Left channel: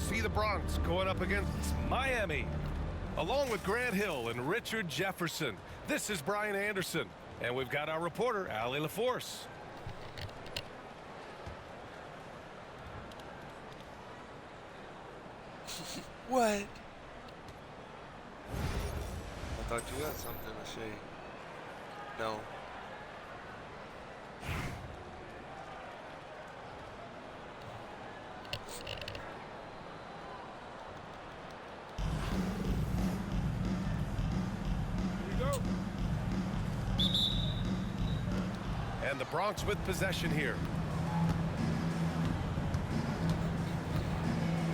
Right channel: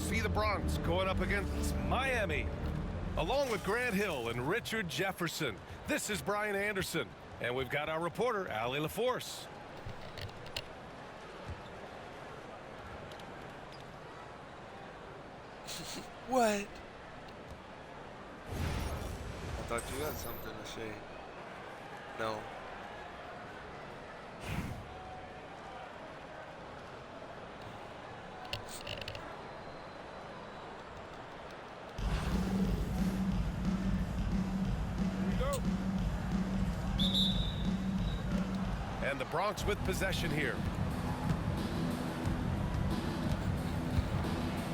see the Bronx going up against Miami. Along with Grant Hill and Richard Jefferson, this is Brian Anderson. And we've got our reporter, Allie LaForce. What? I thought you had something to say. No. And the Bronx with possession here.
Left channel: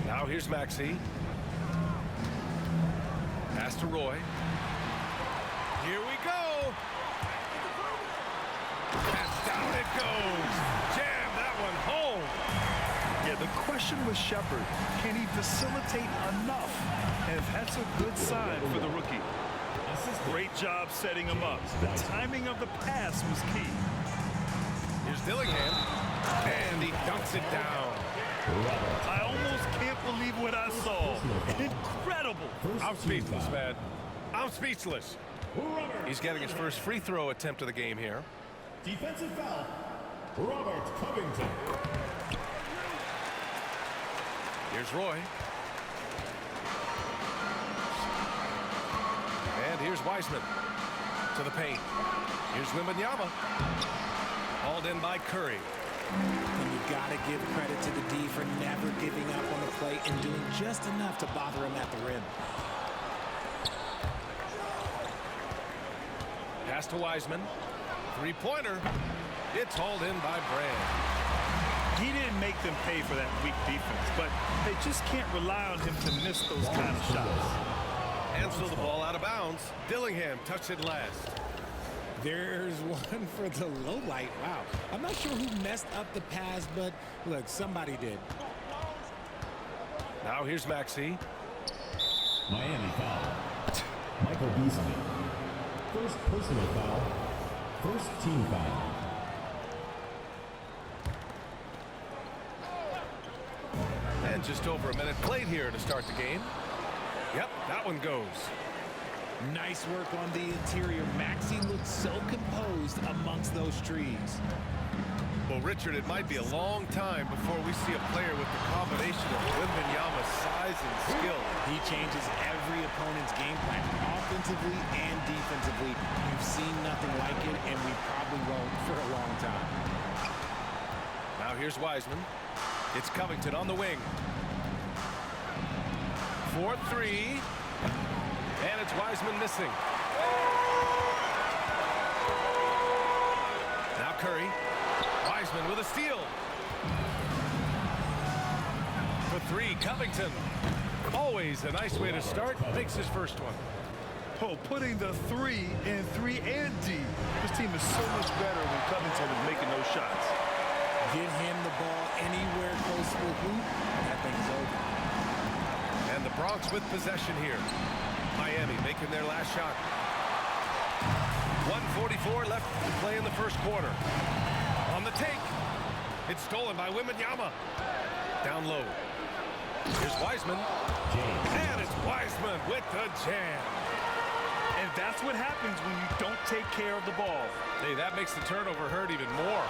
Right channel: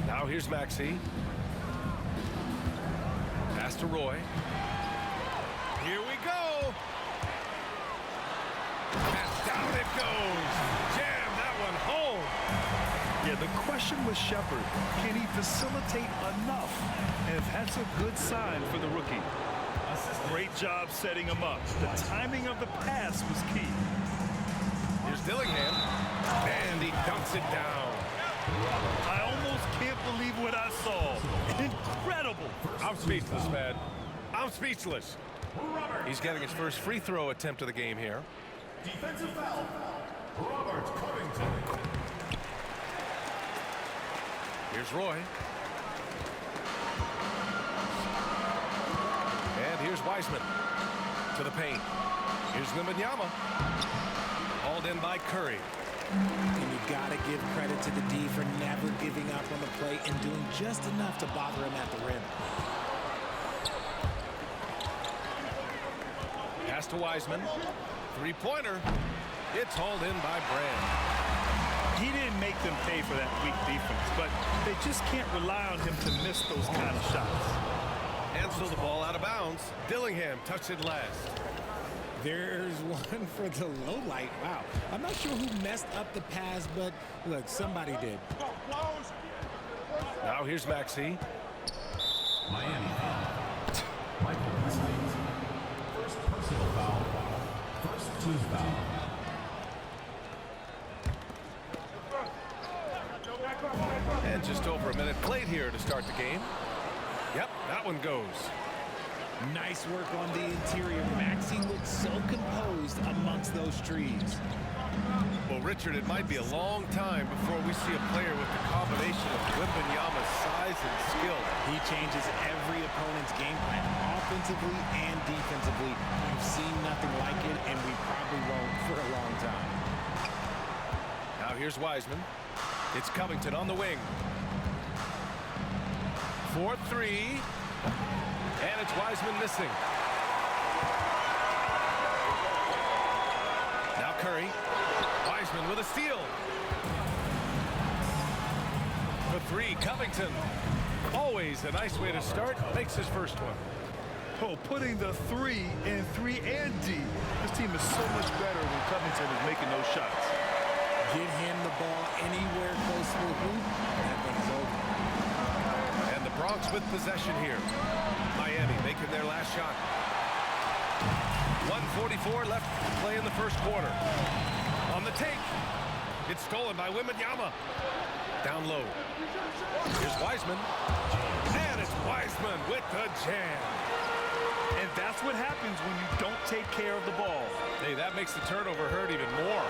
Now here's Maxey. Pass to Roy. Here we go. And down it goes. Jam that one home. Yeah, the question was Shepard. Can he facilitate enough? And that's a good sign for the rookie. Great job setting him up. The timing of the pass was key. Here's Dillingham, and he dunks it down. I almost can't believe what I saw. Incredible. I'm speechless, man. I'm speechless. He's getting his first free throw attempt of the game here. Defensive foul, Robert Covington. Here's Roy. And here's Wiseman to the paint. Here's Wembanyama. Hauled in by Curry. And you got to give credit to the D for never giving up on the play and doing just enough to bother him at the rim. Pass to Wiseman. Three-pointer. It's hauled in by Brand. He didn't make them pay for that weak defense, but they just can't rely on him to miss those kind of shots. And so the ball out of bounds. Dillingham touched it last. There's one for the low light. Wow. I'm not sure who messed up the pass, but look, somebody did. Now here's Maxey. Miami foul. Michael Beasley. First personal foul. First team foul. And just over a minute played here to start the game. Yep, that one goes. Nice work on the interior. Maxey looks so composed amongst those trees. Well, Richard, it might be a long time before we see a player with the combination of Wembanyama's size and skill. He changes every opponent's game plan, offensively and defensively. You've seen nothing like it, and we probably won't for a long time. Now here's Wiseman. It's Covington on the wing. 4-3. And it's Wiseman missing. Now Curry. Wiseman with a steal. For three, Covington. Always a nice way to start. Makes his first one. Oh, putting the 3 in 3 and D. This team is so much better when Covington is making those shots. Get him the ball anywhere close to the hoop, that thing's over. And the Bronx with possession here. Miami making their last shot. 1:44 left to play in the first quarter. On the take. It's stolen by Wembanyama. Down low. Here's Wiseman. And it's Wiseman with the jam. And that's what happens when you don't take care of the ball. Hey, that makes the turnover hurt even more.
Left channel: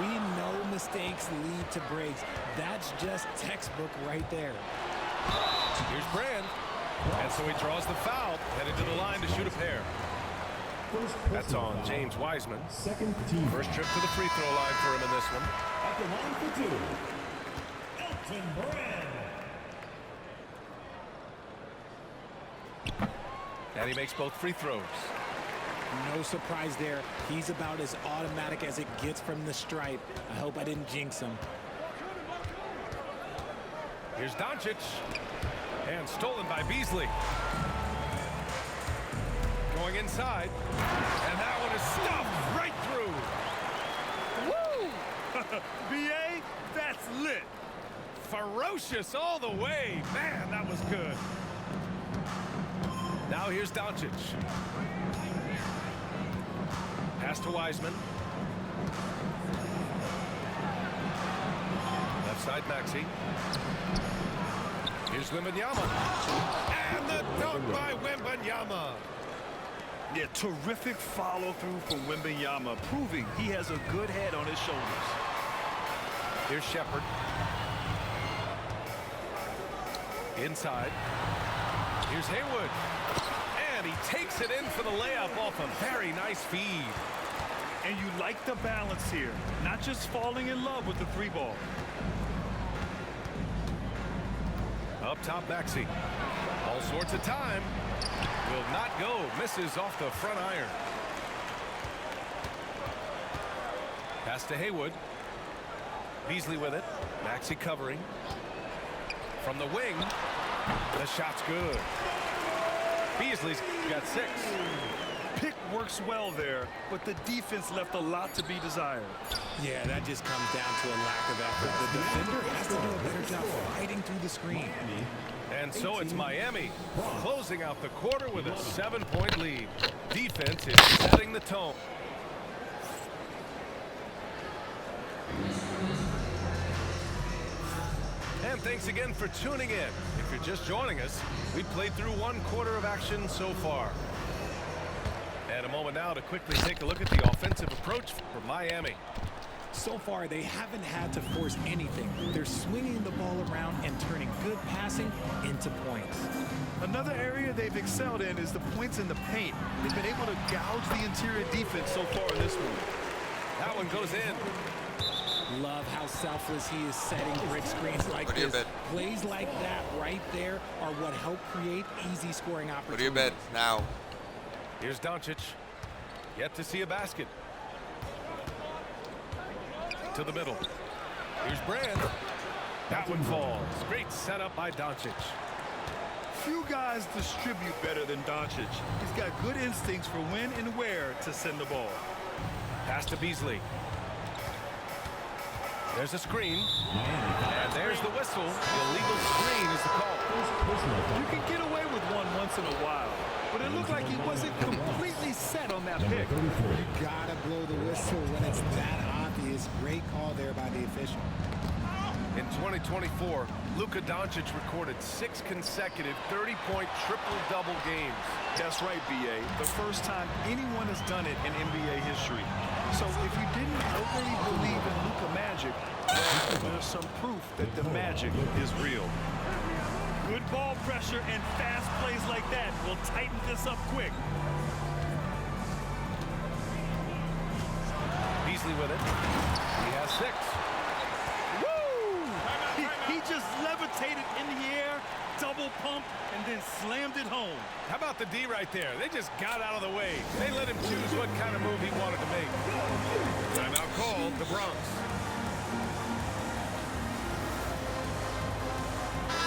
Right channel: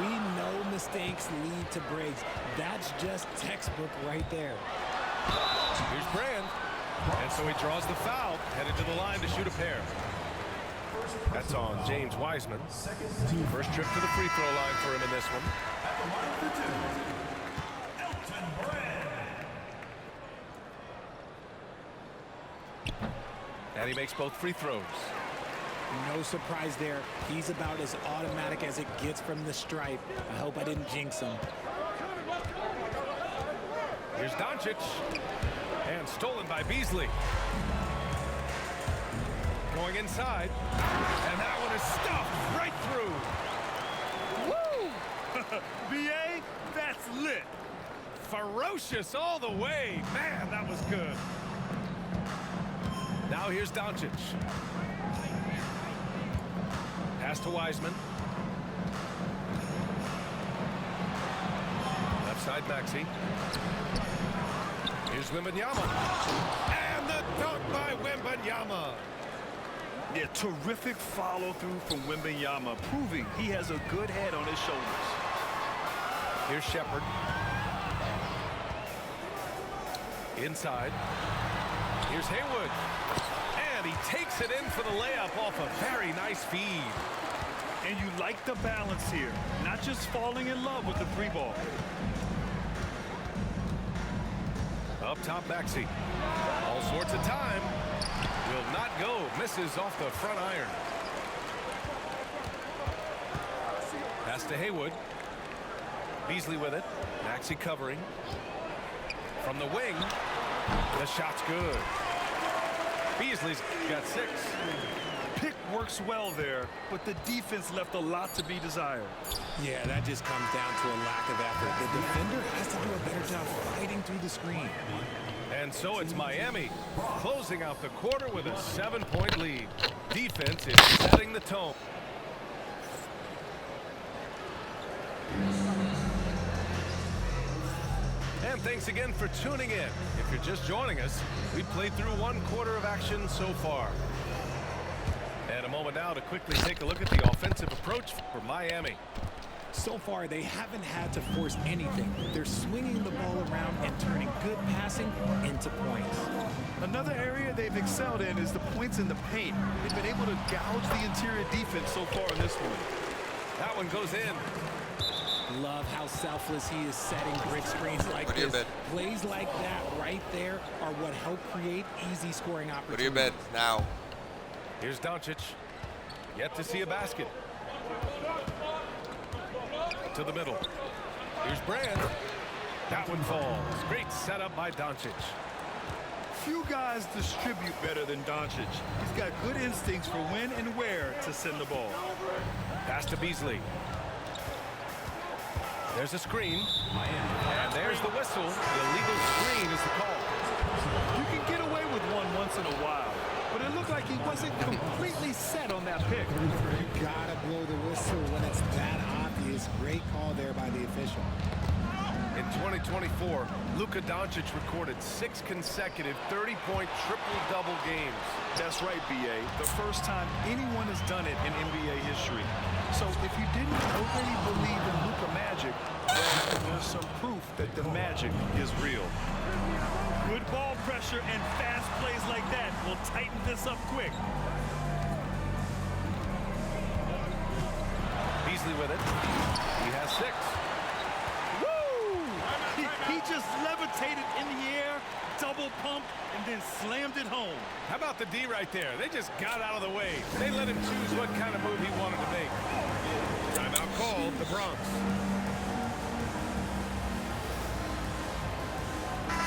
We know mistakes lead to breaks. That's just textbook right there. Here's Brand. And so he draws the foul, headed to the line to shoot a pair. That's on James Wiseman. Second team. First trip to the free throw line for him in this one. At the line for two. Elton Brand. And he makes both free throws. No surprise there. He's about as automatic as it gets from the stripe. I hope I didn't jinx him. Here's Doncic. And stolen by Beasley. Going inside. And that one is stuffed right through. Woo! B.A., that's lit. Ferocious all the way. Man, that was good. Now here's Doncic. Pass to Wiseman. Left side, Maxey. Here's Wembanyama. And the dunk by Wembanyama. Yeah, terrific follow-through from Wembanyama, proving he has a good head on his shoulders. Here's Shepherd. Inside. Here's Haywood. And he takes it in for the layup off a very nice feed. And you like the balance here, not just falling in love with the three ball. Up top, Maxey. All sorts of time. Will not go. Misses off the front iron. Pass to Haywood. Beasley with it. Maxey covering. From the wing. The shot's good. Beasley's got 6. Pick works well there, but the defense left a lot to be desired. Yeah, that just comes down to a lack of effort. The defender has to do a better job fighting through the screen. And so it's Miami closing out the quarter with a 7-point lead. Defense is setting the tone. And thanks again for tuning in. If you're just joining us, we played through 1 quarter of action so far. And a moment now to quickly take a look at the offensive approach for Miami. So far, they haven't had to force anything. They're swinging the ball around and turning good passing into points. Another area they've excelled in is the points in the paint. They've been able to gouge the interior defense so far in this one. That one goes in. Love how selfless he is setting brick screens like this. Plays like that right there are what help create easy scoring opportunities. Go to your bed now. Here's Doncic. Yet to see a basket. To the middle. Here's Brand. That one falls. Great setup by Doncic. Few guys distribute better than Doncic. He's got good instincts for when and where to send the ball. Pass to Beasley. There's a screen. And there's the whistle. The illegal screen is the call. You can get away with one once in a while, but it looked like he wasn't completely set on that pick. You gotta blow the whistle when it's that obvious. Great call there by the official. In 2024, Luka Doncic recorded 6 consecutive 30-point triple-double games. That's right, B.A. The first time anyone has done it in NBA history. So if you didn't already believe in Luka magic, well, there's some proof that the magic is real. Good ball pressure and fast plays like that will tighten this up quick. Beasley with it. He has 6. He just levitated in the air, double pump, and then slammed it home. How about the D right there? They just got out of the way. They let him choose what kind of move he wanted to make. Timeout called, the Bronx.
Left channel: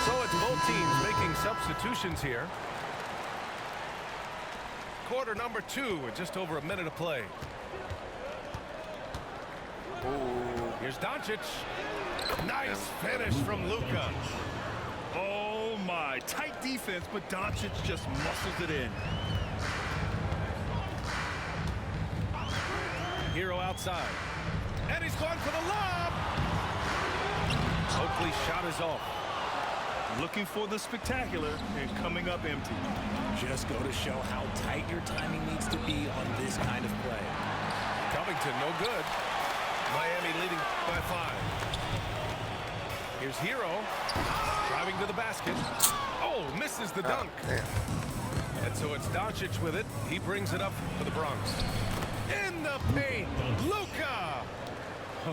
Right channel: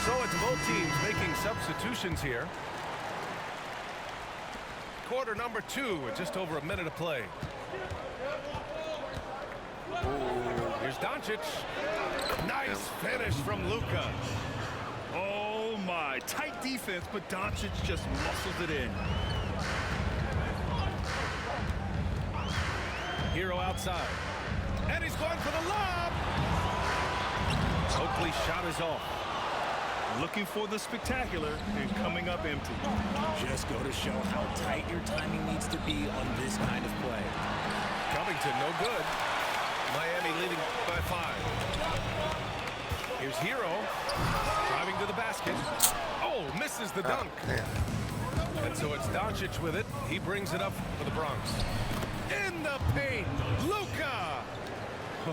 So it's both teams making substitutions here. Quarter number 2 with just over a minute to play. Here's Doncic. Nice finish from Luka. Oh my, tight defense, but Doncic just muscles it in. Hero outside. And he's going for the lob. Oakley's shot is off. Looking for the spectacular and coming up empty. Just go to show how tight your timing needs to be on this kind of play. Covington, no good. Miami leading by 5. Here's Hero. Driving to the basket. Oh, misses the dunk. And so it's Doncic with it. He brings it up for the Bronx. In the paint, Luka.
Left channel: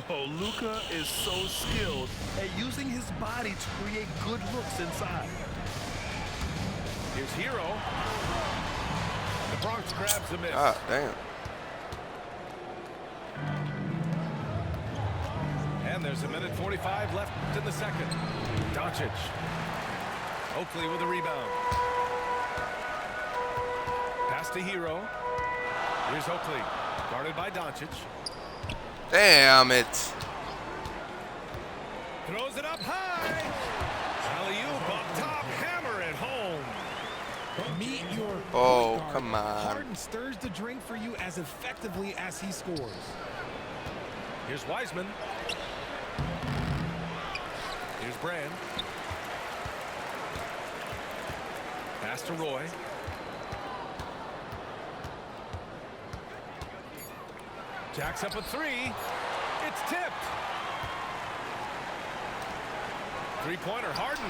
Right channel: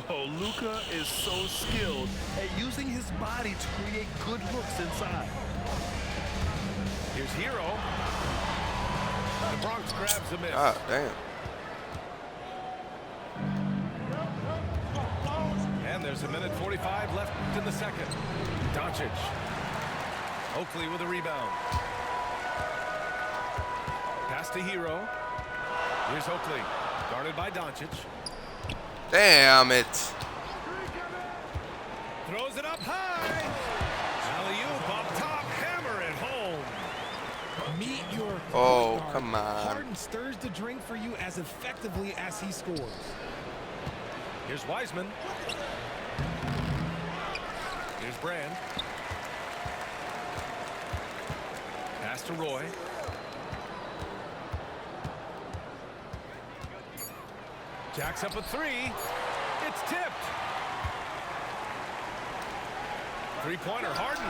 Oh, Luka is so skilled at using his body to create good looks inside. Here's Hero. The Bronx grabs a miss. God damn. And there's a minute 45 left in the second. Doncic. Oakley with a rebound. Pass to Hero. Here's Oakley. Guarded by Doncic. Damn it. Throws it up high. Alley-oop up top. Hammer it home. Meet your Oh, guard. come on. Harden stirs the drink for you as effectively as he scores. Here's Wiseman. Here's Brand. Pass to Roy. Jacks up a three. It's tipped. Three-pointer, Harden.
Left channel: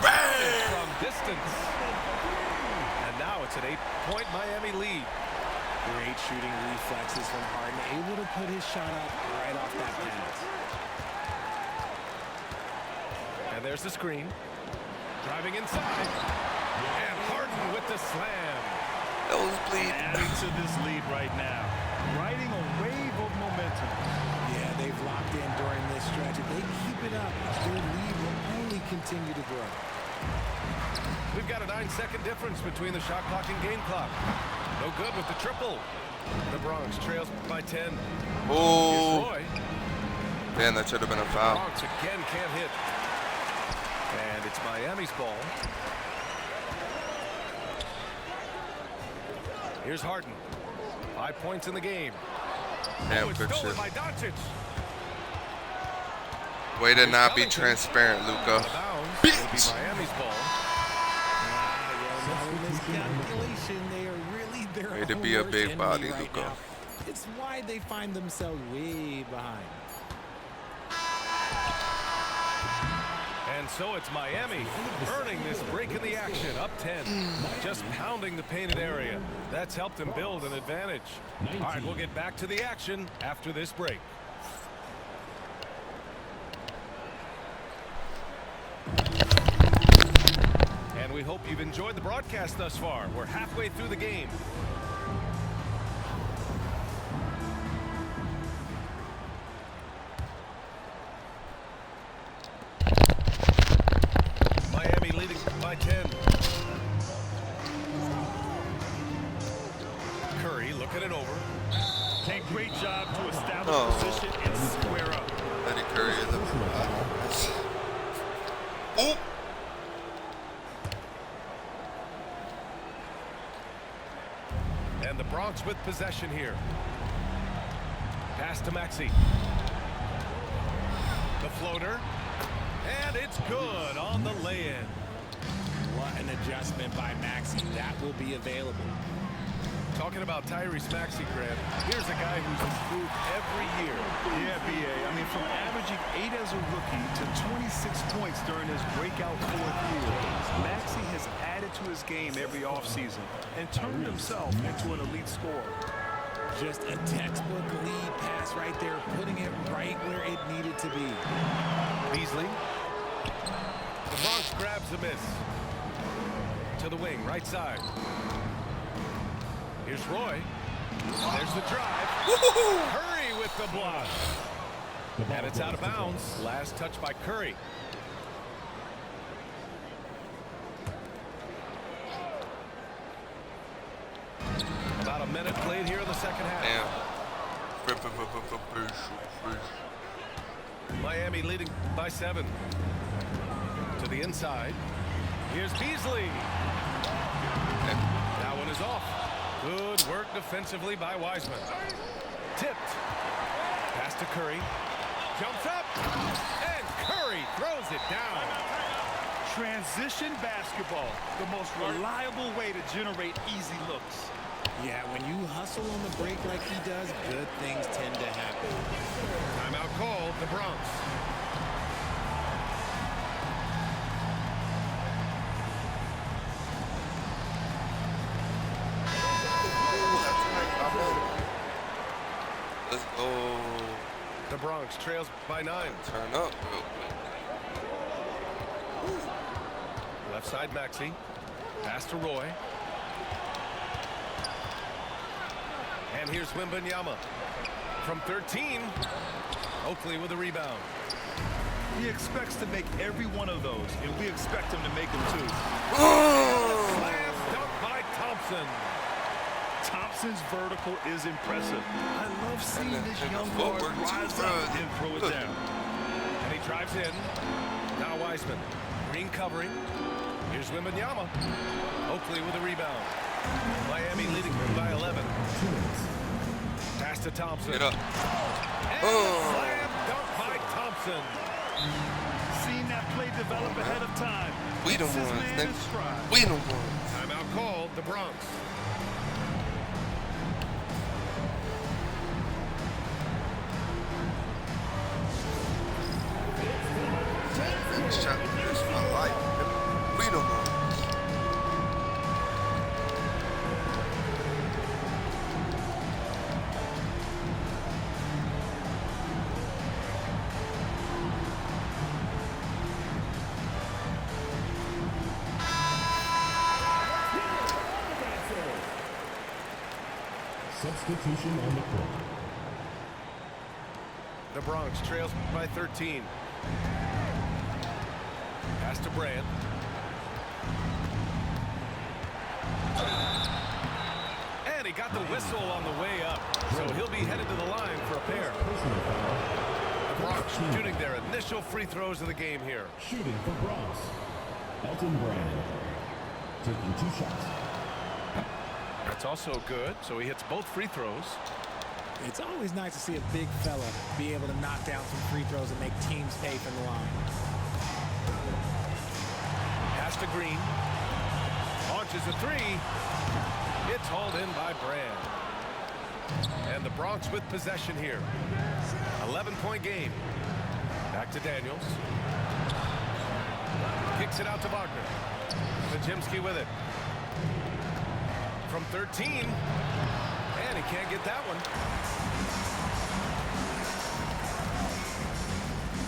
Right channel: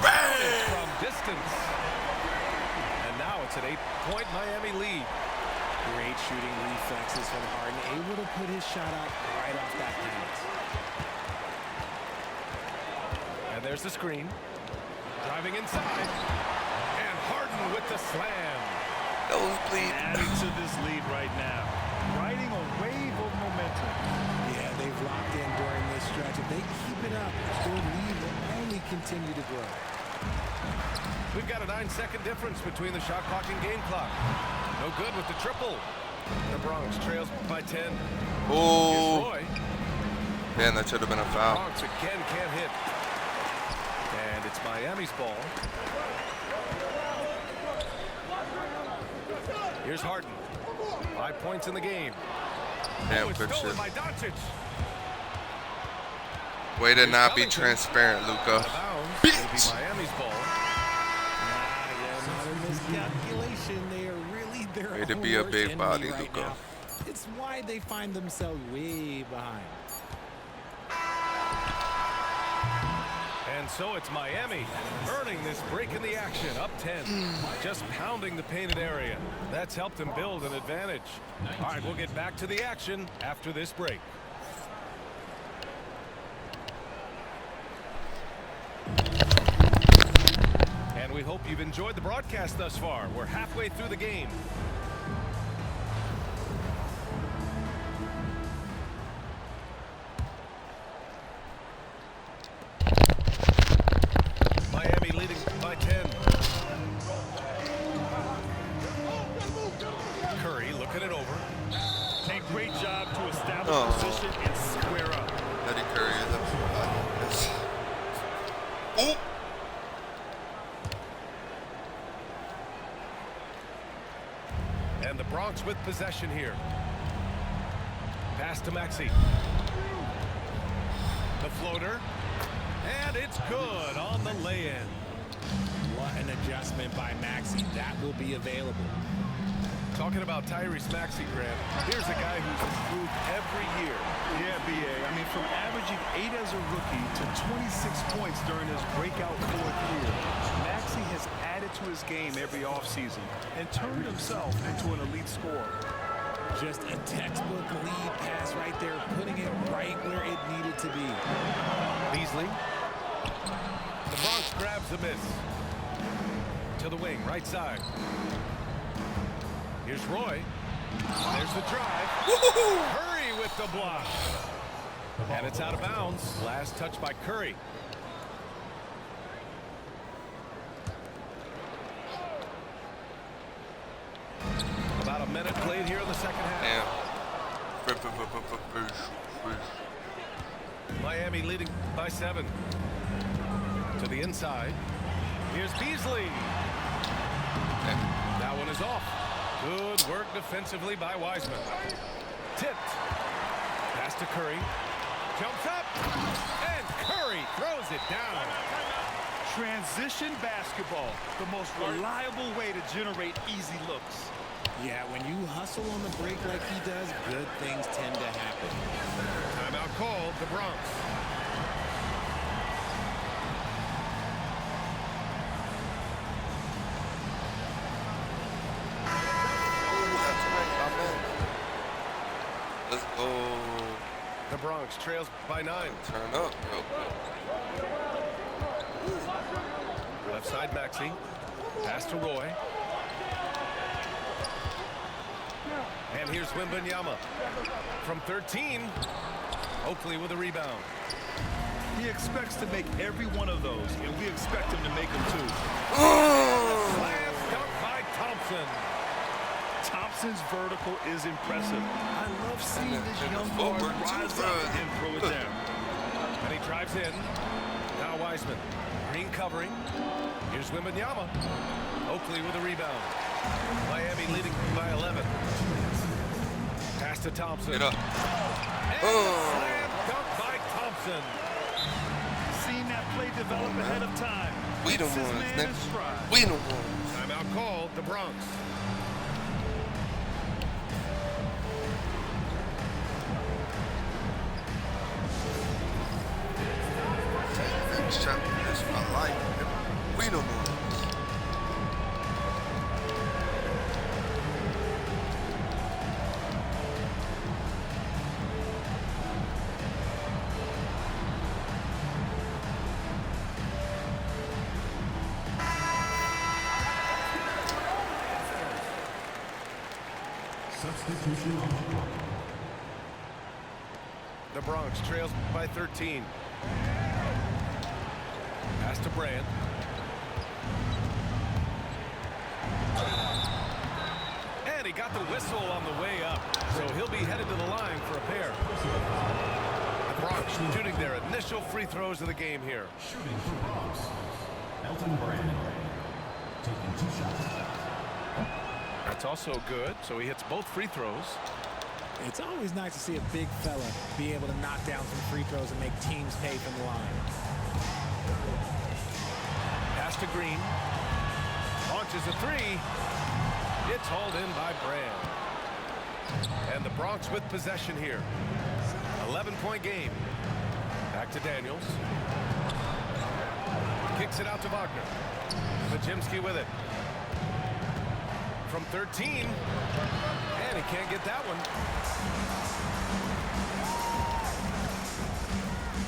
It's from distance. And now it's an 8-point Miami lead. Great shooting reflexes from Harden, able to put his shot up right off that pass. And there's the screen. Driving inside. And Harden with the slam. Nosebleed. Adding to this lead right now. Riding a wave of momentum. Yeah, they've locked in during this stretch. If they keep it up, their lead will only continue to grow. We've got a 9-second difference between the shot clock and game clock. No good with the triple. The Bronx trails by 10. Oh. Here's Roy. Man, that should have been a foul. Bronx again can't hit. And it's Miami's ball. Here's Harden. 5 points in the game. Damn, It's good stolen shit. by Doncic. Way to Here's not be Covington. transparent, Luka. Out of bounds. It'll be Miami's ball. Another miscalculation. They are really their Way to own be a worst big enemy body, right Luka. now. It's why they find themselves way behind. And so it's Miami earning this break in the action, up 10. Just pounding the painted area. That's helped them build an advantage. All right, we'll get back to the action after this break. And we hope you've enjoyed the broadcast thus far. We're halfway through the game. Miami leading by 10. Curry looking it over. A great job to establish position and square up. Eddie Curry is a big body. Yes. Oh. And the Bronx with possession here. Pass to Maxey. The floater. And it's good on the lay-in. What an adjustment by Maxey. That will be available. Talking about Tyrese Maxey, Grant, here's a guy who's improved every year. Yeah, B.A. I mean, from averaging 8 as a rookie to 26 points during his breakout 4th year, Maxey has added to his game every offseason and turned himself into an elite scorer. Just a textbook lead pass right there, putting it right where it needed to be. Beasley. The Bronx grabs a miss. To the wing, right side. Here's Roy. There's the drive. Curry with the block. And it's out of bounds. Last touch by Curry. About a minute played here in the second half. Damn. Miami leading by 7. To the inside. Here's Beasley. That one is off. Good work defensively by Wiseman. Tipped. Pass to Curry. Jumps up. And Curry throws it down. Transition basketball, the most reliable way to generate easy looks. Yeah, when you hustle on the break like he does, good things tend to happen. Timeout called, the Bronx. Let's go. The Bronx trails by 9. Turn up real quick. Left side Maxey. Pass to Roy. And here's Wembanyama. From 13. Oakley with a rebound. He expects to make every one of those, and we expect him to make them too. Slam dunk by Thompson. Thompson's vertical is impressive. I love seeing this and the young guard footwork too, rise bro. up and throw it down. And he drives in. Now Wiseman. Green covering. Here's Wembanyama. Oakley with a rebound. Miami leading by 11. Pass to Thompson. Get up. And a slam dunk by Thompson. Seeing that play develop ahead of time. We the hits his ones, man in nigga. stride. We the ones. Timeout called, the Bronx. Next chapter, this my life. Nigga. We the ones. Substitution on the court. The Bronx trails by 13. Pass to Brand. And he got the whistle on the way up, so he'll be headed to the line for a pair. Personal foul. The Bronx shooting their initial free throws of the game here. Shooting for Bronx. Elton Brand. Taking 2 shots. That's also good, so he hits both free throws. It's always nice to see a big fella be able to knock down some free throws and make teams pay from the line. Pass to Green. Launches a three. It's hauled in by Brand. And the Bronx with possession here. 11-point game. Back to Daniels. Kicks it out to Wagner. Pajimski with it. From 13. And he can't get that one.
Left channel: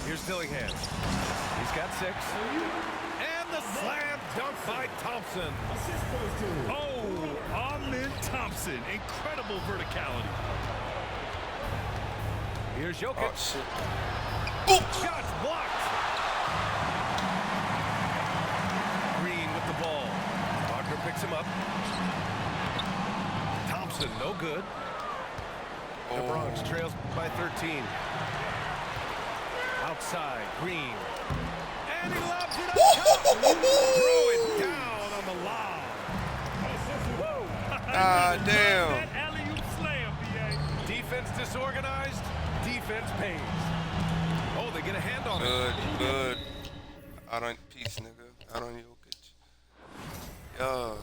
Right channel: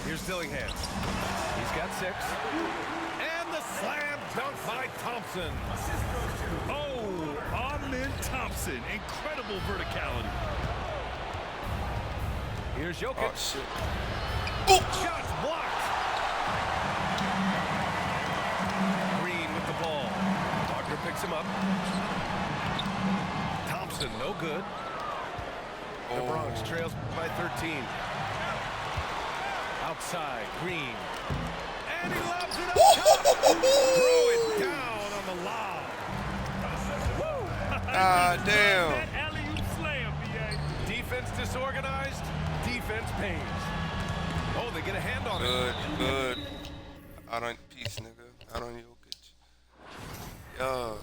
Here's Dillingham. He's got 6. And the slam dunk by Thompson. Oh, Amen Thompson. Incredible verticality. Here's Jokic. Oh, shit. Shots blocked. Green with the ball. Wagner picks him up. Thompson, no good. The Bronx trails by 13. Outside, Green. And he lobs it up top. Throw it down on the lob. Ah, damn. That alley-oop slam, B.A. Defense disorganized. Defense pays. Oh, they get a hand on it. Good, good. Out on peace, nigga. Out on Jokic. Yo.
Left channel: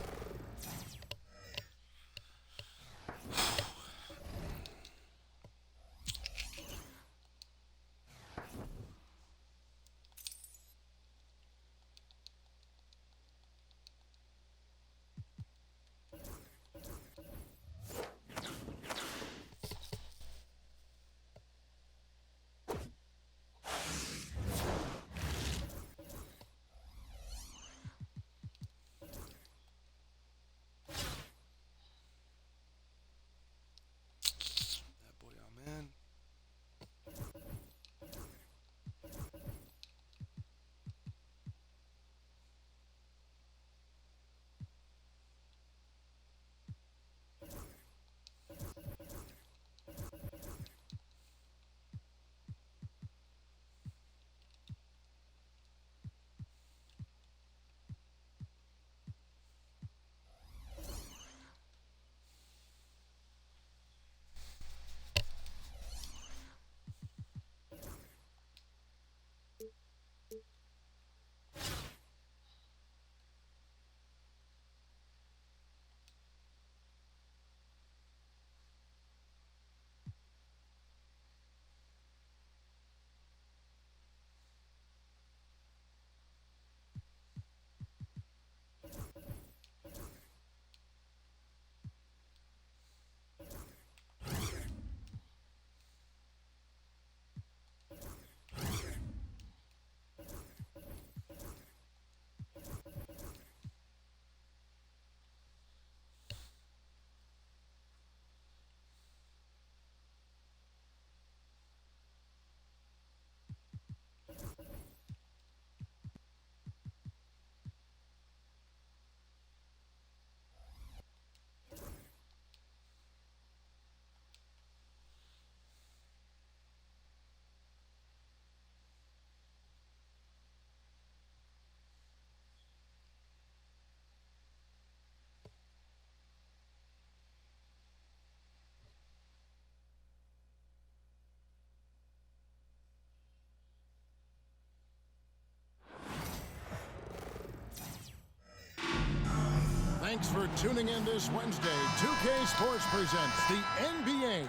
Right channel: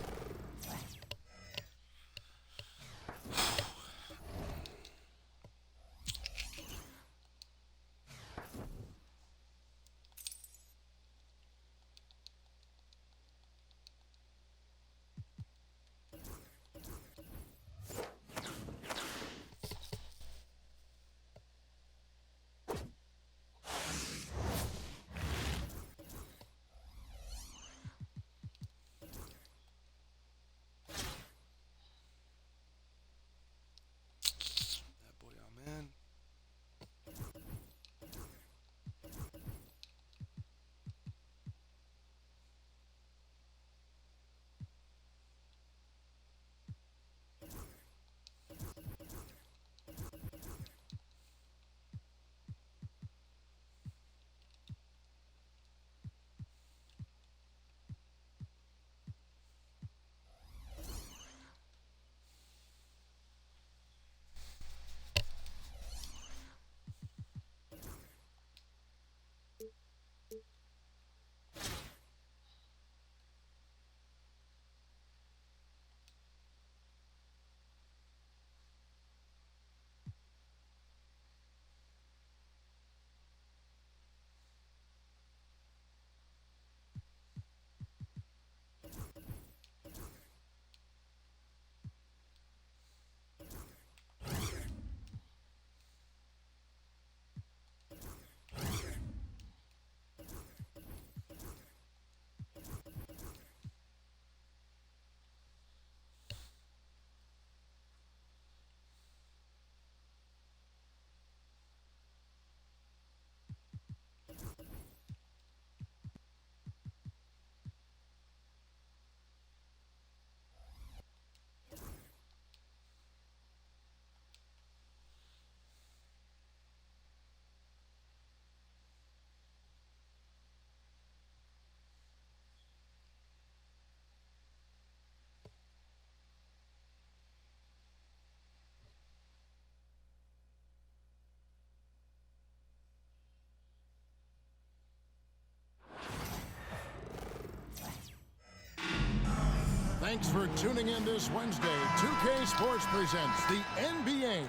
Thanks for tuning in this Wednesday. 2K Sports presents the NBA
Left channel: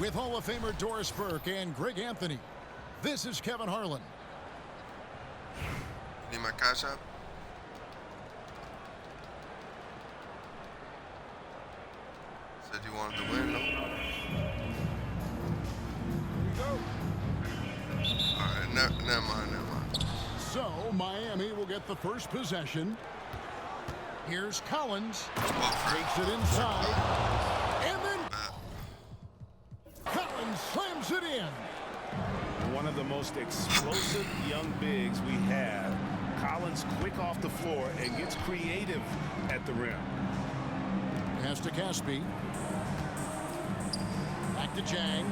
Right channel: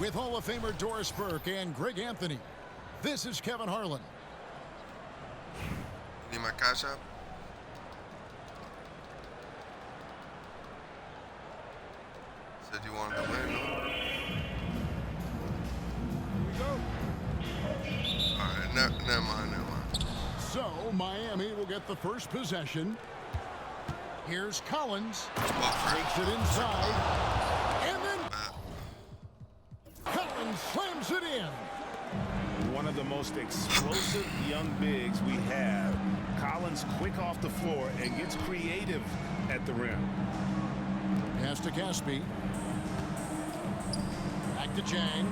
with Hall of Famer Doris Burke and Greg Anthony. This is Kevin Harlan. You need my cash app? Said you wanted to win, no? Here we go. Alright, never mind. So, Miami will get the first possession. Here's Collins. Takes it inside. And then Collins slams it in. One of the most explosive young bigs we have. Collins quick off the floor and gets creative at the rim. Pass to Caspi. Back to Chang.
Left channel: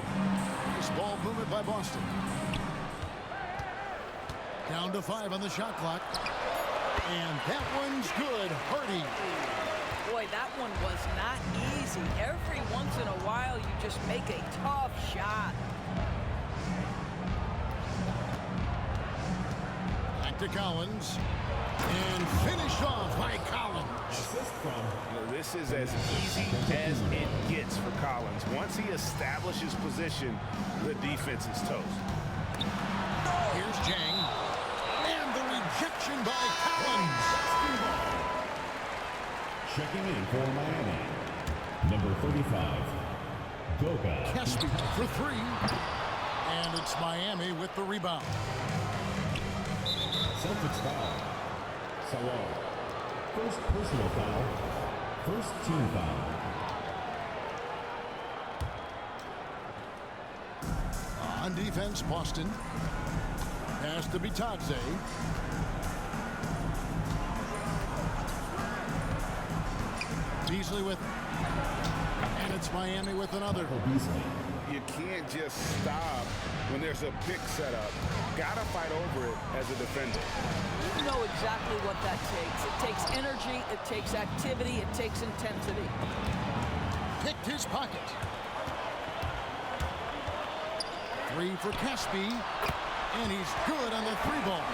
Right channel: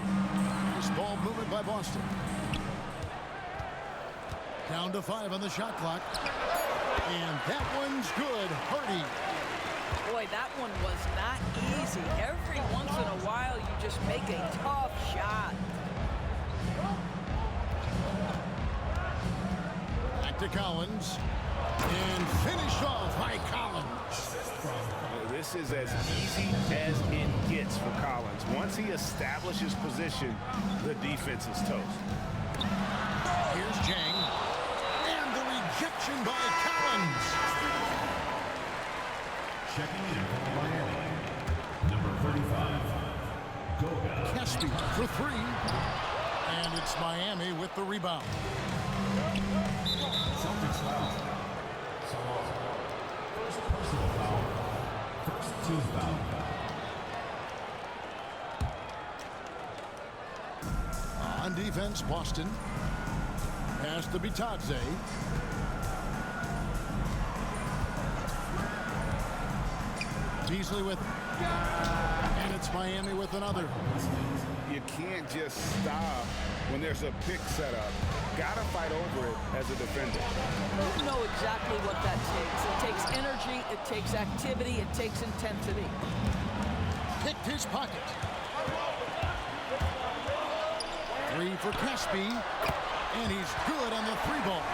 Nice ball movement by Boston. Down to 5 on the shot clock. And that one's good. Hardy. Boy, that one was not easy. Every once in a while, you just make a tough shot. Back to Collins. And finished off by Collins. This is as easy as it gets for Collins. Once he establishes position, the defense is toast. Here's Jang. And the rejection by Collins. Checking in for Miami, number 35, Goga. Caspi for 3. And it's Miami with the rebound. Celtics foul. Salon. First personal foul. First team foul. On defense, Boston. Pass to Bitadze. Beasley with it. And it's Miami with another. You can't just stop when there's a pick set up. Gotta fight over it as a defender. You know exactly what that takes. It takes energy, it takes activity, it takes intensity. Picked his pocket. 3 for Caspi. And he's good on the 3-ball.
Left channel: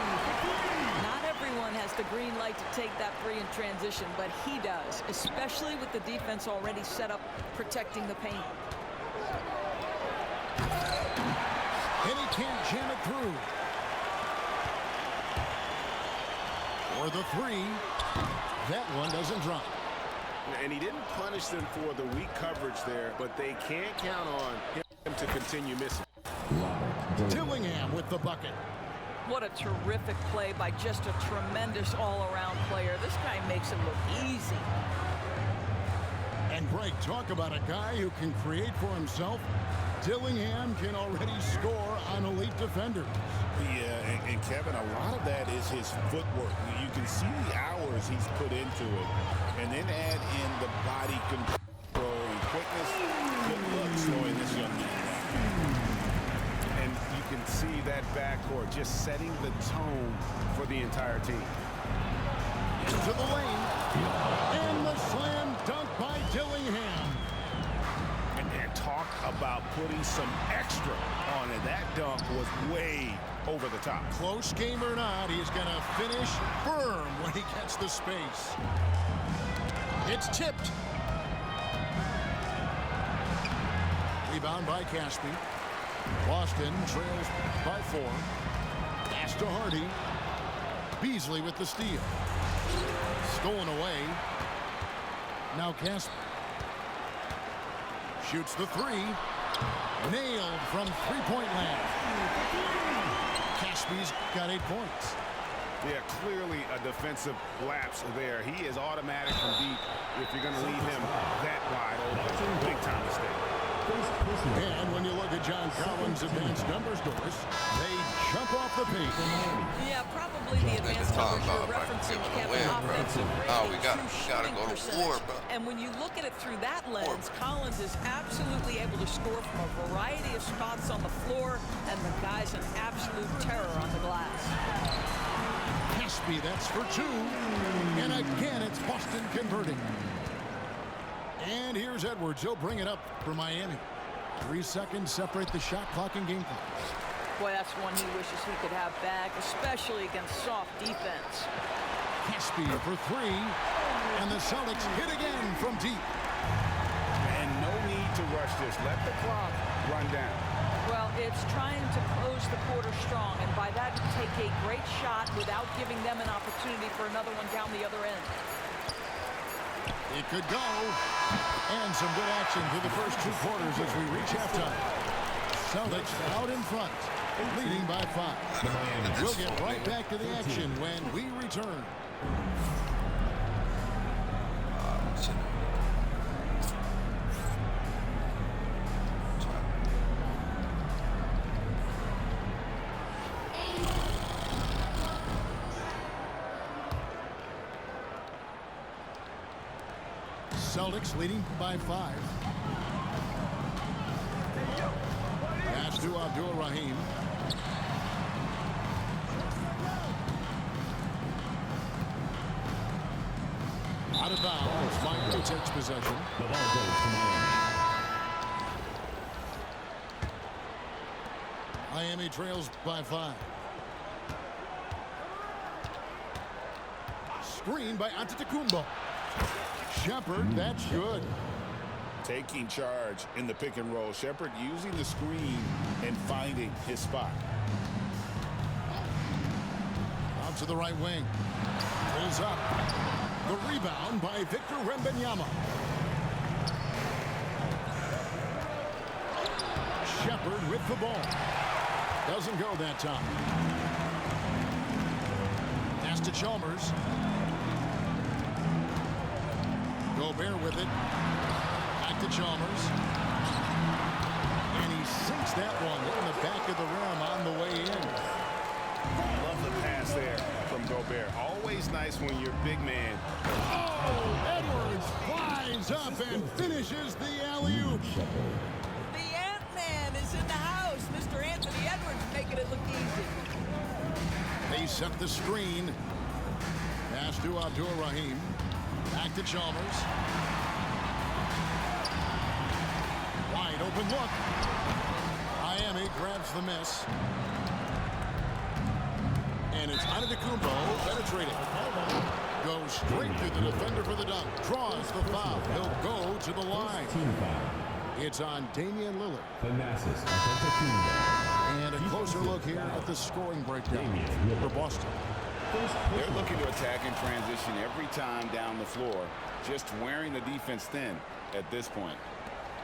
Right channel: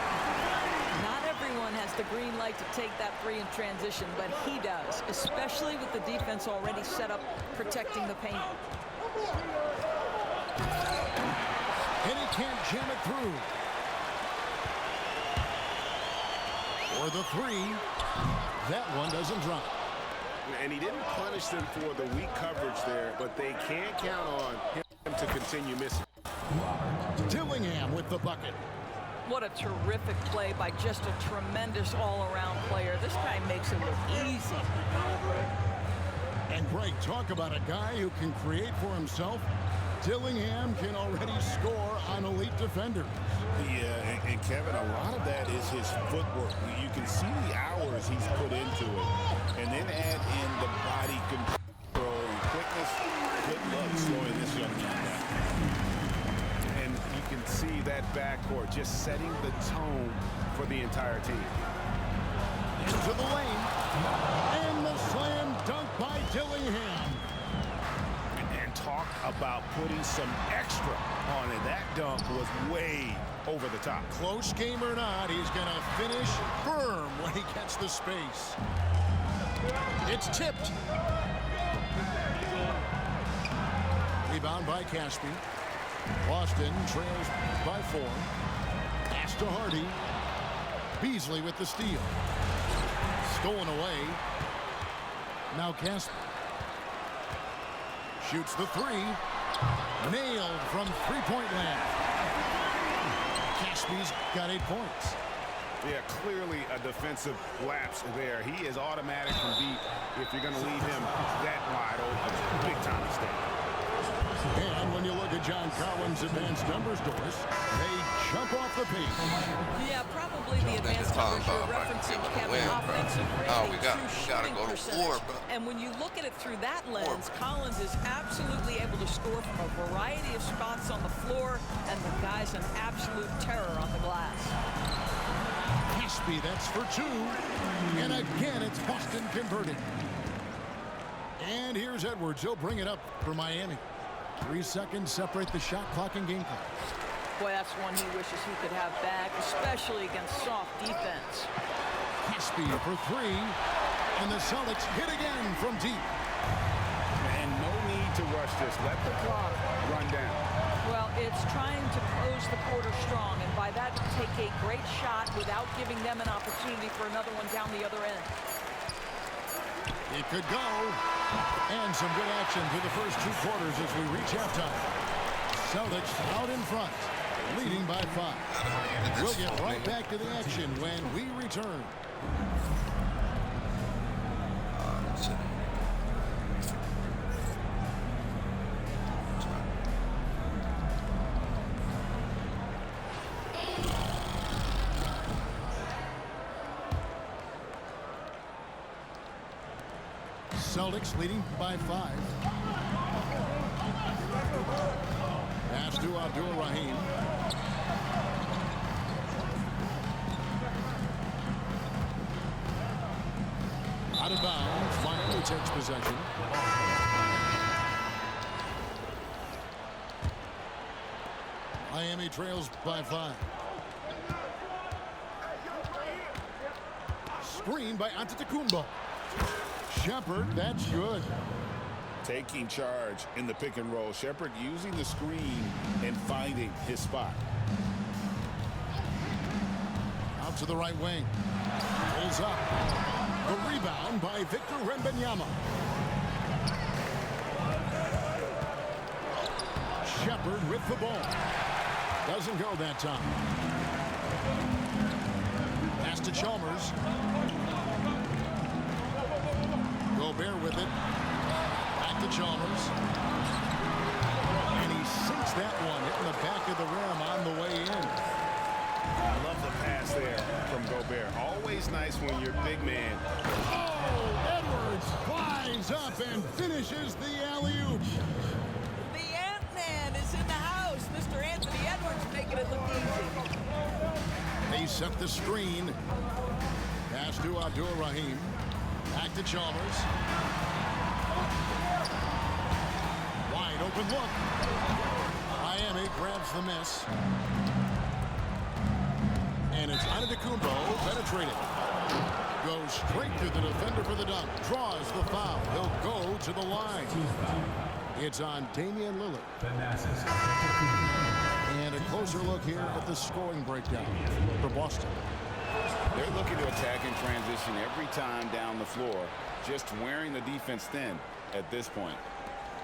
Not everyone has the green light to take that 3 in transition, but he does, especially with the defense already set up protecting the paint. And he can't jam it through. For the 3. That one doesn't drop. And he didn't punish them for the weak coverage there, but they can't count on him to continue missing. Dillingham with the bucket. What a terrific play by just a tremendous all-around player. This guy makes it look easy. And Greg, talk about a guy who can create for himself. Dillingham can already score on elite defenders. Yeah, and Kevin, a lot of that is his footwork. You can see the hours he's put into it. And then add in the body control and quickness. Good luck slowing this young man down. And you can see that backcourt just setting the tone for the entire team. Into the lane. And the slam dunk by Dillingham. And talk about putting some extra on it. That dunk was way over the top. Close game or not, he's going to finish firm when he gets the space. It's tipped. Rebound by Caspi. Boston trails by 4. Pass to Hardy. Beasley with the steal. Stolen away. Now Caspi. Shoots the 3. Nailed from 3-point land. Caspi's got 8 points. Yeah, clearly a defensive lapse there. He is automatic from deep if you're going to leave him that wide open. Big time mistake. And when you look at John Collins' advanced numbers, Doris, they jump off the page. Yeah, probably the advanced numbers you're referencing, Kevin. Offensive rating, we gotta go to war, bro. And when you look at it through that lens, Collins is absolutely able to score from a variety of spots on the floor, and the guy's an absolute terror on the glass. Caspi, that's for 2. And again, it's Boston converting. And here's Edwards. He'll bring it up for Miami. 3 seconds separate the shot clock and game clock. Boy, that's one he wishes he could have back, especially against soft defense. Caspi for 3. And the Celtics hit again from deep. And no need to rush this. Let the clock run down. Well, it's trying to close the quarter strong, and by that, take a great shot without giving them an opportunity for another one down the other end. It could go. And some good action through the first 2 quarters as we reach halftime. Celtics out in front, leading by 5. We'll get right back to the action when we return. Celtics leading by 5. Pass to Abdul-Rahim. Out of bounds. Miami takes possession. The ball goes to Miami. Miami trails by 5. Screen by Antetokounmpo. Shepherd, that's good. Taking charge in the pick and roll. Shepherd using the screen and finding his spot. Out to the right wing. Pulls up. The rebound by Victor Wembanyama. Shepherd with the ball. Doesn't go that time. Pass to Chalmers. Gobert with it. Back to Chalmers. And he sinks that one, hitting the back of the rim on the way in. Love the pass there from Gobert. Always nice when your big man. Oh, Edwards flies up and finishes the alley-oop. The Ant-Man is in the house. Mr. Anthony Edwards making it look easy. They set the screen. Pass to Abdul-Rahim. Back to Chalmers. Wide open look. Miami grabs the miss. And it's Antetokounmpo penetrating. Goes straight through the defender for the dunk. Draws the foul. He'll go to the line. Team foul. It's on Damian Lillard. Thanasis Antetokounmpo. And a closer look here at the scoring breakdown for Boston. They're looking to attack in transition every time down the floor. Just wearing the defense thin at this point.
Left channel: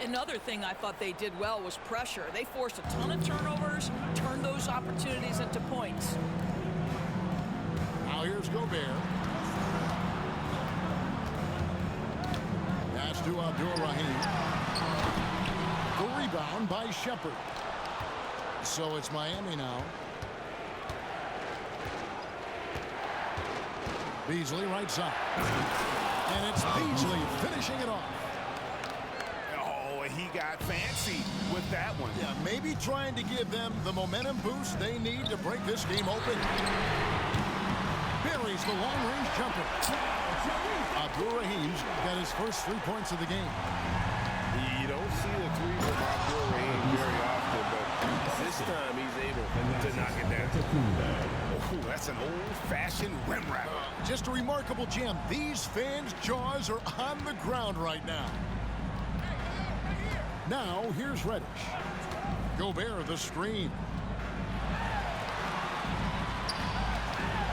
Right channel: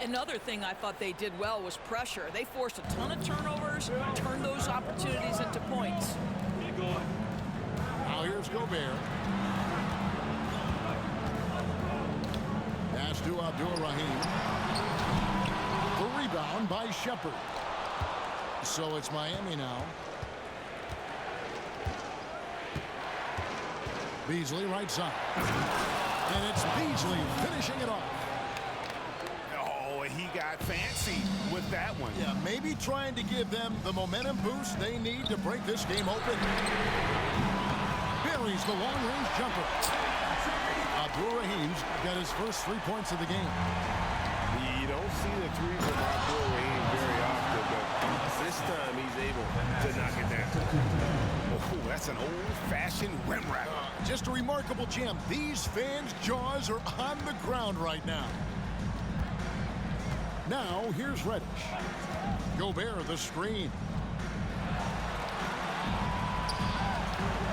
Another thing I thought they did well was pressure. They forced a ton of turnovers, turned those opportunities into points. Now here's Gobert. Pass to Abdul-Rahim. The rebound by Shepherd. So it's Miami now. Beasley right side. And it's Beasley finishing it off. Oh, he got fancy with that one. Yeah, maybe trying to give them the momentum boost they need to break this game open. Buries the long-range jumper. Abdul-Rahim's got his first 3 points of the game. You don't see the three from Abdul-Rahim very often, but this time he's able to knock it down. Oh, that's an old-fashioned rim wrapper. Just a remarkable jam. These fans' jaws are on the ground right now. Now, here's Reddish. Gobert, the screen.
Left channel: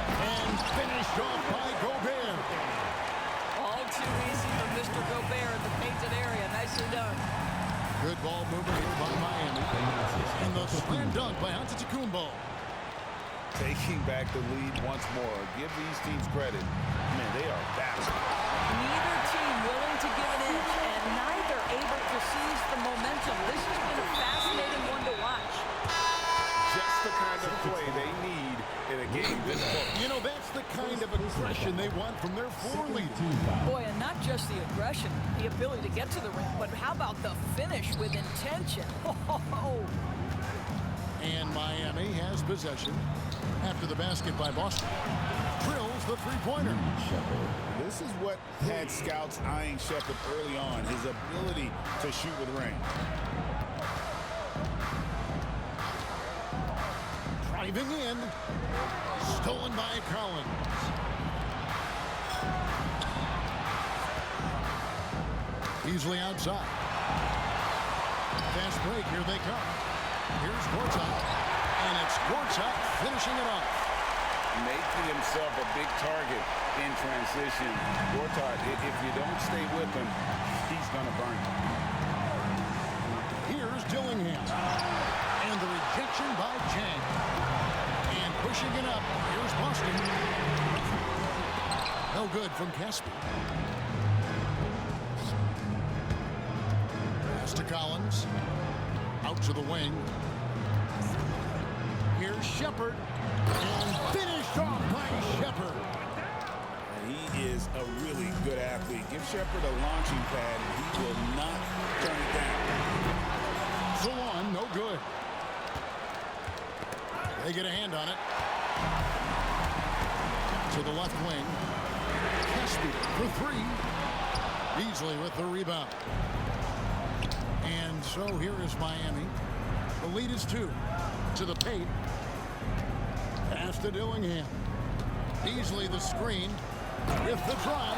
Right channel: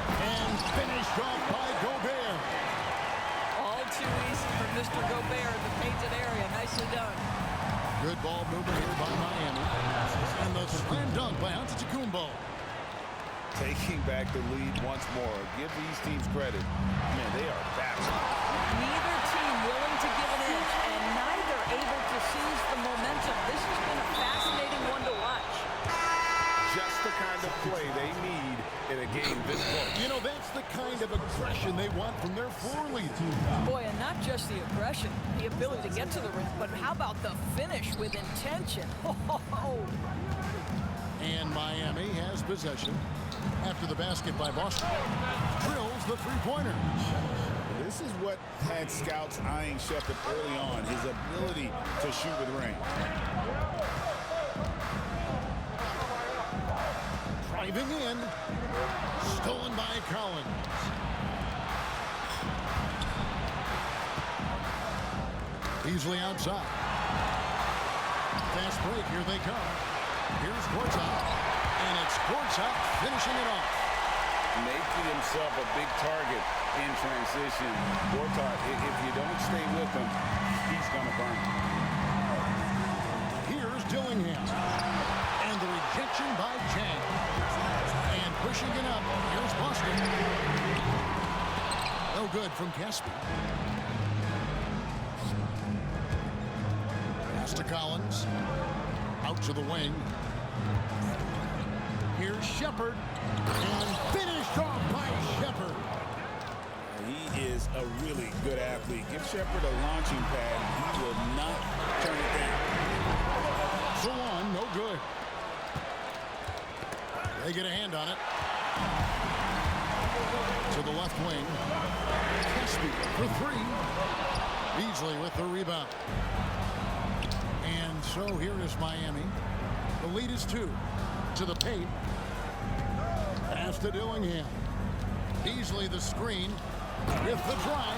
And finished off by Gobert. All too easy for Mr. Gobert in the painted area. Nicely done. Good ball movement here by Miami. And the slam dunk by Antetokounmpo. Taking back the lead once more. Give these teams credit. Man, they are battling. Neither team willing to give an inch and neither able to seize the momentum. This has been a fascinating one to watch. Just the kind of play they need in a game this close. You know, that's the kind of aggression they want from their floor leader. Boy, and not just the aggression, the ability to get to the rim, but how about the finish with intention? Oh. And Miami has possession after the basket by Boston. Drills the three-pointer. This is what had scouts eyeing Shepherd early on, his ability to shoot with range. Driving in. Stolen by Collins. Beasley outside. Fast break, here they come. Here's Gortat, and it's Gortat finishing it off. Making himself a big target in transition. Gortat, if you don't stay with him, he's going to burn you. Here's Dillingham, and the rejection by Chang. And pushing it up, here's Boston. No good from Caspi. Pass to Collins. Out to the wing. Here's Shepard. And finished off by Shepard. He is a really good athlete. Give Shepard a launching pad, and he will not turn it down. Salon, no good. They get a hand on it. To the left wing. Caspi for three. Beasley with the rebound. And so here is Miami. The lead is 2. To the paint. Pass to Dillingham. Beasley the screen. With the drive.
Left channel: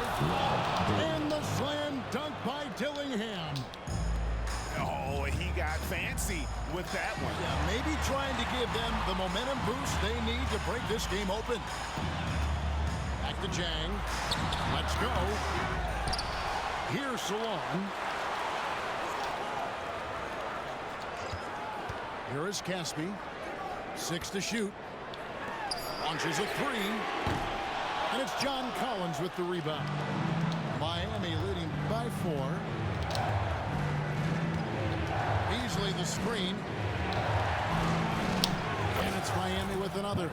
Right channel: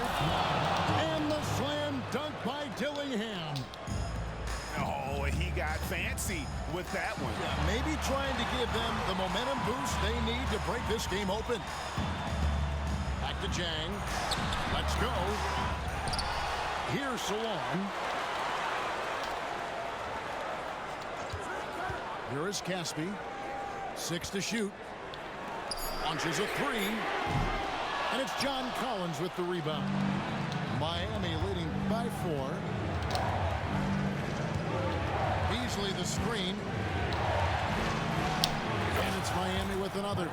And the slam dunk by Dillingham. Oh, he got fancy with that one. Yeah, maybe trying to give them the momentum boost they need to break this game open. Back to Jang. Let's go. Here's Salon. Here is Caspi. 6 to shoot. Launches a 3. And it's John Collins with the rebound. Miami leading by 4. Beasley the screen. And it's Miami with another.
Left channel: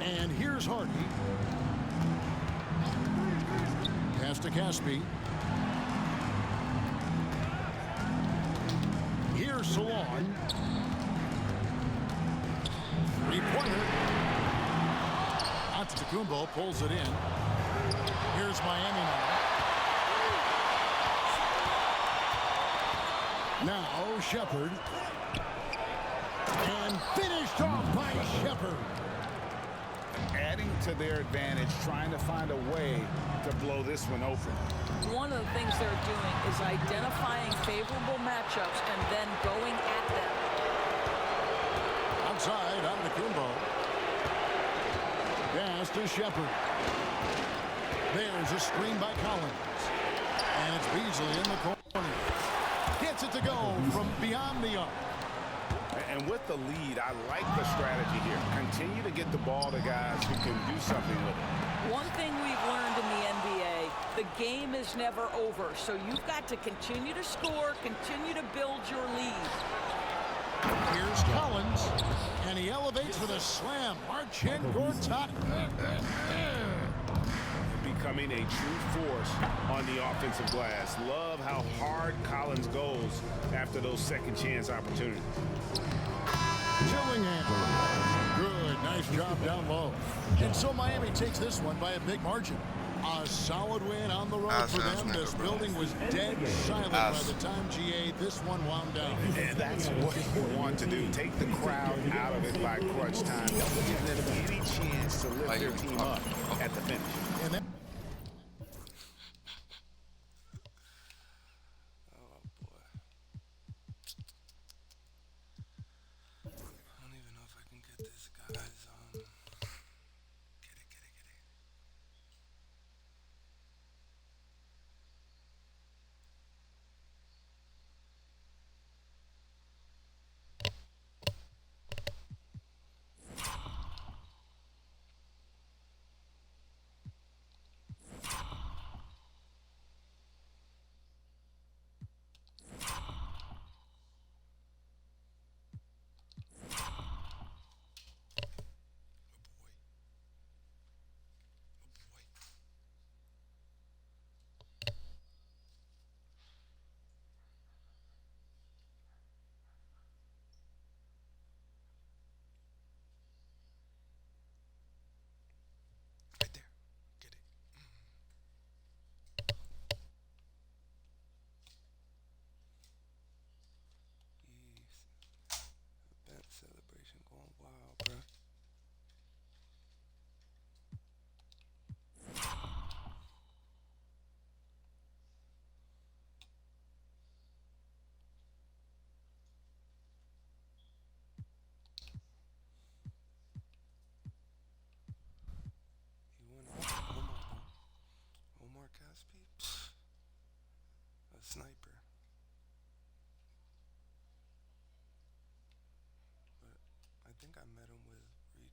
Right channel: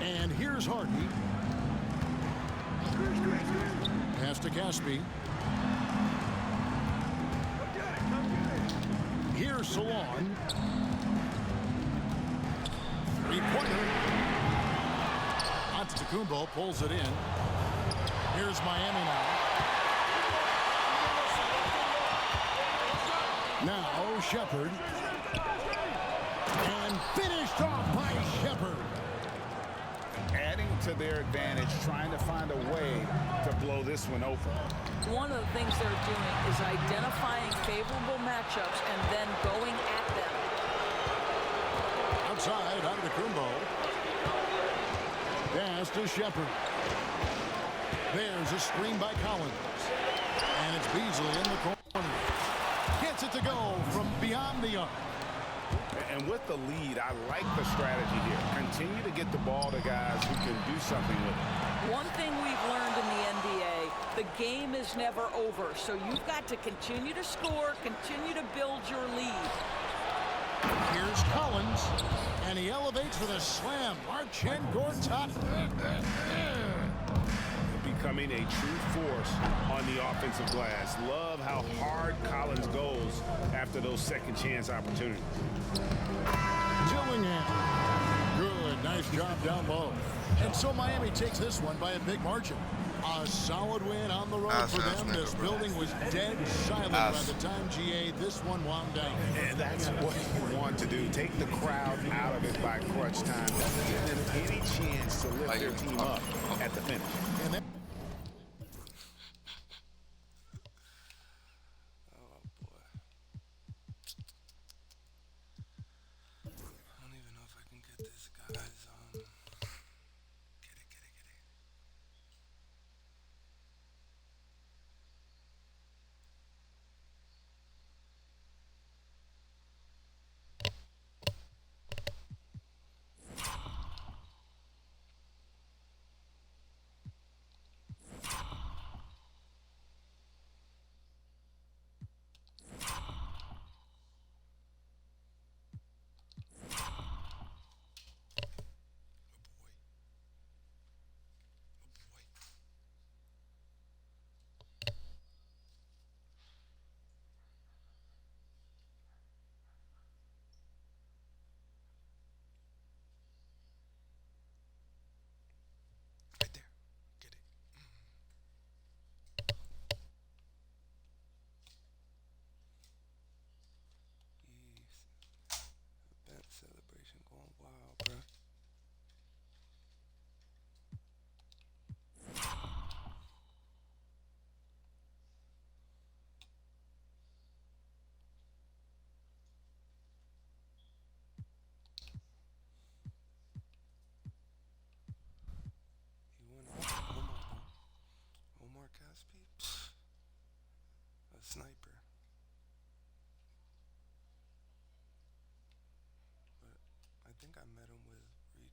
And here's Hardy. Pass to Caspi. Here's Salon. Three-pointer. Antetokounmpo pulls it in. Here's Miami now. Now Shepard. And finished off by Shepard. Adding to their advantage, trying to find a way to blow this one open. One of the things they're doing is identifying favorable matchups and then going at them. Outside, Antetokounmpo. Pass to Shepard. There's a screen by Collins. And it's Beasley in the corner. Gets it to go from beyond the arc. And with the lead, I like the strategy here. Continue to get the ball to guys who can do something with it. One thing we've learned in the NBA, the game is never over. So you've got to continue to score, continue to build your lead. Here's Collins, and he elevates for the slam. Marcin Gortat. Becoming a true force on the offensive glass. Love how hard Collins goes after those second chance opportunities. Dillingham. Good, nice job down low. And so Miami takes this one by a big margin. A solid win on the road for them. This building was dead silent by the time GA this one wound down. And that's what you want to do. Take the crowd out of it by crunch time. Don't give them any chance to lift their team up at the finish. And that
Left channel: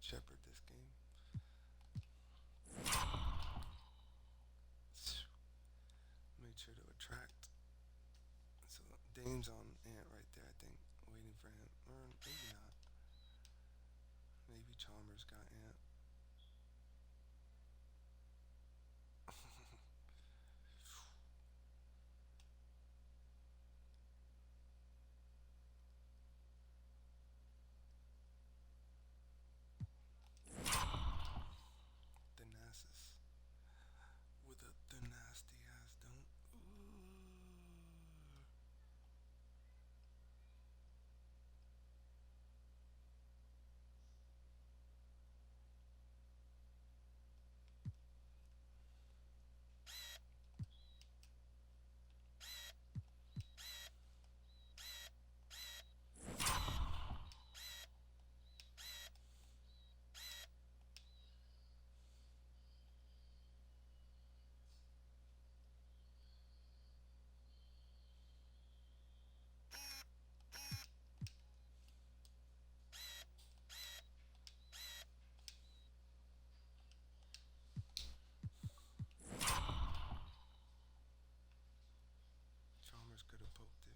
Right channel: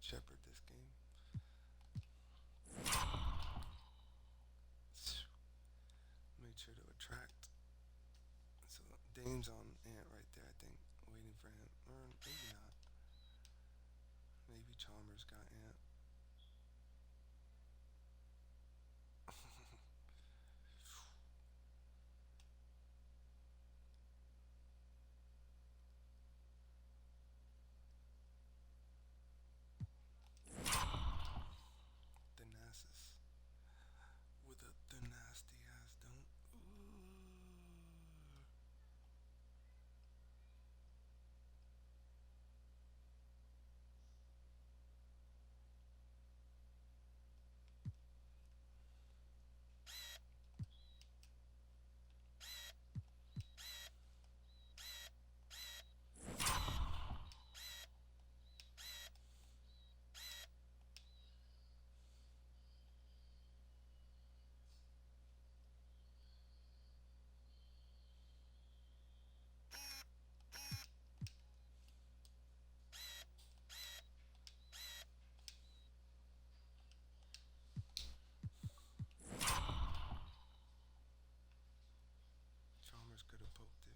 Shepherd this game. Made sure to attract. So Dame's on Ant right there, I think, waiting for him. Or maybe not. Maybe Chalmers got Ant. Thanasis with the nasty ass don't. Chalmers could have poked it.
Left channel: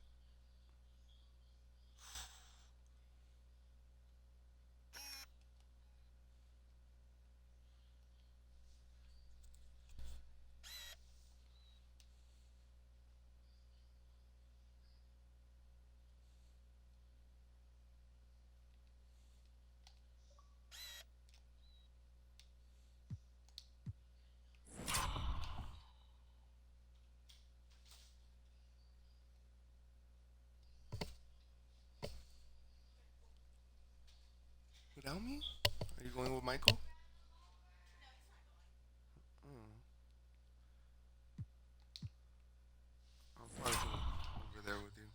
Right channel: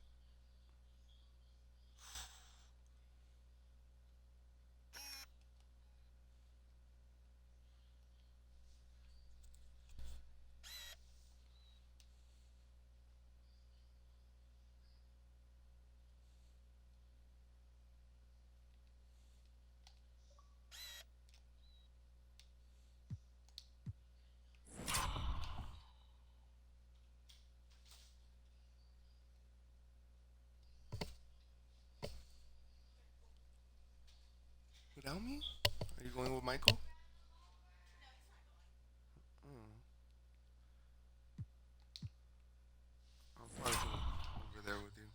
Without me? Are you going with Michael? Mm. I'll probably go over there with you.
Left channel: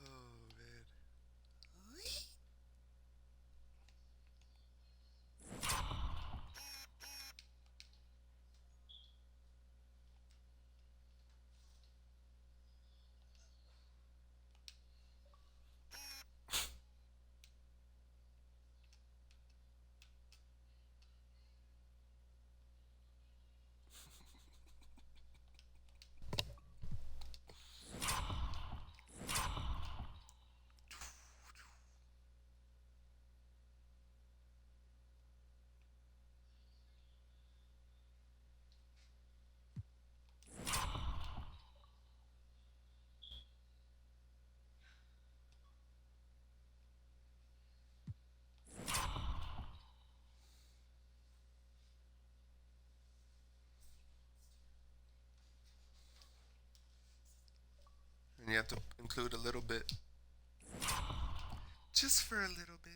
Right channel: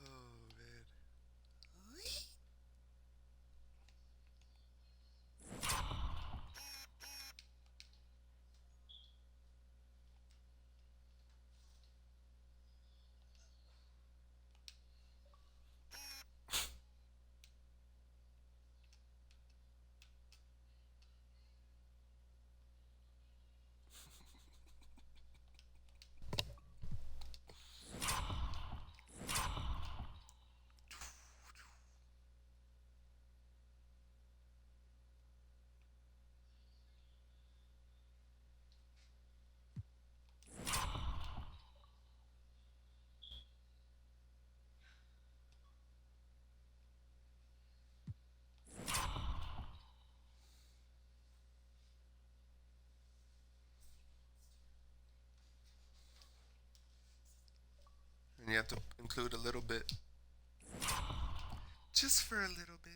Oh man. And you have to include a little bit. Just for a little bit.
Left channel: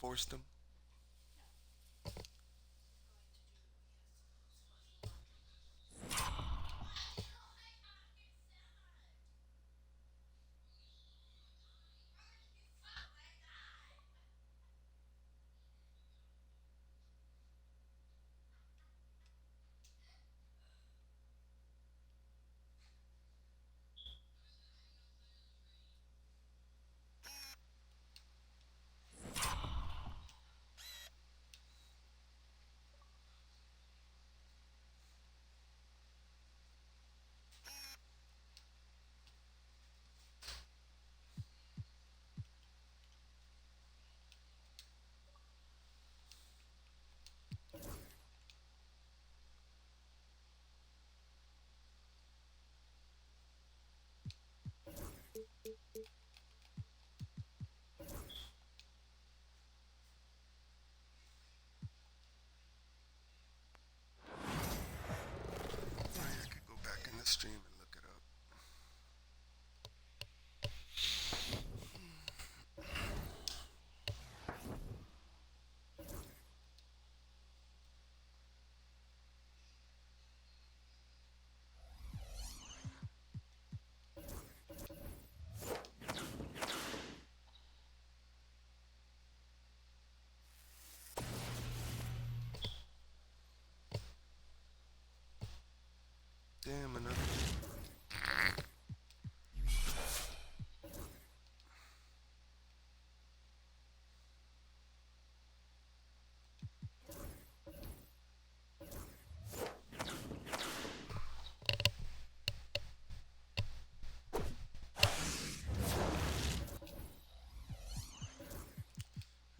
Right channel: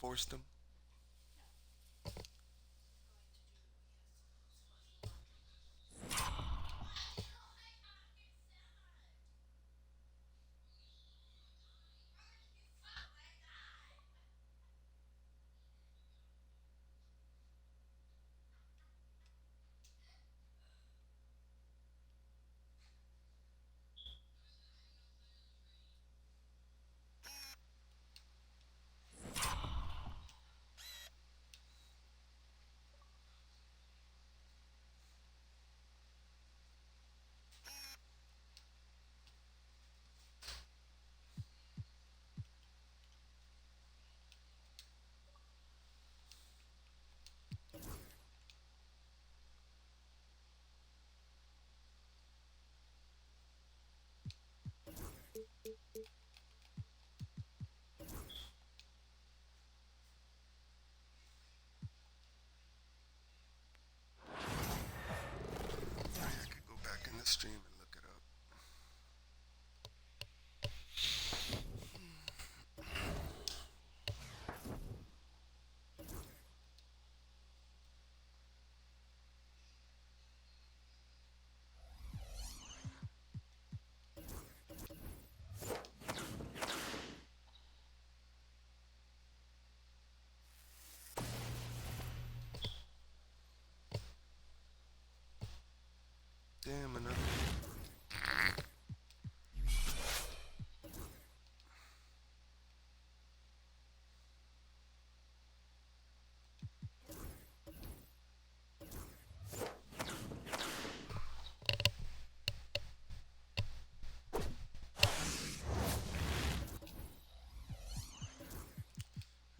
Forced him. Stream and look it up. Damn, another.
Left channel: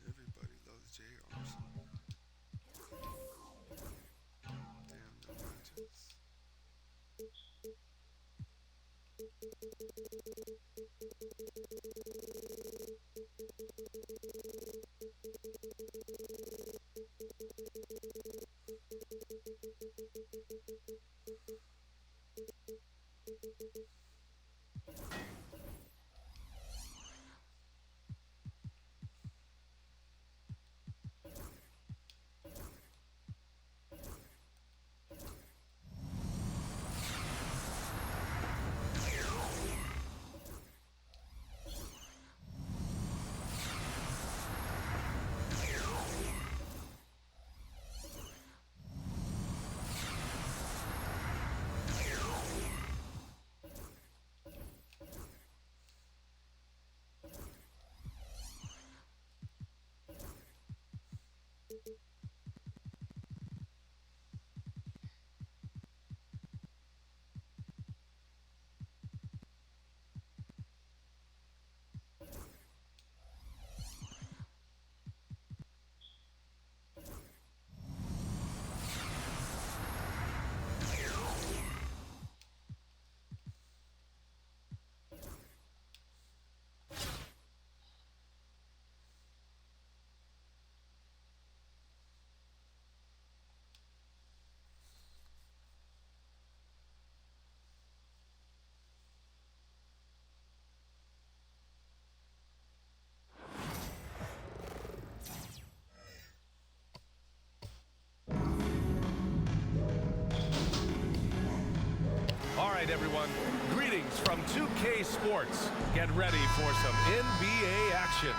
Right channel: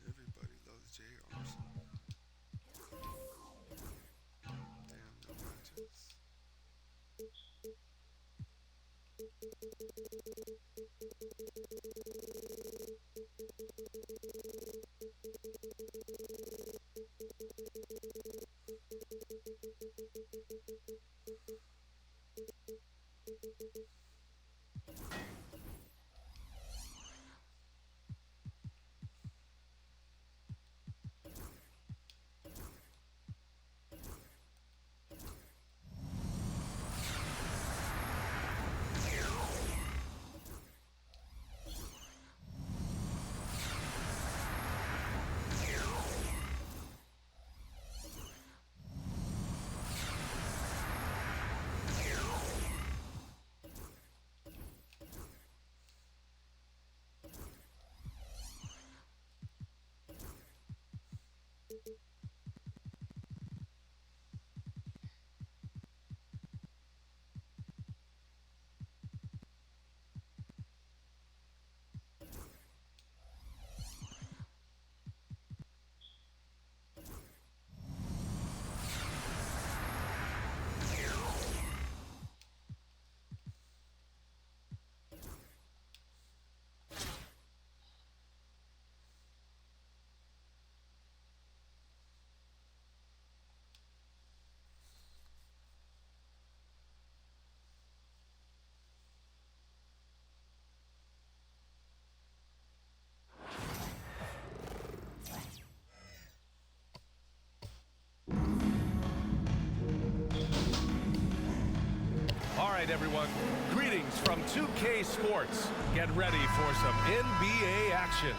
Everybody loves J. Armstrong. Damn, no matches. All right, everyone. Greetings from 2K Sports. Get ready for some NBA action.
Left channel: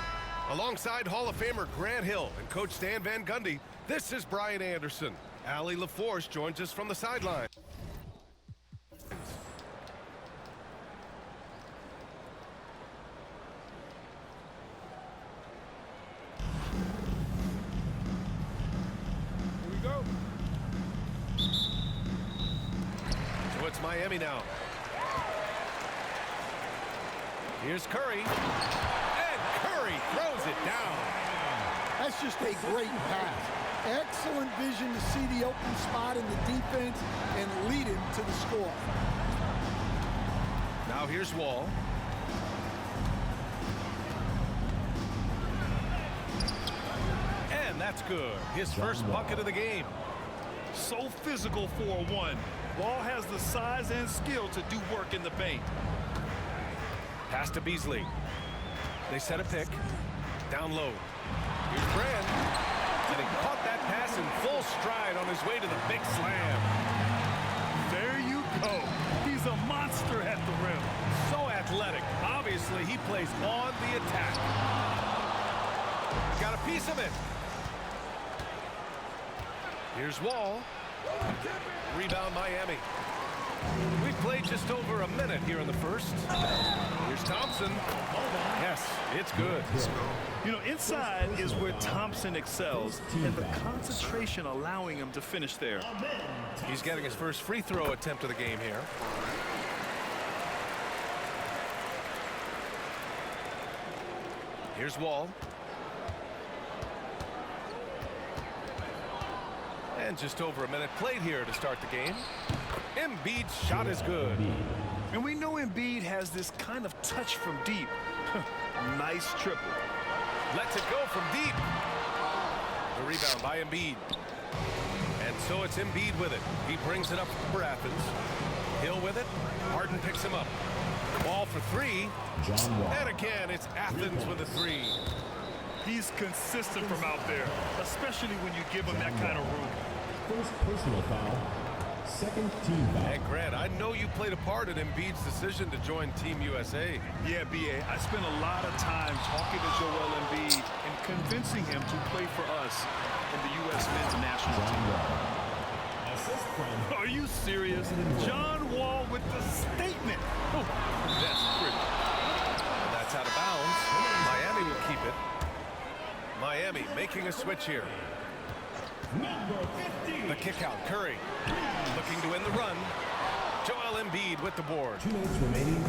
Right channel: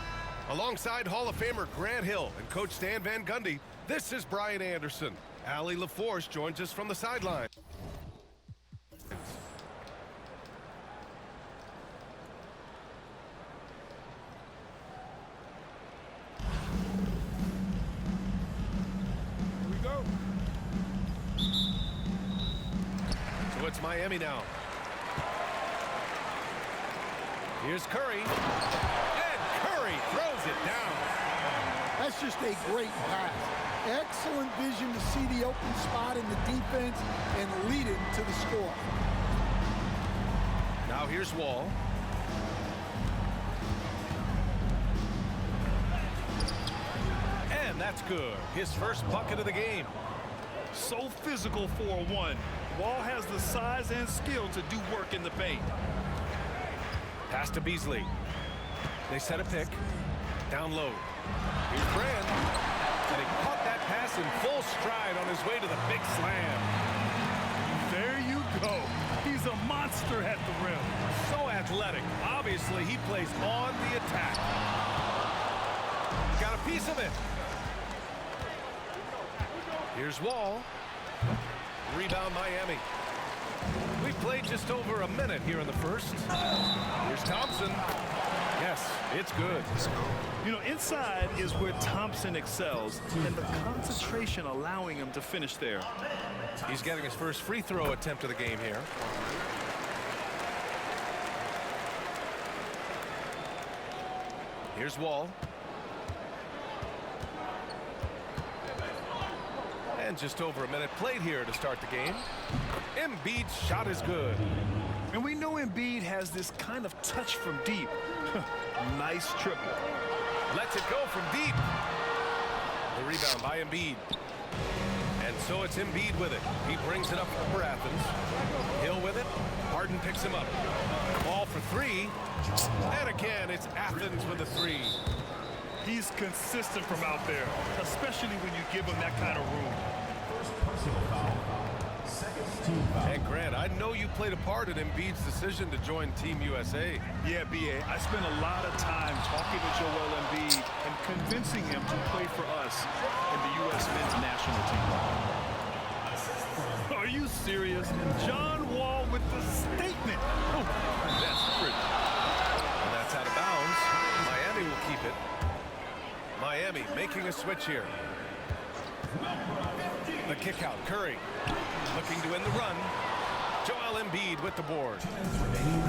Alongside Hall of Famer Grant Hill and Coach Stan Van Gundy, this is Brian Anderson. Allie LaForce joins us from the sideline. Here we go. So it's Miami now. Here's Curry. And Curry throws it down. That's just a great pass. Excellent vision to see the open spot in the defense and lead him to the score. Now here's Wall. And that's good. His first bucket of the game. So physical for a one. Wall has the size and skill to do work in the paint. Pass to Beasley. They set a pick. Down low. Here's Brand. And he caught that pass in full stride on his way to the big slam. There you go. He's a monster at the rim. So athletic. Obviously, he plays on the attack. He got a piece of it. Here's Wall. Rebound Miami. We've played just over a minute here in the first. Here's Thompson. Yes, it's good. Let's go. You know, inside is where Thompson excels, and the concentration allowing him to finish there. He's getting his first free throw attempt of the game here. Come on, man. Here's Wall. And just over a minute played here to start the game. Embiid's shot is good. And we know Embiid has this kind of touch from deep. Nice triple. Lets it go from deep. The rebound by Embiid. And so it's Embiid with it. He brings it up for Athens. Hill with it. Harden picks him up. Ball for three. And again, it's Athens with a three. He's consistent from out there, especially when you give him that kind of room. First personal foul. Second team foul. And Grant, I know you played a part in Embiid's decision to join Team USA. Yeah, B.A., I spent a lot of time talking to Joel Embiid and convincing him to play for us in the U.S. men's national team. Are you serious? John Wall with the statement. Oh, that's pretty. And that's out of bounds. Miami will keep it. Miami making a switch here. The kick out, Curry looking to win the run. Joel Embiid with the board. 2 minutes remaining.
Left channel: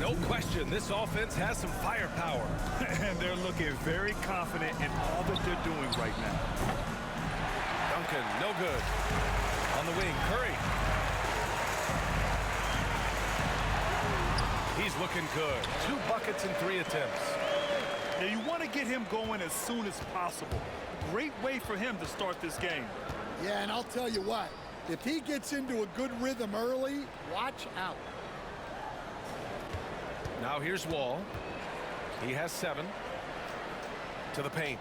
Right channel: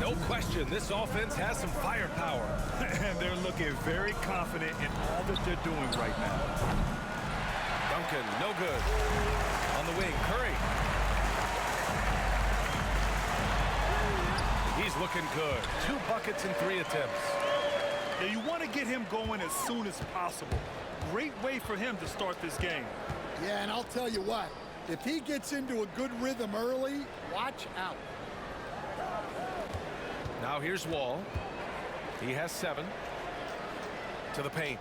No question, this offense has some firepower. And they're looking very confident in all that they're doing right now. Duncan, no good. On the wing, Curry. He's looking good. 2 buckets in 3 attempts. Yeah, you want to get him going as soon as possible. Great way for him to start this game. Yeah, and I'll tell you what, if he gets into a good rhythm early, watch out. Now here's Wall. He has 7. To the paint.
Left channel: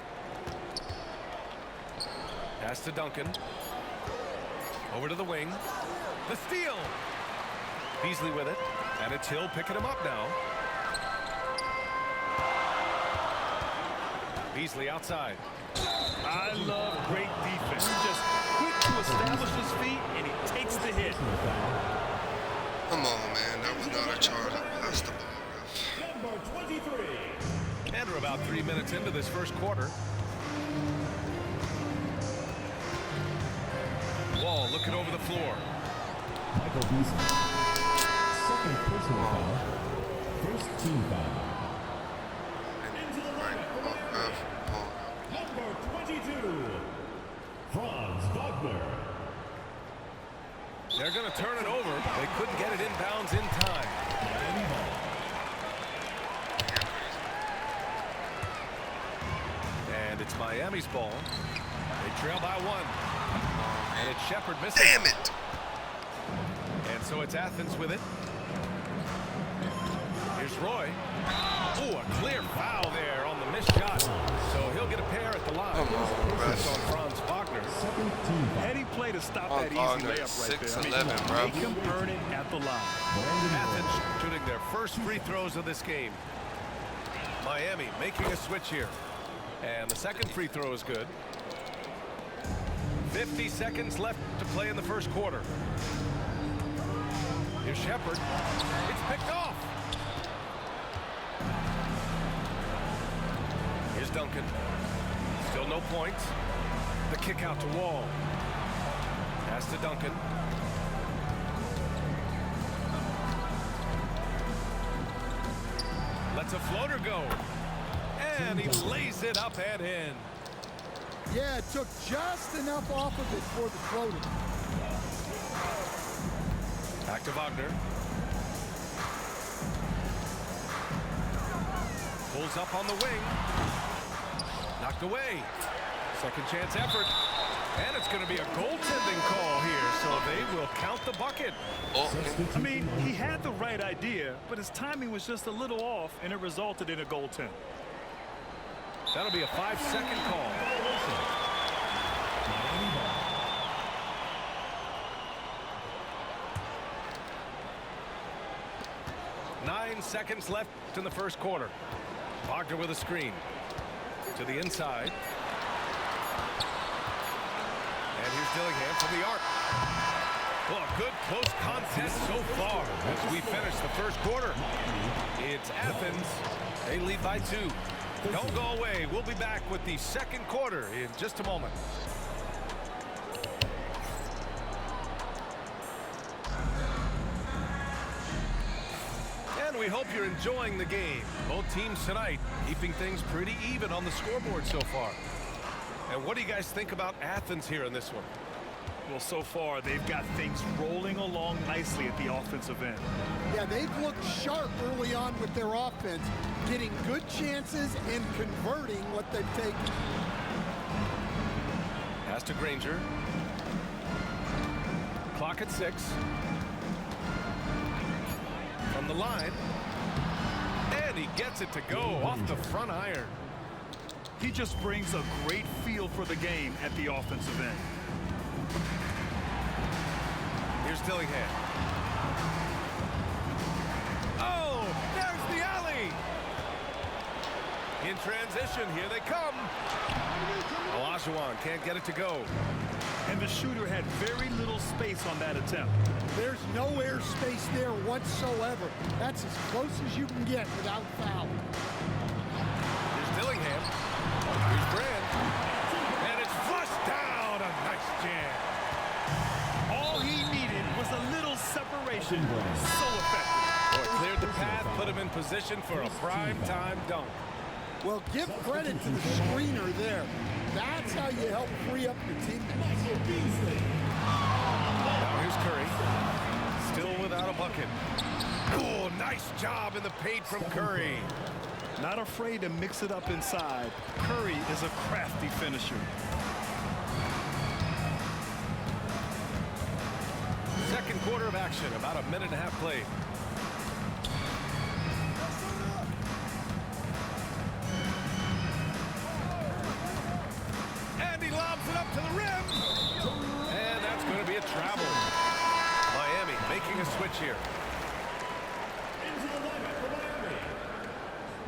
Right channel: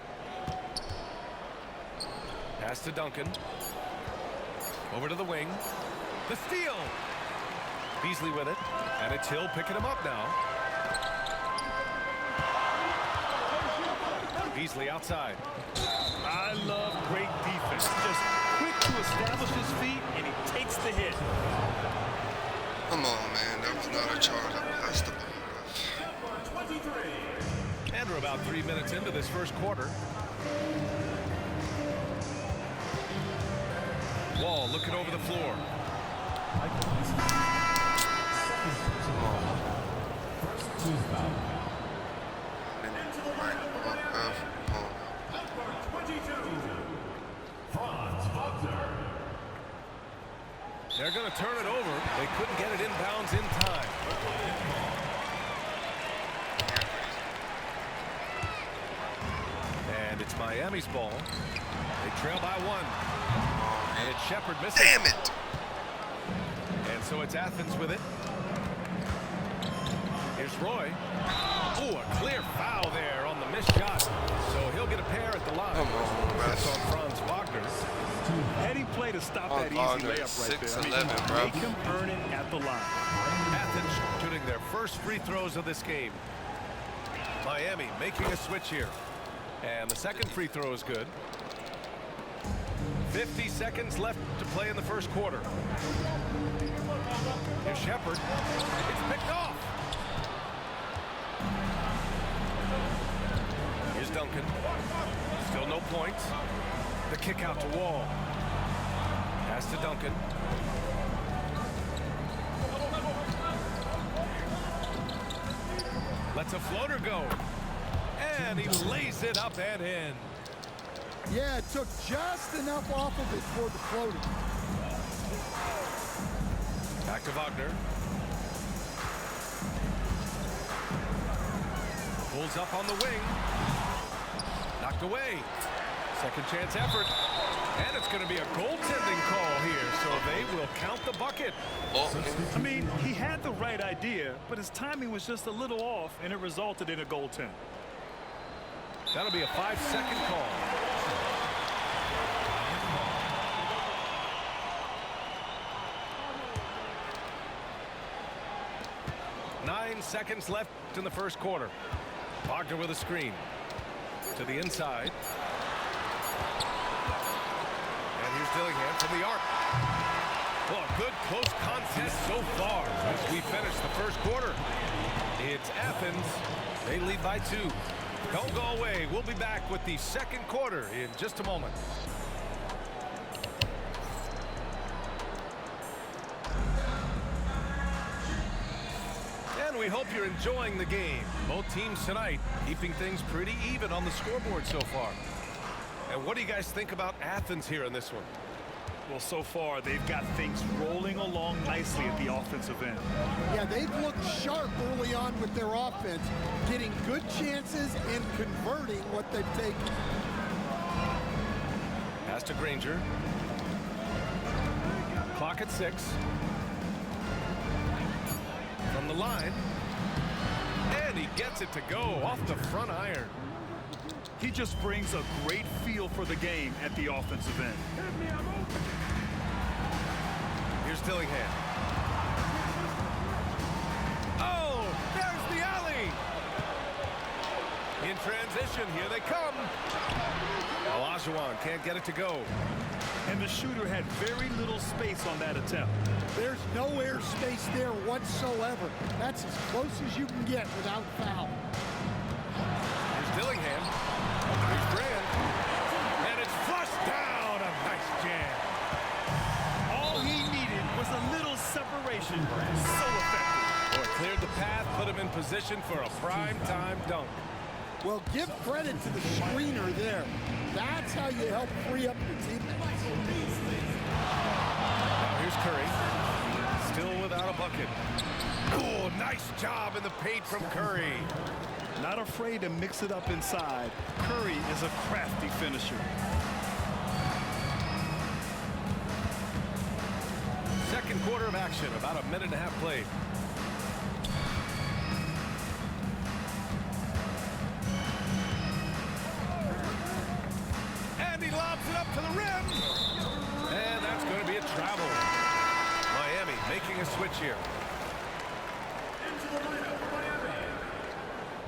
Pass to Duncan. Over to the wing. The steal. Beasley with it. And it's Hill picking him up now. Beasley outside. I love great defense. Just quick to establish his feet, and he takes the hit. Come on, man. That was not a charge. That's the ball, ref. And we're about 3 minutes into this first quarter. Wall looking over the floor. Michael Beasley. Second personal foul. First team foul. Number 22. Franz Wagner. They're going to turn it over. They couldn't get it inbounds in time. And it's Miami's ball. They trail by 1. And it's Shepherd missing. Damn it! And so it's Athens with it. Here's Roy. Oh, a clear foul there on the missed shot. So he'll get a pair at the line. Come on, bro. It's on Franz Wagner. Heady play to stop Oh, that easy Wagner, layup right there. 6'11", bro. Make him earn it at the line. Athens shooting their first free throws of this game. Miami making a switch here. And the second free throw is good. 50 seconds left to play in the first quarter. Here's Shepherd. It's picked off. Here's Duncan. Still no points. The kick out to Wall. Pass to Duncan. Lets a floater go. And he lays it up and in. Yeah, it took just enough off of it for the floater. Back to Wagner. Pulls up on the wing. Knocked away. Second chance effort. And it's going to be a goaltending call here, so they will count the bucket. I mean, he had the right idea, but his timing was just a little off, and it resulted in a goaltend. That'll be a 5-second call. Nine seconds left in the first quarter. Wagner with a screen to the inside. And here's Dillingham from the arc. Well, a good close contest so far as we finish the first quarter. It's Athens. They lead by 2. Don't go away. We'll be back with the second quarter in just a moment. And we hope you're enjoying the game. Both teams tonight keeping things pretty even on the scoreboard so far. And what do you guys think about Athens here in this one? Well, so far, they've got things rolling along nicely at the offensive end. Yeah, they've looked sharp early on with their offense, getting good chances and converting what they've taken. Pass to Granger. Clock at 6. From the line. And he gets it to go off the front iron. He just brings a great feel for the game at the offensive end. Here's Dillingham. Oh, there's the alley. In transition, here they come. Olajuwon can't get it to go. And the shooter had very little space on that attempt. There's no air space there whatsoever. That's as close as you can get without foul. Here's Dillingham. Here's Brand. And it's flushed down. A nice jam. All he needed was a little separation. So effective. Oh, it cleared the path, put him in position for a prime-time dunk. Well, give credit to the screener there. That's how you help free up your teammates. Now here's Curry. Still without a bucket. Oh, nice job in the paint from Curry. Not afraid to mix it up inside. Curry is a crafty finisher. Second quarter of action, about a minute and a half played. And he lobs it up to the rim. And that's going to be a travel. Miami making a switch here. Into the lineup for Miami,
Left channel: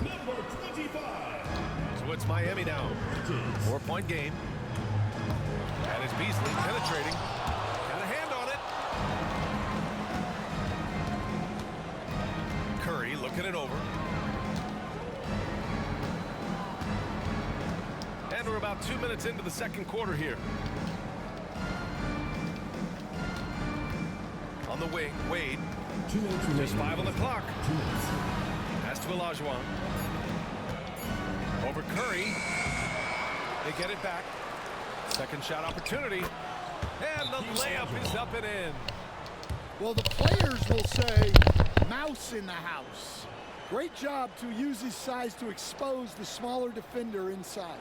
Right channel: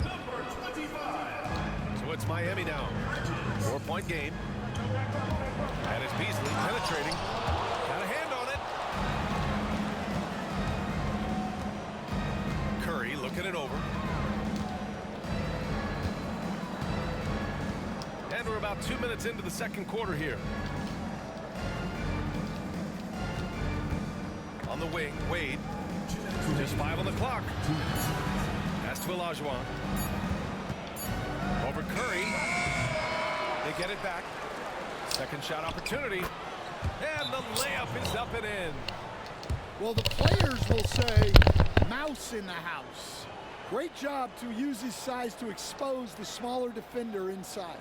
number 25. So it's Miami now. 4-point game. And it's Beasley penetrating. Got a hand on it. Curry looking it over. And we're about 2 minutes into the second quarter here. On the wing, Wade. Just 5 on the clock. Pass to Olajuwon. Over Curry. They get it back. Second shot opportunity. And the layup is up and in. Well, the players will say, mouse in the house. Great job to use his size to expose the smaller defender inside.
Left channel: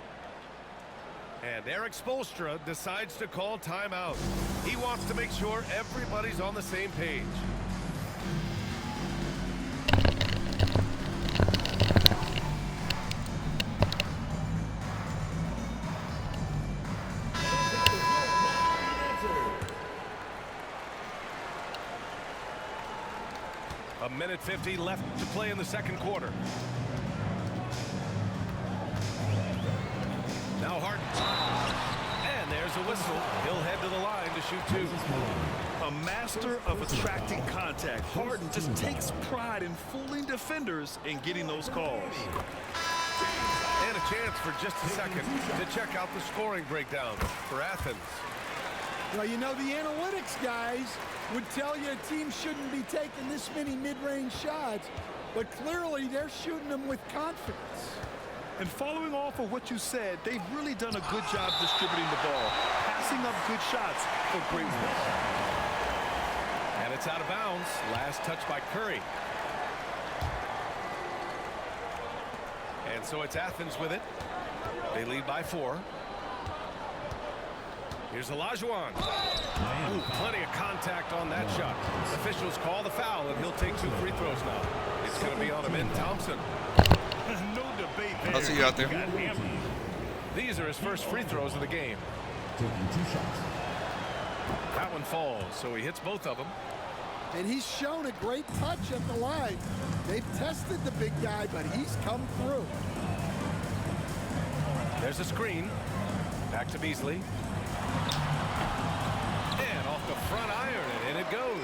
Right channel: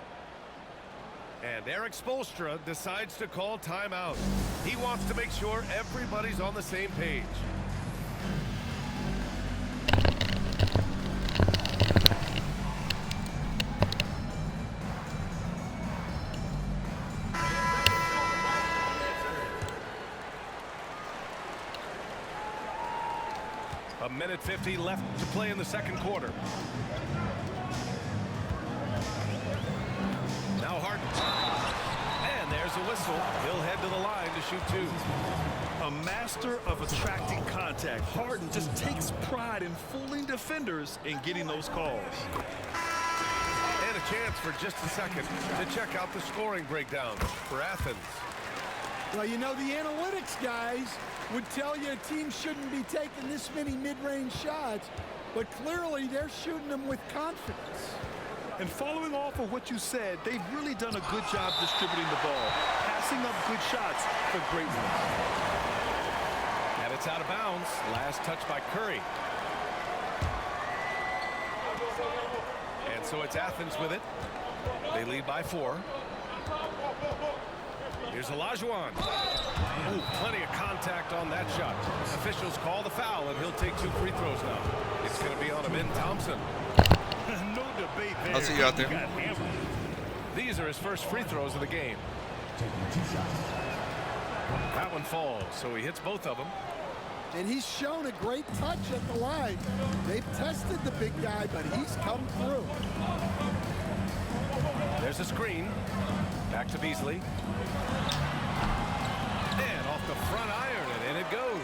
And Eric Spoelstra decides to call timeout. He wants to make sure everybody's on the same page. A minute 50 left to play in the second quarter. Now Harden. And there's a whistle. He'll head to the line to shoot 2. A master of attracting contact. Harden just takes pride in fooling defenders and getting those calls. And a chance for just a second to check out the scoring breakdown for Athens. Well, you know, the analytics guys would tell you a team shouldn't be taking this many mid-range shots, but clearly they're shooting them with confidence. And following off of what you said, they've really done a good job distributing the ball, passing up good shots for great ones. And it's out of bounds. Last touch by Curry. And so it's Athens with it. They lead by 4. Here's Olajuwon. Ooh, plenty of contact on that shot. Officials call the foul, and he'll take 2 free throws now. It's going to be on Amin Thompson. No debate there. I'll see you out there. Got hammered. These are his first free throws of the game. Taking 2 shots. That one falls, so he hits both of them. And he's shown a great touch at the line. They've tested the big guy, but he's come through. There's a screen. Back to Beasley. And off the front iron, and in it goes.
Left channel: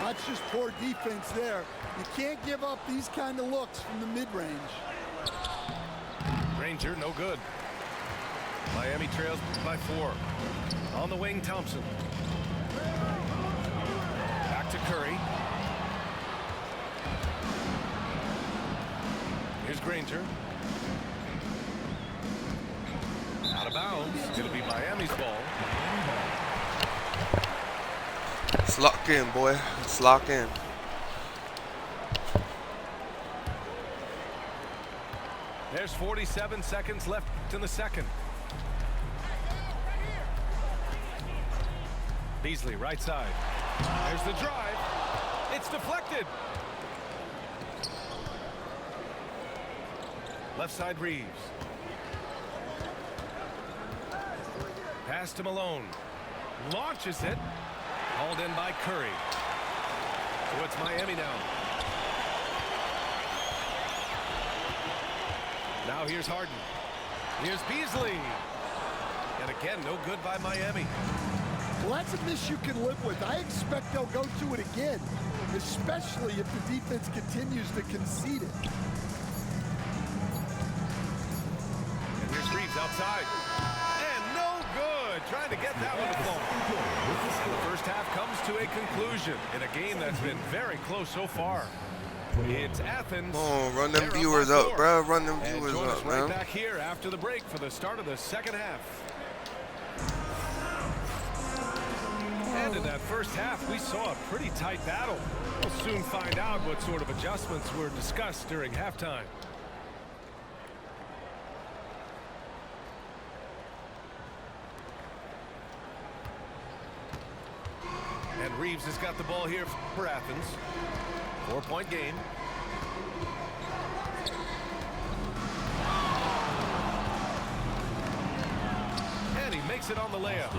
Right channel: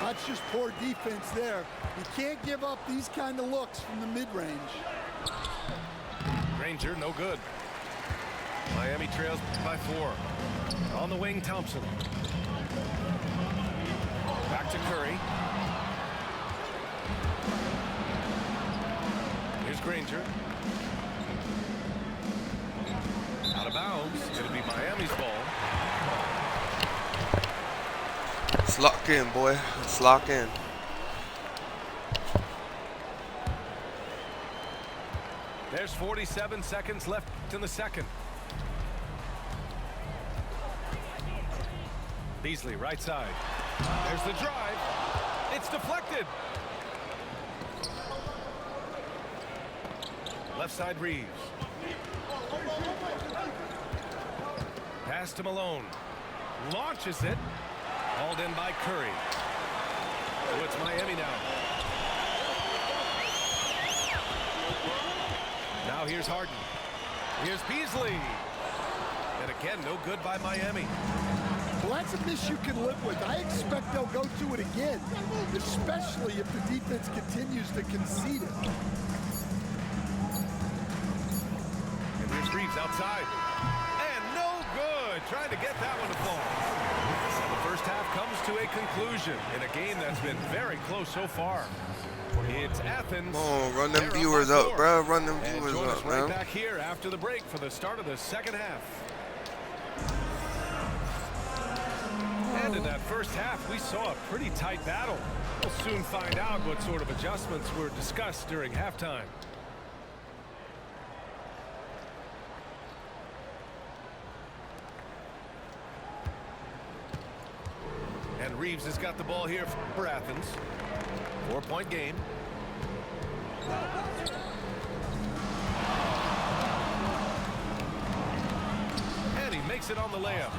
That's just poor defense there. You can't give up these kind of looks from the mid-range. Granger, no good. Miami trails by 4. On the wing, Thompson. Back to Curry. Here's Granger. Out of bounds. It'll be Miami's ball. Let's lock in, boy. Let's lock in. There's 47 seconds left in the second. Beasley, right side. There's the drive. It's deflected. Left side, Reeves. Pass to Malone. Launches it. Hauled in by Curry. So it's Miami now. Now here's Harden. Here's Beasley. And again, no good by Miami. Well, that's a miss you can live with. I expect they'll go to it again, especially if the defense continues to concede it. And here's Reeves outside. And no good. Trying to get that one to fall. And the first half comes to a conclusion in a game that's been very close so far. It's Athens. Oh, run them viewers up, bro. Run them viewers join us up, right man. back here after the break for the start of the second half. And in that first half, we saw a pretty tight battle. We'll soon find out what sort of adjustments were discussed during halftime. And Reeves has got the ball here for Athens. 4-point game. And he makes it on the layup.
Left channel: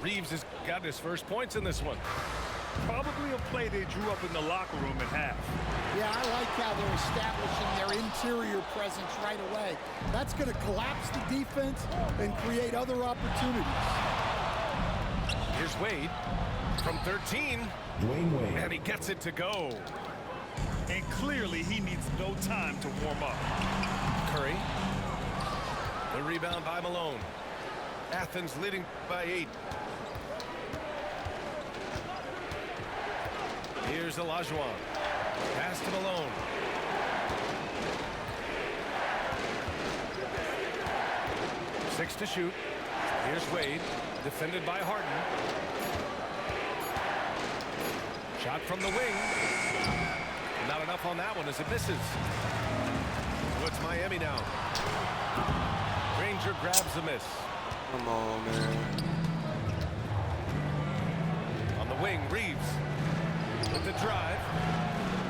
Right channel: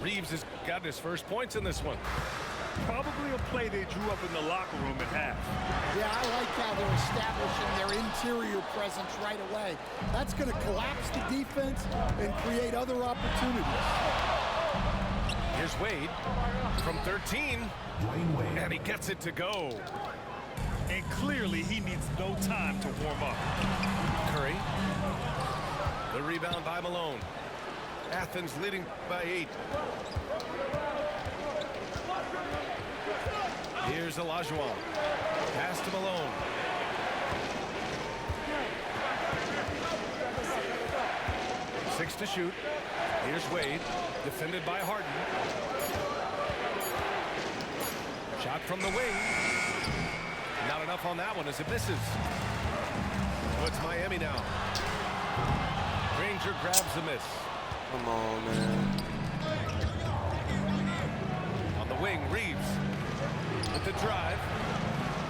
Reeves has got his first points in this one. Probably a play they drew up in the locker room at half. Yeah, I like how they're establishing their interior presence right away. That's going to collapse the defense and create other opportunities. Here's Wade from 13. Dwayne Wade. And he gets it to go. And clearly he needs no time to warm up. Curry. The rebound by Malone. Athens leading by 8. Here's Olajuwon. Pass to Malone. Six to shoot. Here's Wade. Defended by Harden. Shot from the wing. Not enough on that one as it misses. So it's Miami now. Granger grabs the miss. Come on, man. On the wing, Reeves with the drive.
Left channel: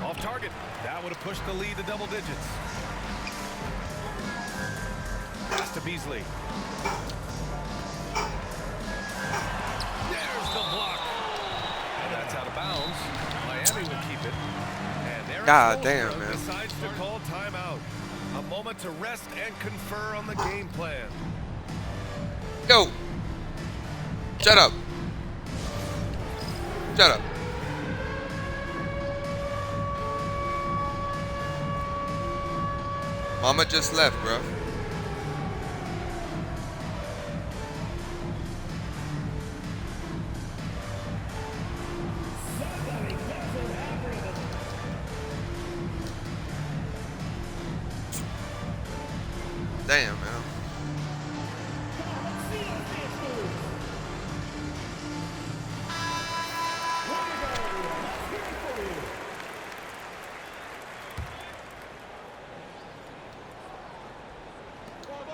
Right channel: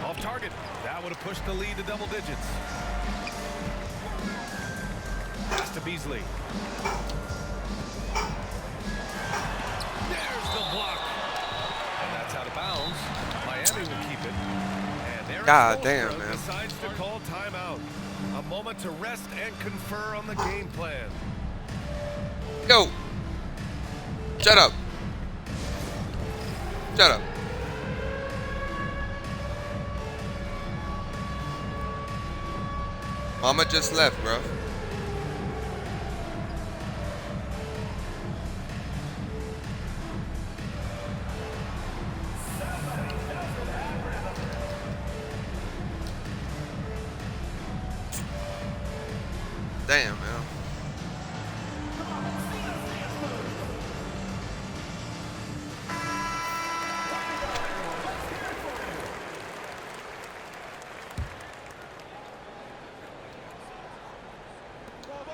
Off target. That would have pushed the lead to double digits. Pass to Beasley. There's the block. And that's out of bounds. Miami will keep it. And Eric God damn, Spoelstra man. decides to call timeout. A moment to rest and confer on the game plan. Yo. Shut up. Shut up. Mama just left, bro. Damn, man.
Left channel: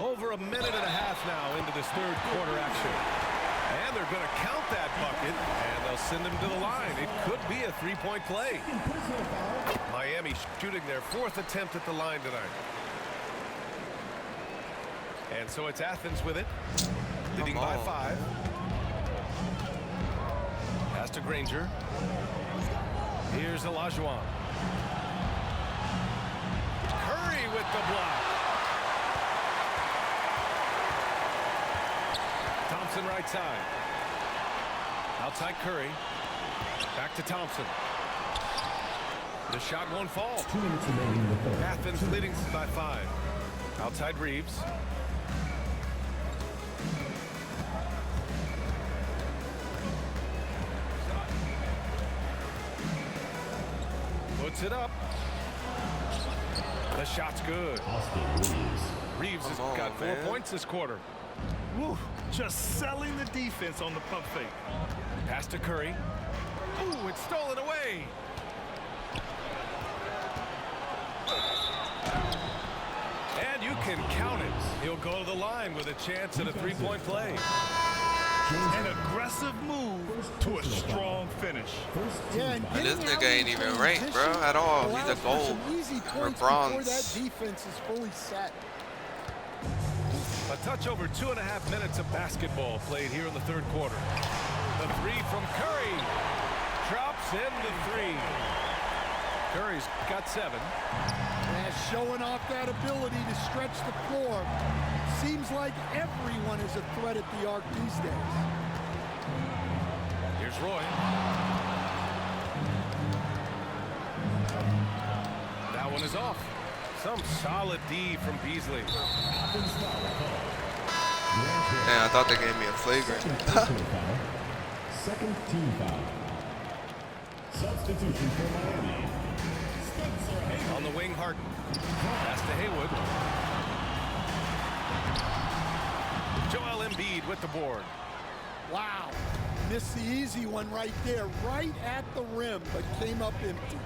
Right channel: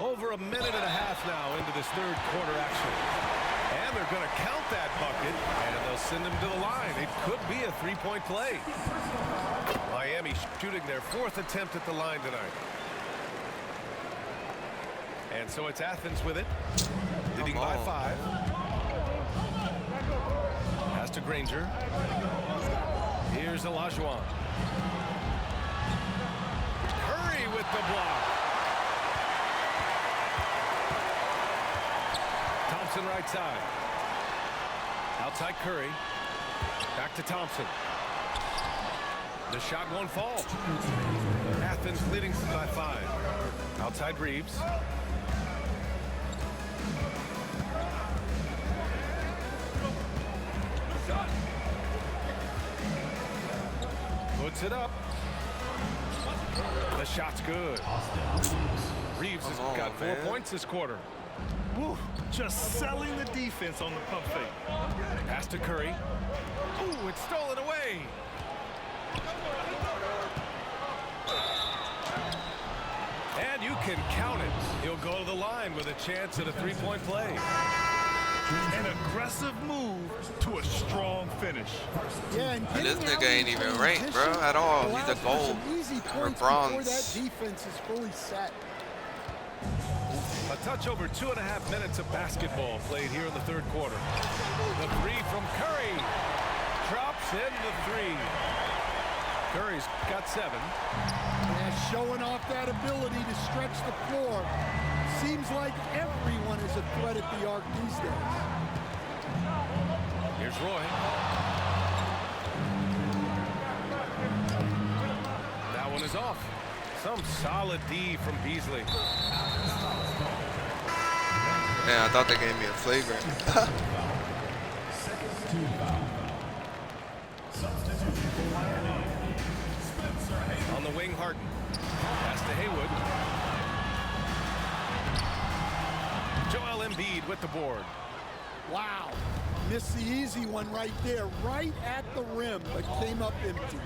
Over a minute and a half now into this third quarter action. And they're going to count that bucket, and they'll send him to the line. It could be a three-point play. Miami shooting their 4th attempt at the line tonight. And so it's Athens with it, leading by 5. Pass to Granger. Here's Olajuwon. Curry with the block. Thompson right side. Outside Curry. Back to Thompson. The shot won't fall. Athens leading by 5. Outside Reeves. Puts it up. The shot's good. Reeves has got 4 points this quarter. Woo, just selling the defense on the pump fake. Pass to Curry. Ooh, it's stolen away. And you can count it. He'll go to the line with a chance at a 3-point play. An aggressive move to a strong finish. Yeah, and This getting nigga out ain't in even ranked, bro, transition at all. He's allows a for gold some easy or points bronze. before that defense is fully set. A touch over 2.5 minutes of basketball played here in the 3rd quarter. The 3 from Curry. Drops in the 3. Curry's got 7. Yeah, showing off that ability to stretch the floor. Seems like everyone is a threat at the arc these days. Here's Roy. That one is off. Some solid D from Beasley. Man, I thought they gave me a flagrant. Second team foul. Substitution for Miami. On the wing, Harden. Pass to Haywood. Joel Embiid with the board. Wow. Missed the easy one right there, right at the rim, but came up empty.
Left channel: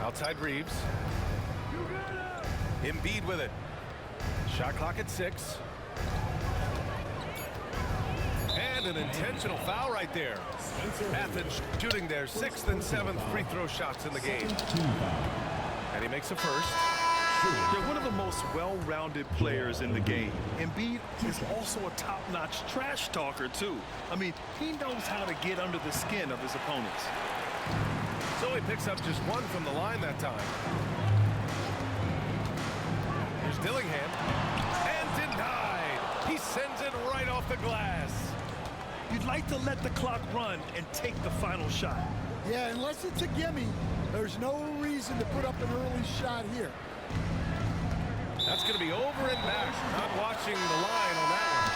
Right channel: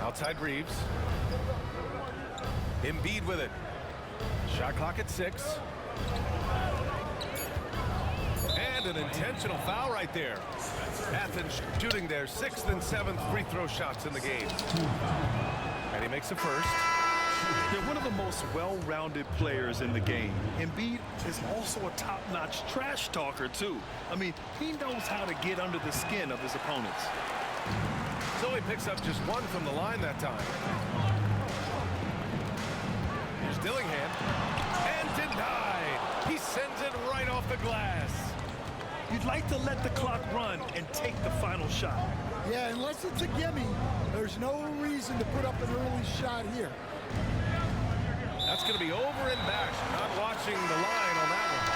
Outside Reeves. Embiid with it. Shot clock at 6. And an intentional foul right there. Athens shooting their 6th and 7th free throw shots in the game. And he makes a first. They're one of the most well-rounded players in the game. Embiid is also a top-notch trash talker, too. I mean, he knows how to get under the skin of his opponents. So he picks up just 1 from the line that time. Here's Dillingham. And denied. He sends it right off the glass. You'd like to let the clock run and take the final shot. Yeah, unless it's a gimme, there's no reason to put up an early shot here. That's going to be over and back. Not watching the line on that one.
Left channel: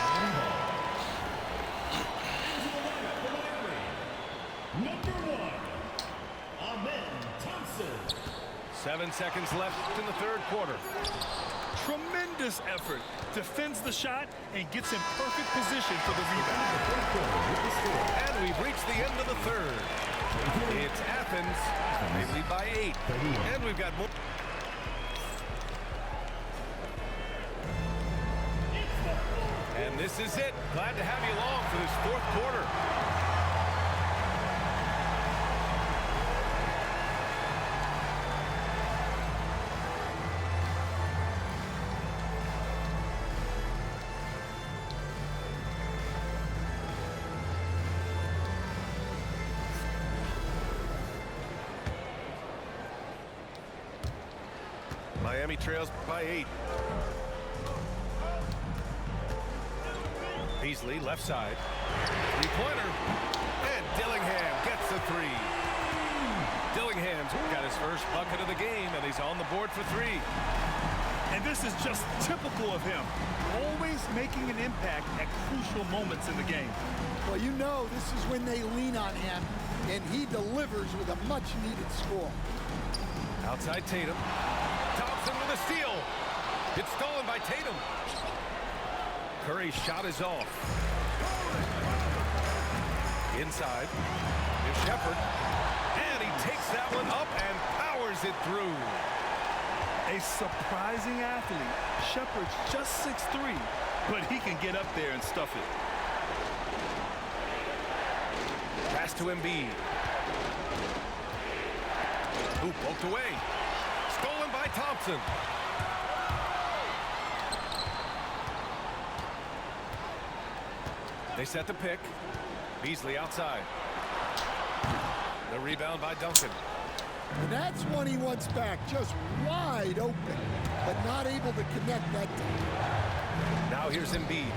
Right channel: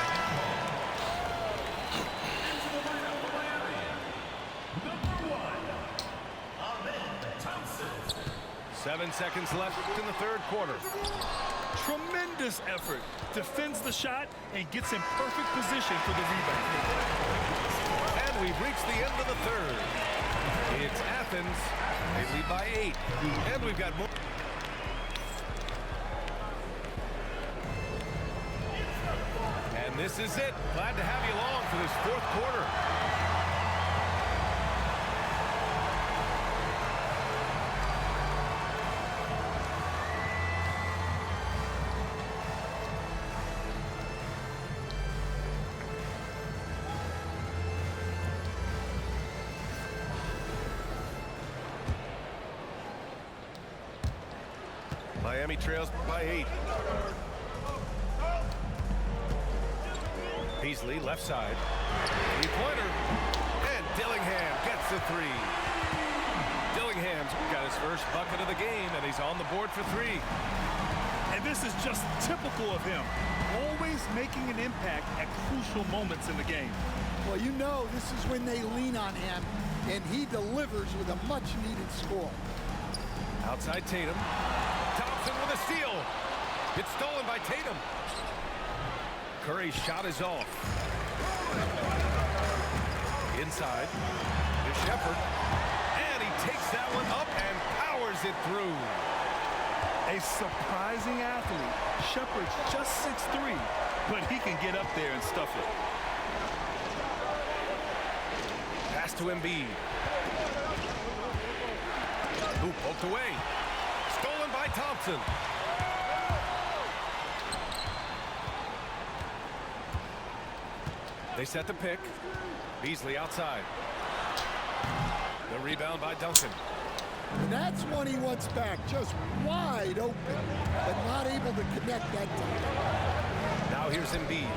Number 1, Amen Thompson. 7 seconds left in the 3rd quarter. Tremendous effort. Defends the shot and gets in perfect position for the rebound. And we've reached the end of the 3rd. It's Athens. They lead by 8. And we've got more. And this is it. Glad to have you along for this 4th quarter. Miami trails by 8. Beasley, left side. 3-pointer. And Dillingham gets the 3. Dillingham's got his first bucket of the game, and he's on the board for 3. And this is just typical of him. Always making an impact at crucial moments in the game. Well, you know this is when they lean on him, and he delivers with a much-needed score. Outside Tatum. Thompson with a steal. It's stolen by Tatum. Curry's shot is off. Inside. Here's Shepherd. And he takes that one up and powers it through. A surprising athlete. Shepherd's just 6'3", but he can get up there and stuff it. Pass to Embiid. Who poked away. Stolen by Thompson. They set the pick. Beasley outside. The rebound by Duncan. And that's one he wants back, just wide open, but not able to connect that time. Now here's Embiid.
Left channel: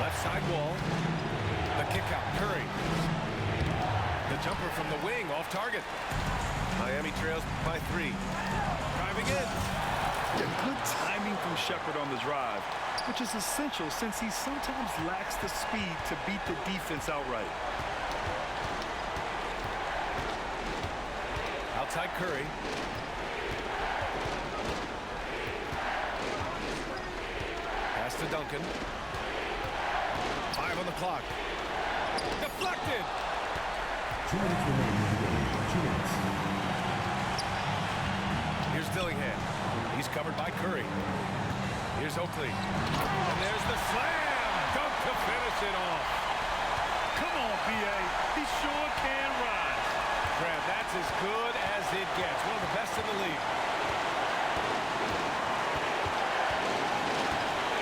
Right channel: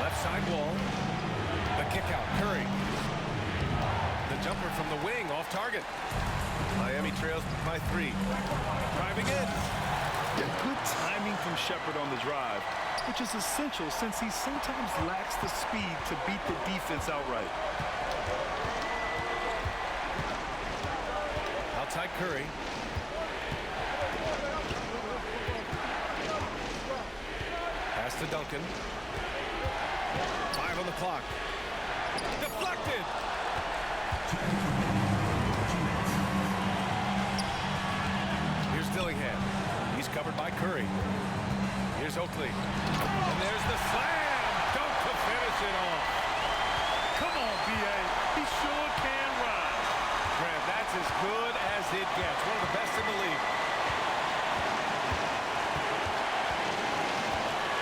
Left side wall. The kick out, Curry. The jumper from the wing, off target. Miami trails by 3. Driving in. Yeah, good timing from Shepherd on the drive, which is essential since he sometimes lacks the speed to beat the defense outright. Outside Curry. Pass to Duncan. 5 on the clock. Deflected. 2 minutes remaining in the game. 2 minutes. Here's Dillingham. He's covered by Curry. Here's Oakley. And there's the slam. Dunk to finish it off. Come on, B.A. He sure can rise. Grant, that's as good as it gets. One of the best in the league.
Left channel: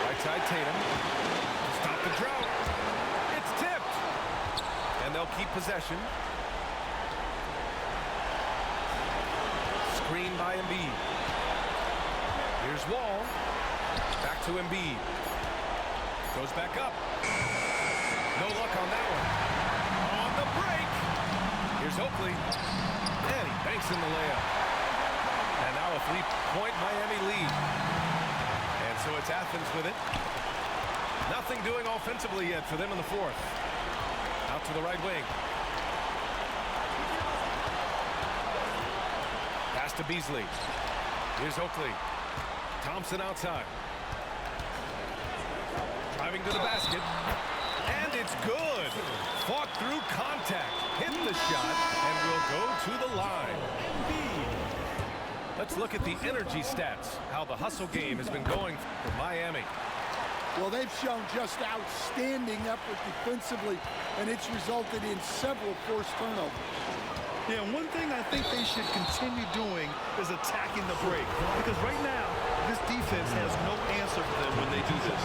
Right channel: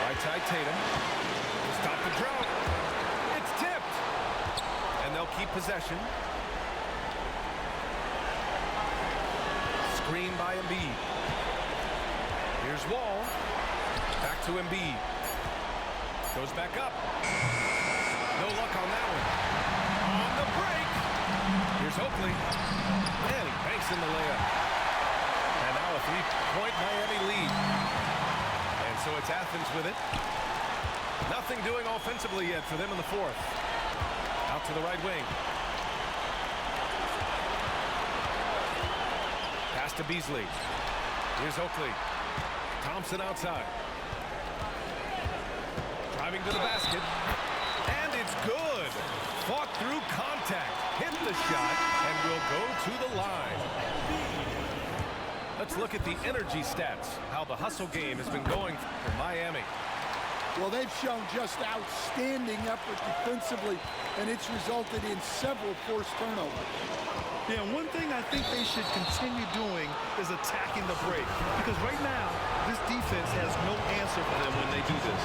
Right side Tatum. To stop the drought. It's tipped. And they'll keep possession. Screen by Embiid. Here's Wall. Back to Embiid. Goes back up. No luck on that one. On the break. Here's Oakley. And he banks in the layup. And now a 3-point Miami lead. And so it's Athens with it. Nothing doing offensively yet for them in the 4th. Out to the right wing. Pass to Beasley. Here's Oakley. Thompson outside. Driving to the basket. And it's good. Fought through contact. Hit the shot and will go to the line. Let's look at the energy stats. How the hustle game has been going for Miami. Well, they've shown just outstanding effort defensively, and it's resulted in several forced turnovers. Yeah, one thing I think they should continue doing is attacking the break. Because right now, this defense has no answer for them when they do this.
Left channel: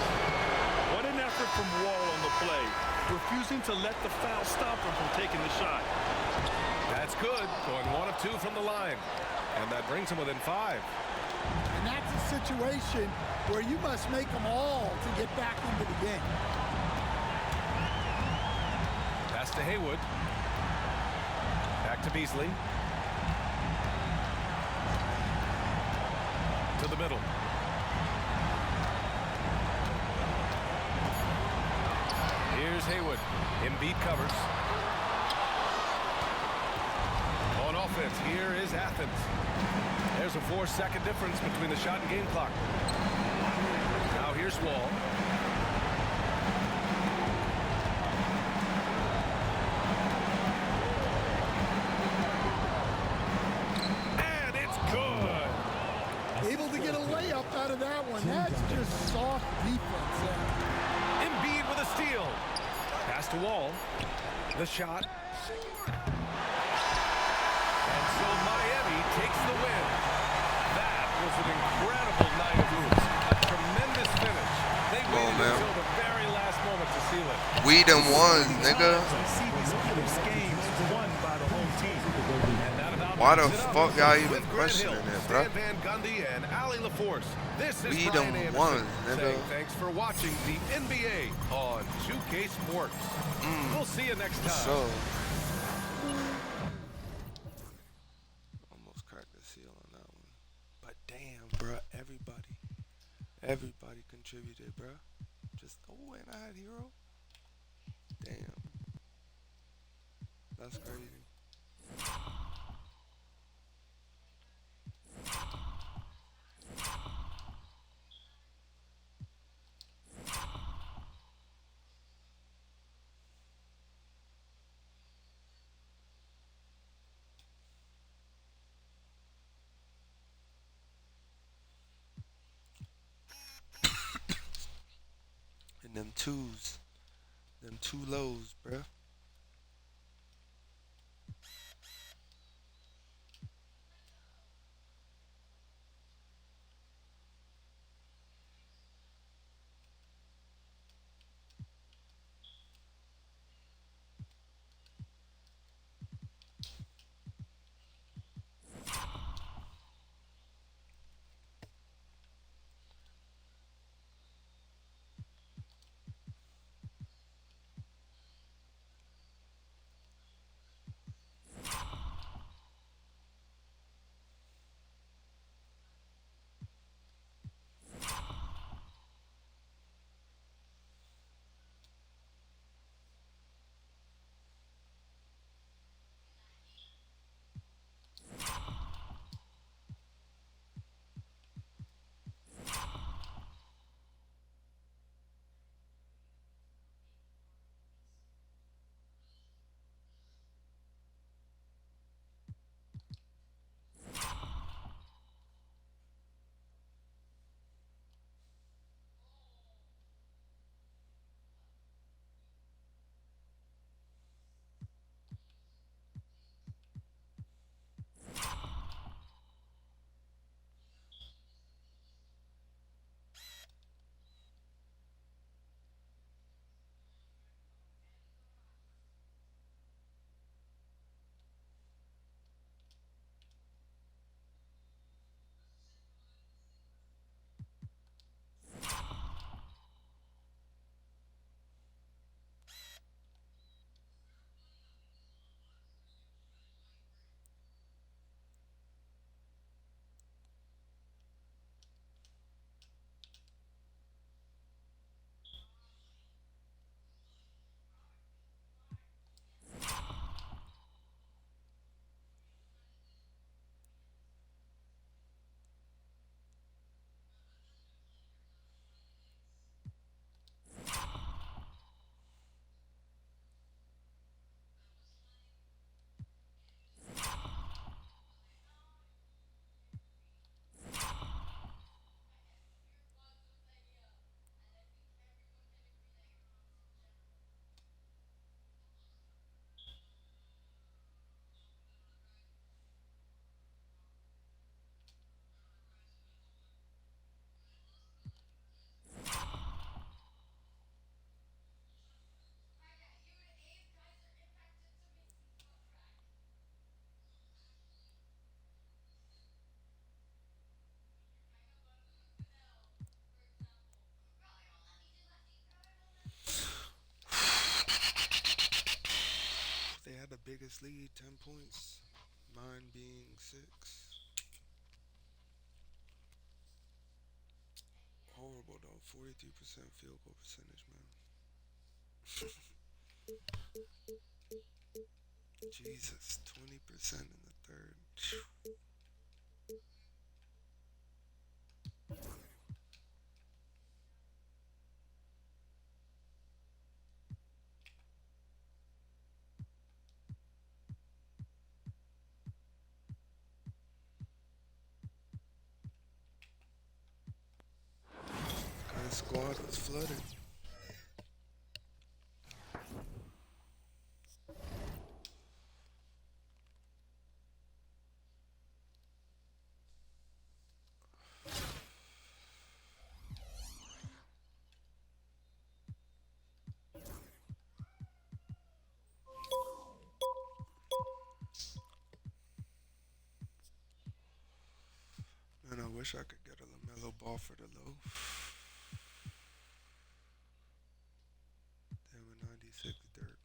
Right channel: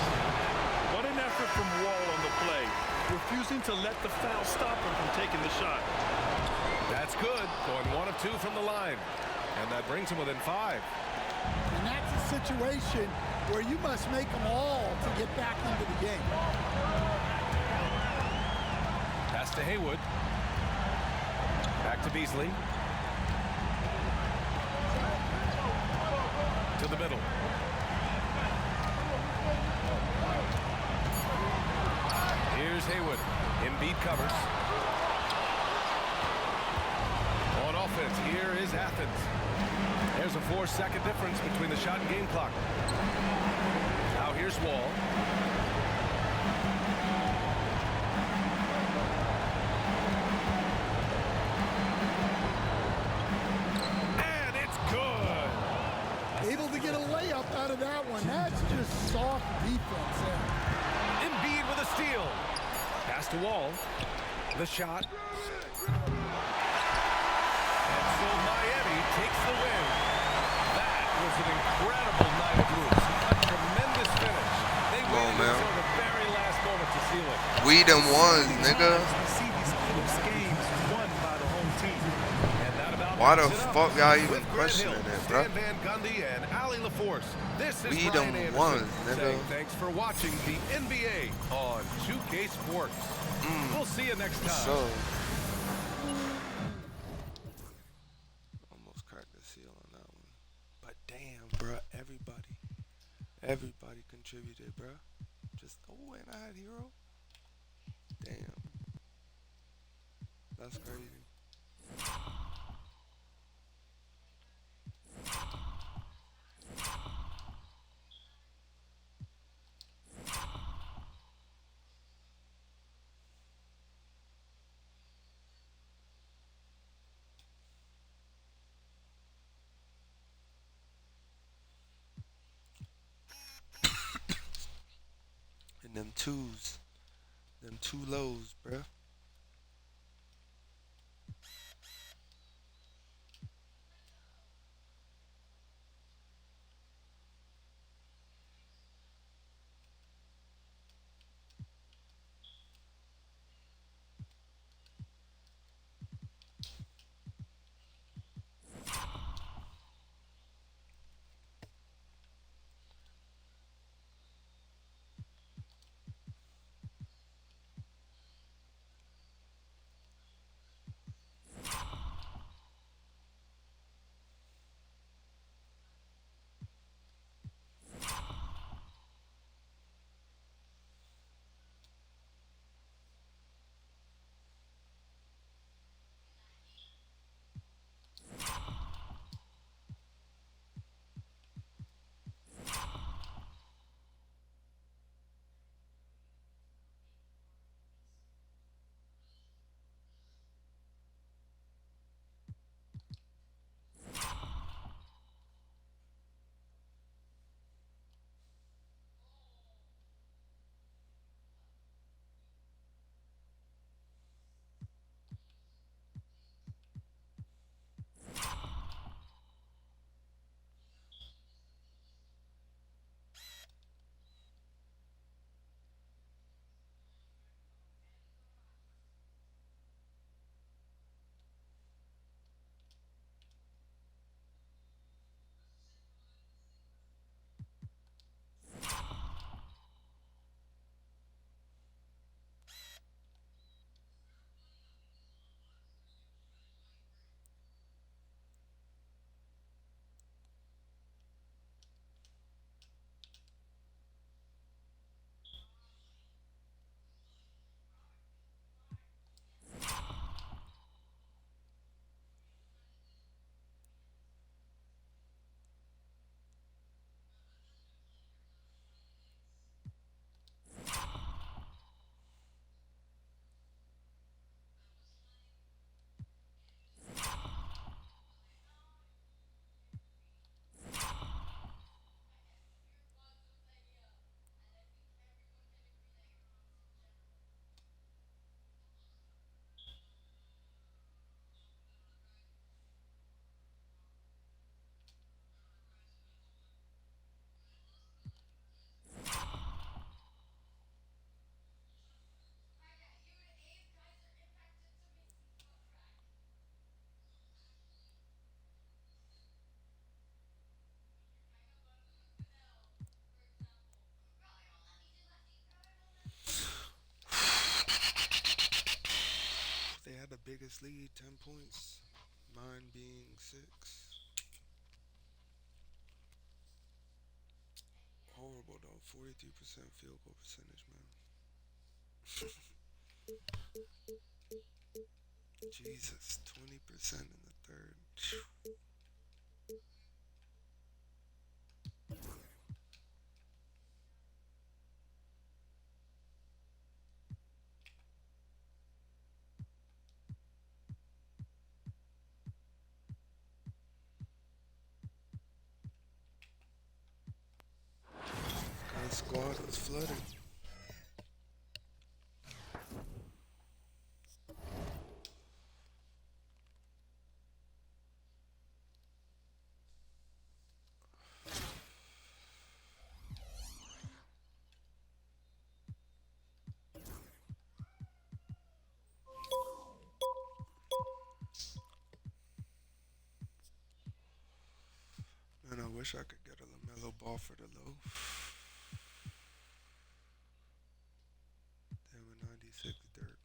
What an effort from Wall on the play, refusing to let the foul stop him from taking the shot. That's good, going 1 of 2 from the line. And that brings him within 5. And that's a situation where you must make them all to get back into the game. Pass to Haywood. Back to Beasley. To the middle. Here's Haywood. Embiid covers. On offense, here is Athens. There's a 4-second difference between the shot and game clock. Now here's Wall. And it's good. Able to get a layup out of that one. That's just soft defense there. Embiid with a steal. Pass to Wall. The shot. And so Miami takes the win. That was an incredible night of hoops. A tremendous finish. They waited until the very last moment to seal it. We done won, nigga. We see these close games won by the home team. And that about Why the wraps it up fuck y'all even with Grant Hill, questioning it, bro? Stan Van Gundy and Ali LaForce. This is We Brian done Anderson won, nigga. saying thanks for watching the NBA on 2K Sports. We'll see you next time. So. Almost cracked the seal on that one. But damn, bruh, everybody contributed, bruh. Just, oh, and I had Hero. Damn. That's crazy. And them two lows, bruh. biggest lead, 10 points. Mine being 6. Horrible though, 43% field goal percentage, man. Jesus, 20% in the third. The squad was flooded. Man, I wish I could get a LaMelo Ball for the low. Damn, a 96 dirt.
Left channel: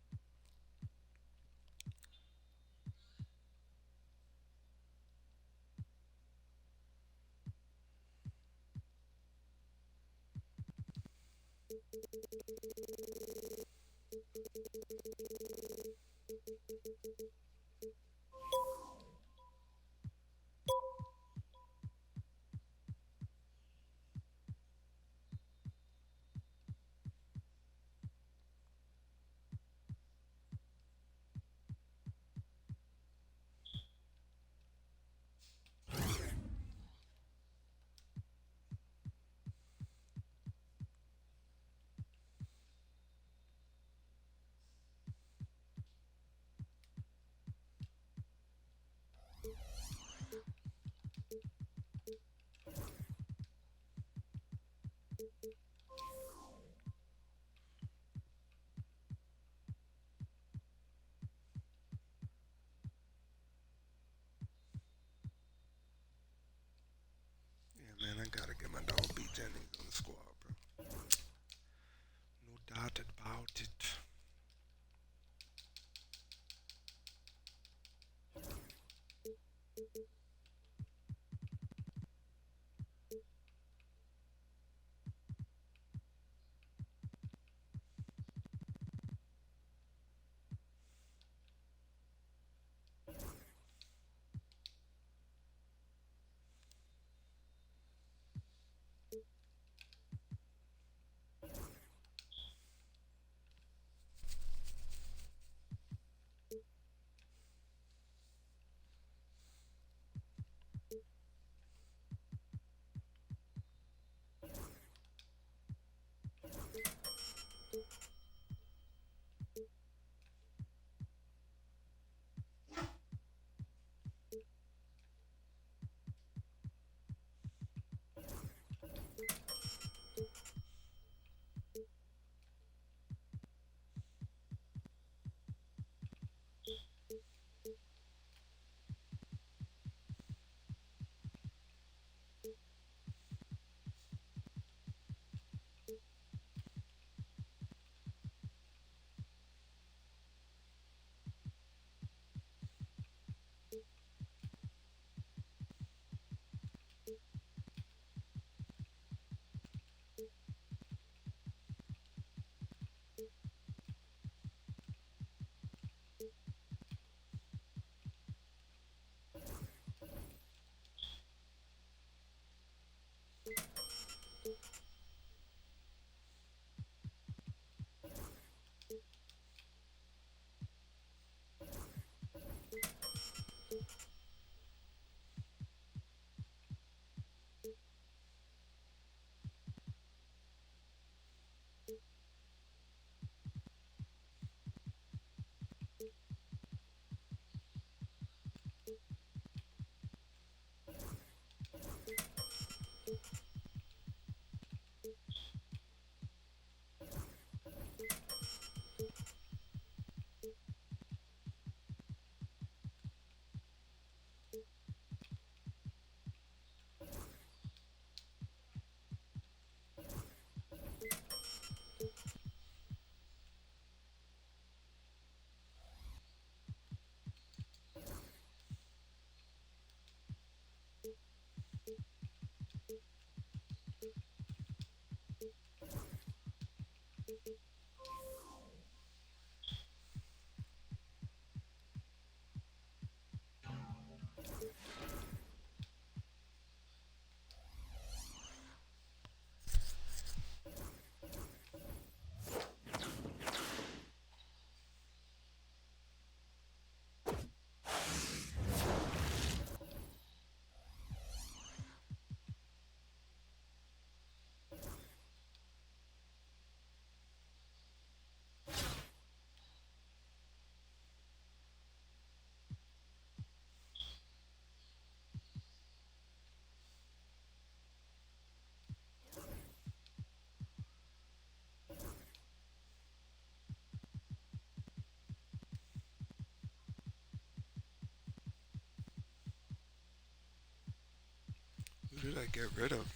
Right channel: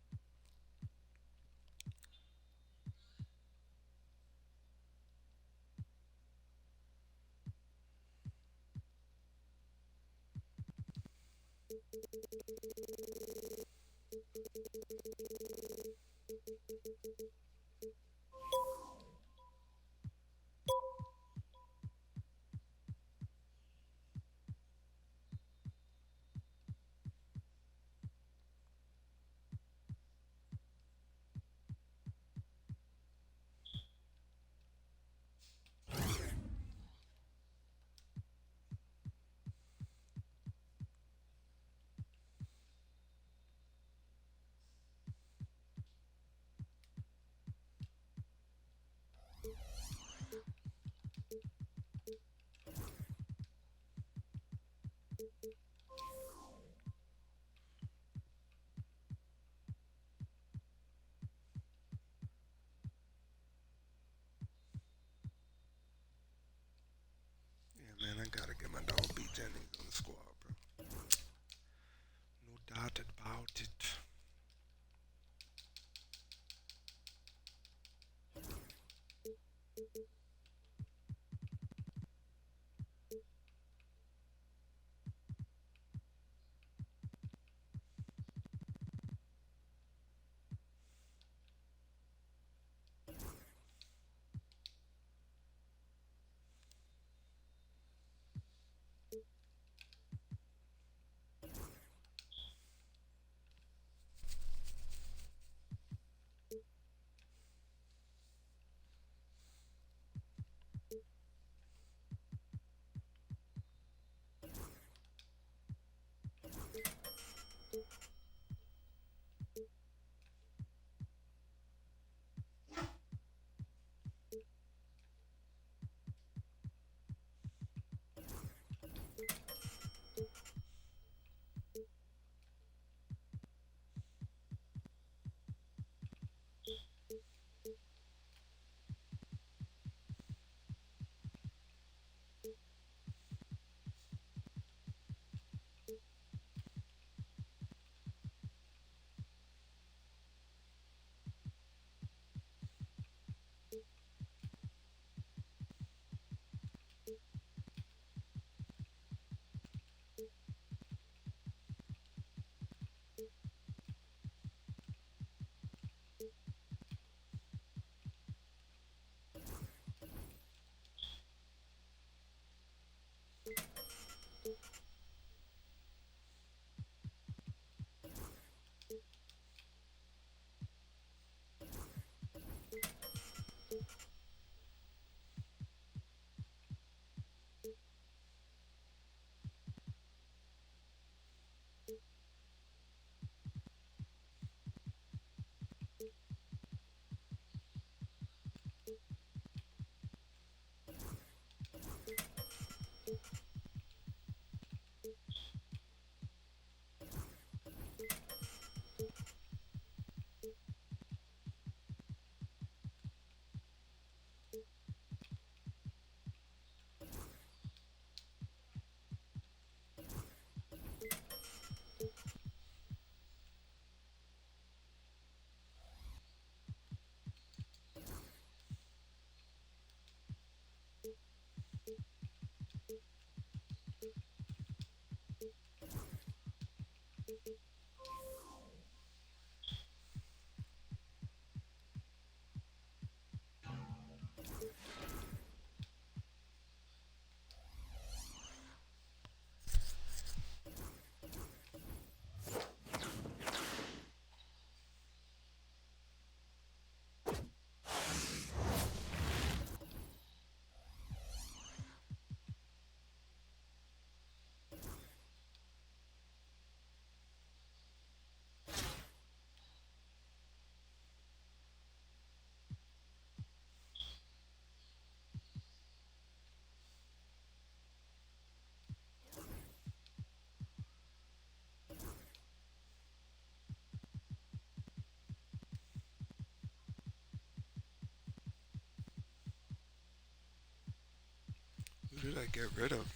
Who did I get rid of?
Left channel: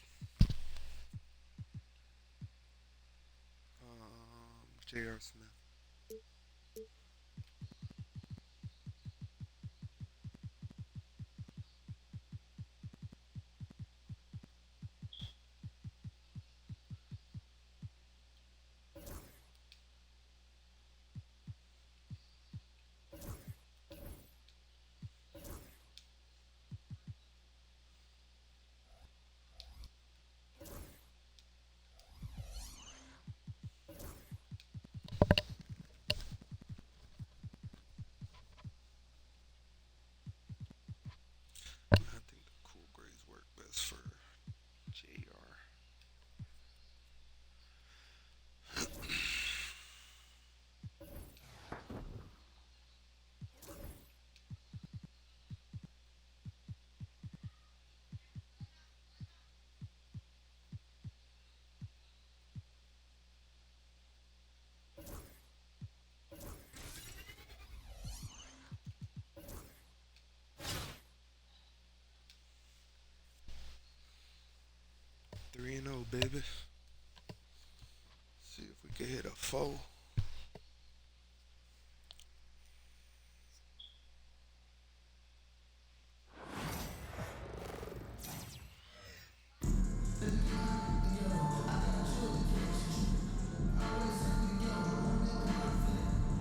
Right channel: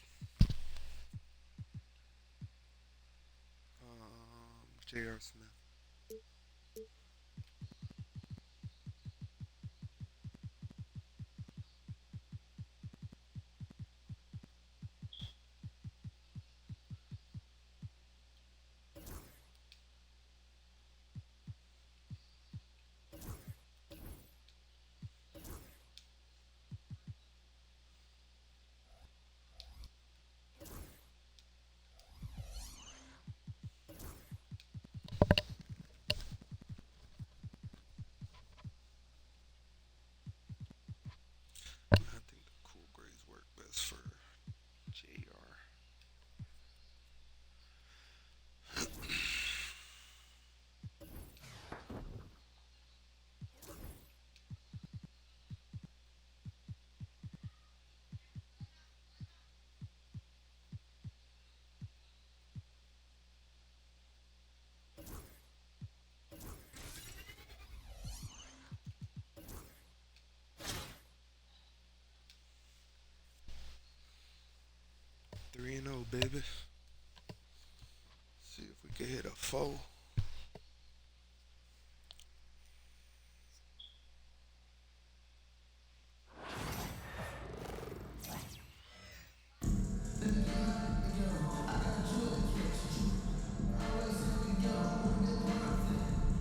J.R. Smith. I think the cool grays work best for JR. Three and 0, baby. See if we can hit a 4.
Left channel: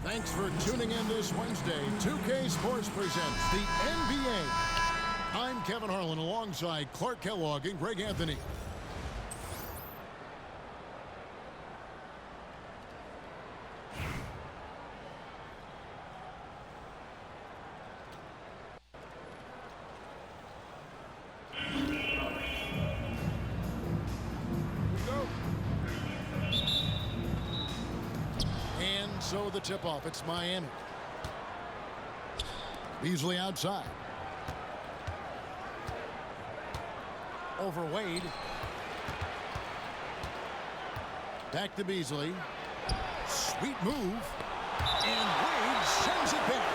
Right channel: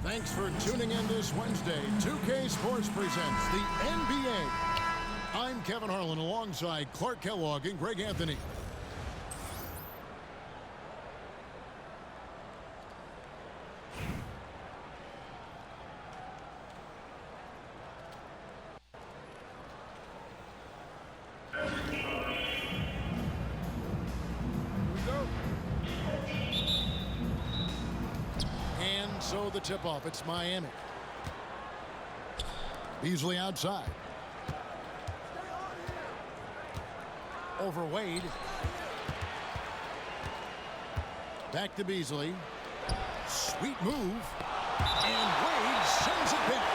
Thanks for tuning in this Wednesday. 2K Sports presents the NBA. I'm Kevin Harlan alongside Clark Kellogg and Greg Anthony. And so the tip-off, it's Miami. Beasley outside. Over Wade. Back to Beasley. Sweet move. And Wade sends it back.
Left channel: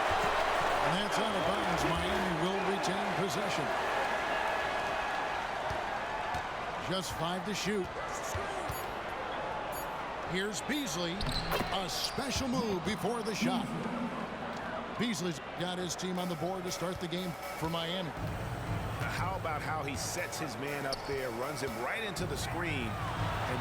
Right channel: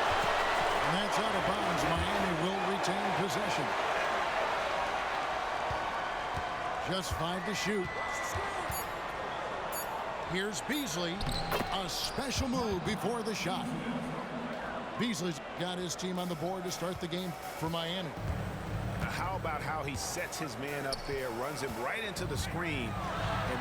And that's out of bounds. Miami will retain possession. Just 5 to shoot. Here's Beasley. A special move before the shot. Beasley's got his team on the board to start the game for Miami. How about how he sets his man up there, runs him right into the screen. And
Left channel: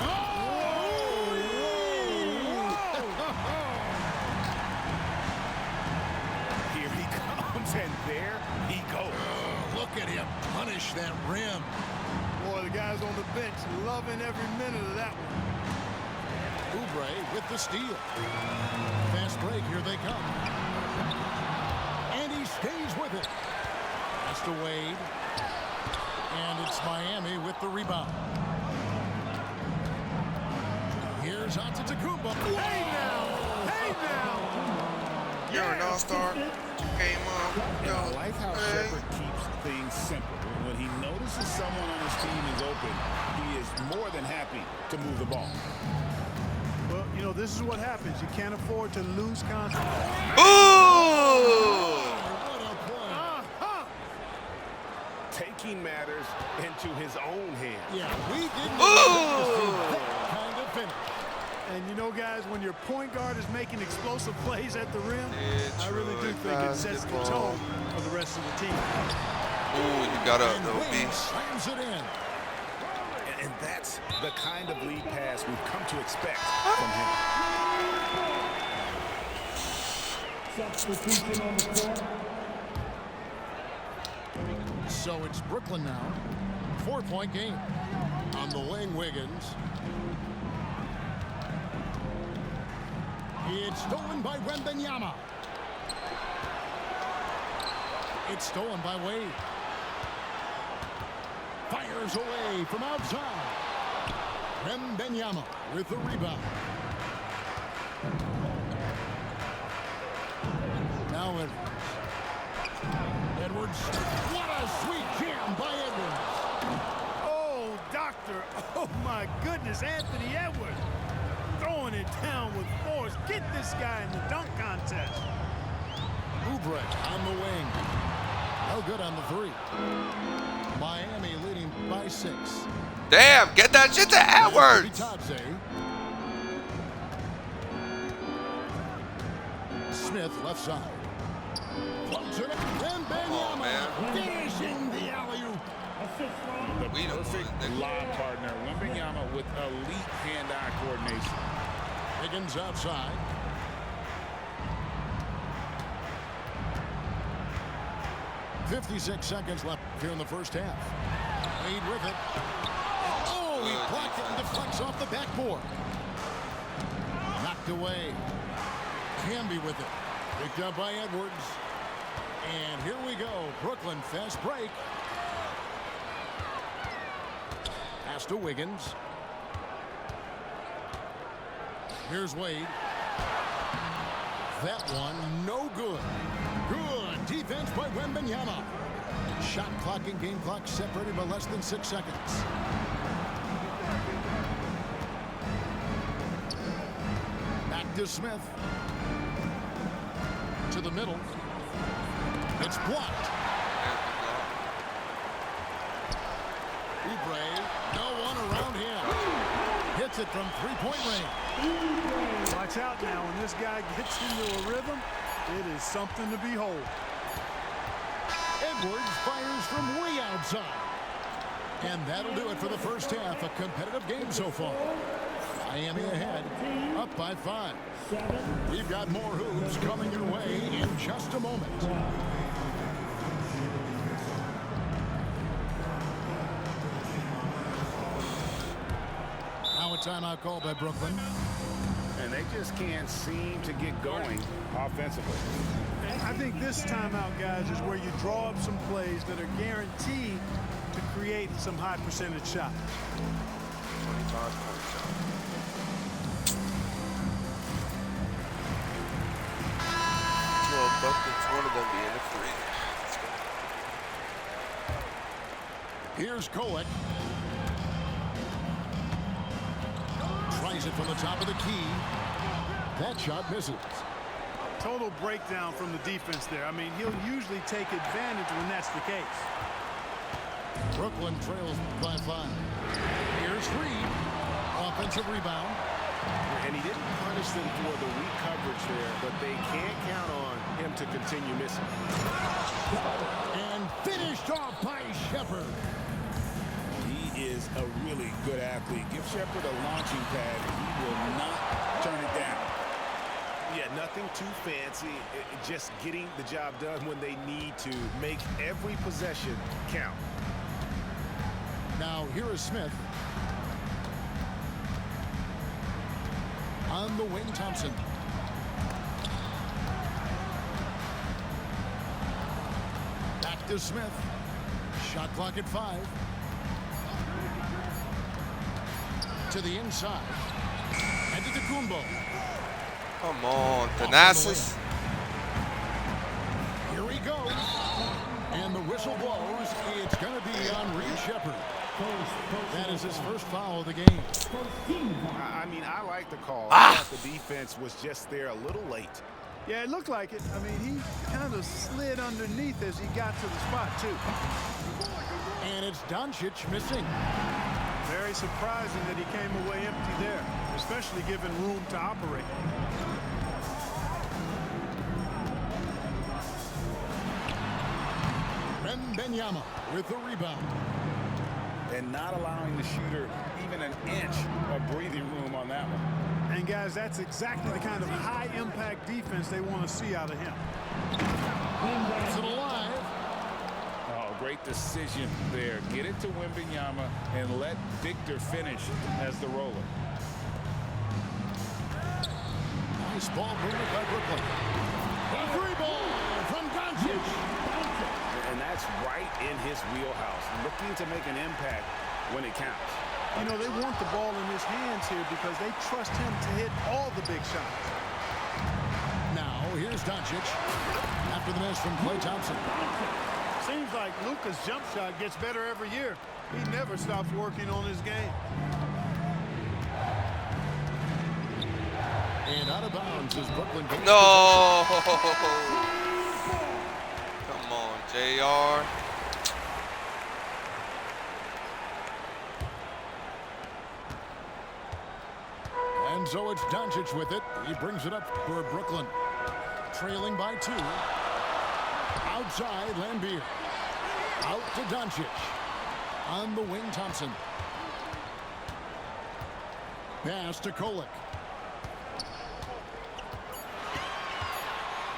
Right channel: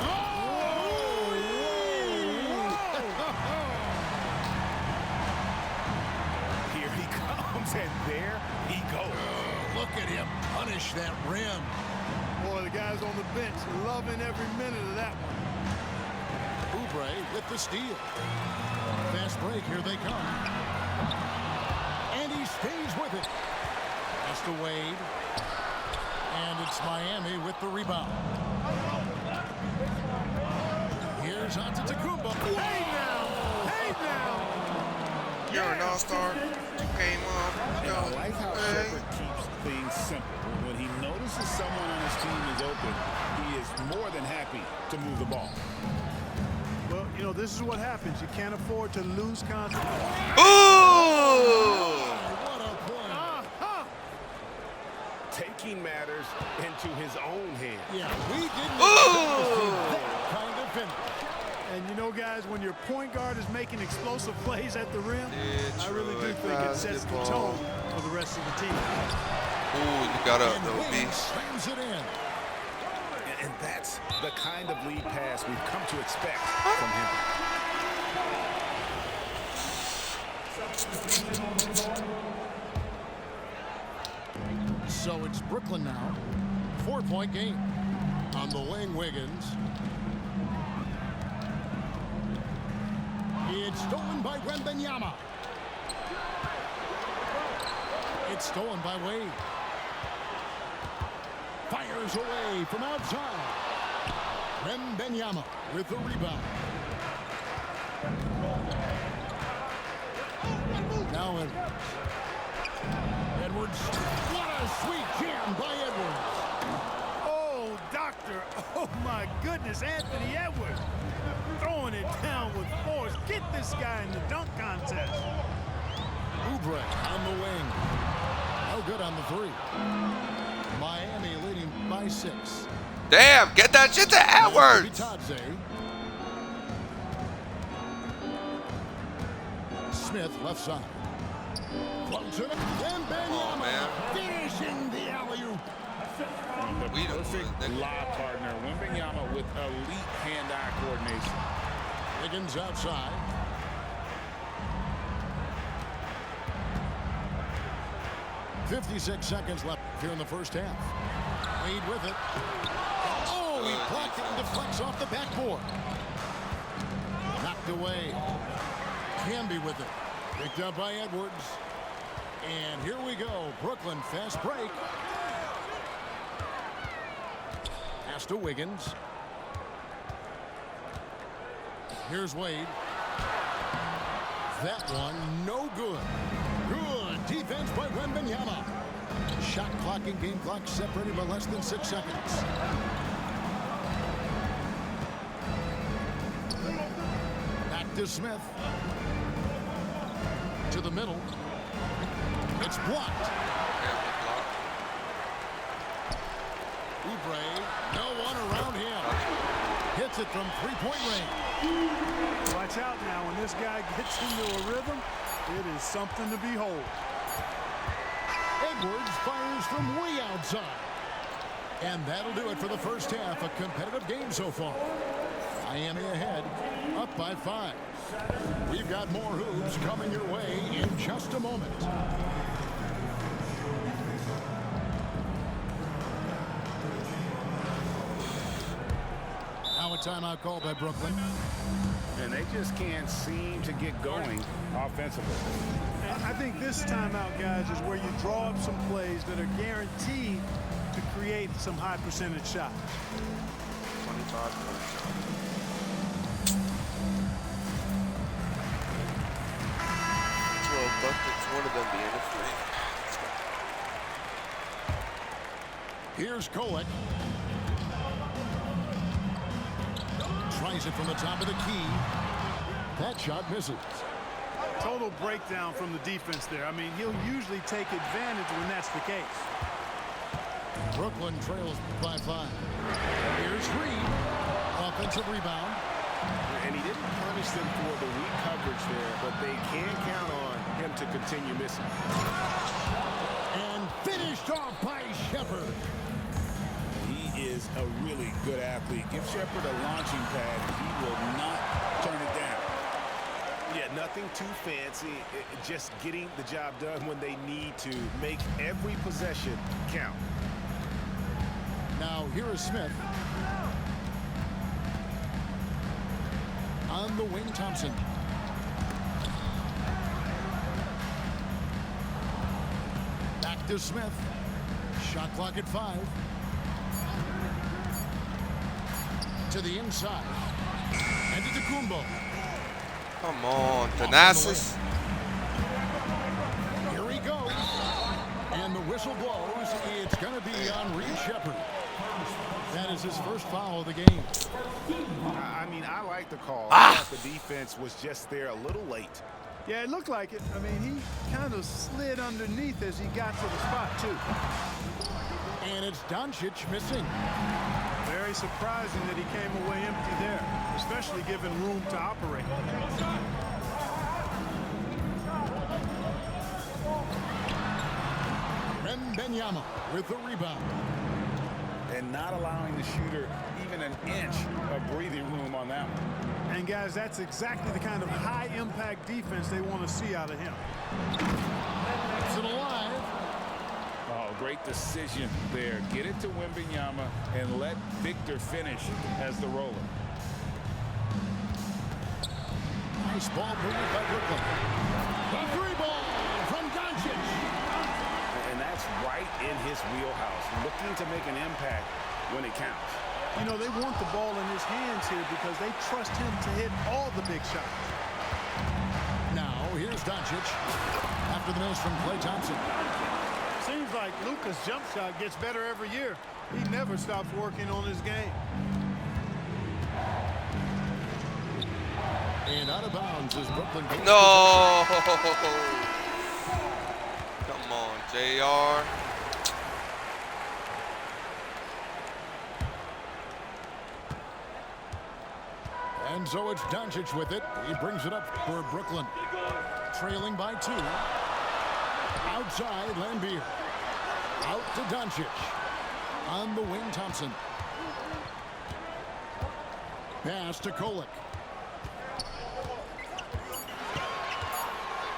here he comes, and there he goes. Oh, look at him punish that rim. Boy, the guys on the bench loving every minute of that one. Oubre with the steal. Fast break, here they come. And he stays with it. Pass to Wade. And it's Miami with the rebound. Here's Antetokounmpo. Hey now! Hey now! You're an all-star. You came on. And I like how Shepherd keeps things simple. When he notices someone on his team is open, he is more than happy to move the ball. Well, you know, this is what happens. You can't afford to lose concentration. Ooh! What a play. Taking matters into his own hands. Yeah, we didn't expect to see that kind of finish. And you know, guys, when your point guard is making explosive plays at the rim, I really do think it sets the tone for the rest of the team. Ooh, you got up, though, B. Slams it in. And that's the kind of lead pass we've come to expect from him. Substitution on the floor. So it's Brooklyn now. 4-point game. On the wing, Wiggins. It's stolen by Wembanyama. It's stolen by Wade. Fires away from outside. Wembanyama with the rebound. Now Edwards. Edwards. What a sweet jam by Edwards. Oh, doctor. Oh, my goodness, Anthony Edwards. Throwing it down with force. Get this guy in the dunk contest. Oubre on the wing. No good on the three. Miami leading by 6. Damn, get that shit to Edwards. Bitadze. Smith left side. Floats it. And Wembanyama finishing the alley-oop. The perfect lob partner. Wembanyama with elite hand-eye coordination. Wiggins outside. .56 seconds left here in the first half. Lead with it. Oh, he blocked it and deflects off the backboard. Knocked away. Camby with it. Picked up by Edwards. And here we go. Brooklyn fast break. Pass to Wiggins. Here's Wade. That one no good. Good defense by Wembanyama. Shot clock and game clock separated by less than 6 seconds. Back to Smith. To the middle. It's blocked. Oubre, no one around him. Hits it from three-point range. Watch out now. When this guy gets into a rhythm, it is something to behold. Edwards fires from way outside. And that'll do it for the first half. A competitive game so far. Miami ahead, up by 5. We've got more hoops coming your way in just a moment. Now a timeout call by Brooklyn. And they just can't seem to get going offensively. And I think this timeout, guys, is where you draw up some plays that are guaranteed to create some high percentage shots. 25 points, y'all. 12 buckets, one of them being a 3. Here's Kolek. Tries it from the top of the key. That shot misses. Total breakdown from the defense there. I mean, he'll usually take advantage when that's the case. Brooklyn trails by 5. Here's Reed. Offensive rebound. And he didn't punish them for the weak coverage there, but they can't count on him to continue missing. And finished off by Shepherd. He is a really good athlete. Give Shepherd a launching pad, and he will not turn it down. Yeah, nothing too fancy. Just getting the job done when they need to. Make every possession count. Now here is Smith. On the wing, Thompson. Back to Smith. Shot clock at 5. To the inside. And to Kumbo. Come on, Thanasis. Here he goes. And the whistle blows. It's going to be on Reed Shepherd. That is his first foul of the game. I mean, I like the call. I thought the defense was just there a little late. Yeah, it looked like it. I mean, he kind of slid underneath as he got to the spot, too. And it's Doncic missing. Very surprising that he came away empty there, especially given room to operate. Wembanyama with the rebound. And not allowing the shooter even an inch of breathing room on that one. And, guys, that's exactly the kind of high-impact defense they want to see out of him. It's it alive. Oh, great decision there. Get it to Wembanyama and let Victor finish as the roller. Nice ball movement by Brooklyn. The 3-ball from Doncic. And that's right in his wheelhouse, looking to make an impact when it counts. You know, they want the ball in his hands here because they trust him to hit all the big shots. Now, here's Doncic after the miss from Klay Thompson. Seems like Luka's jump shot gets better every year. He never stops working on his game. And out of bounds as Brooklyn goes. No! Come on, JR. And so it's Doncic with it. He brings it up for Brooklyn. Trailing by 2. Outside, Lambier. Out to Doncic. On the wing, Thompson. Pass to Kolek.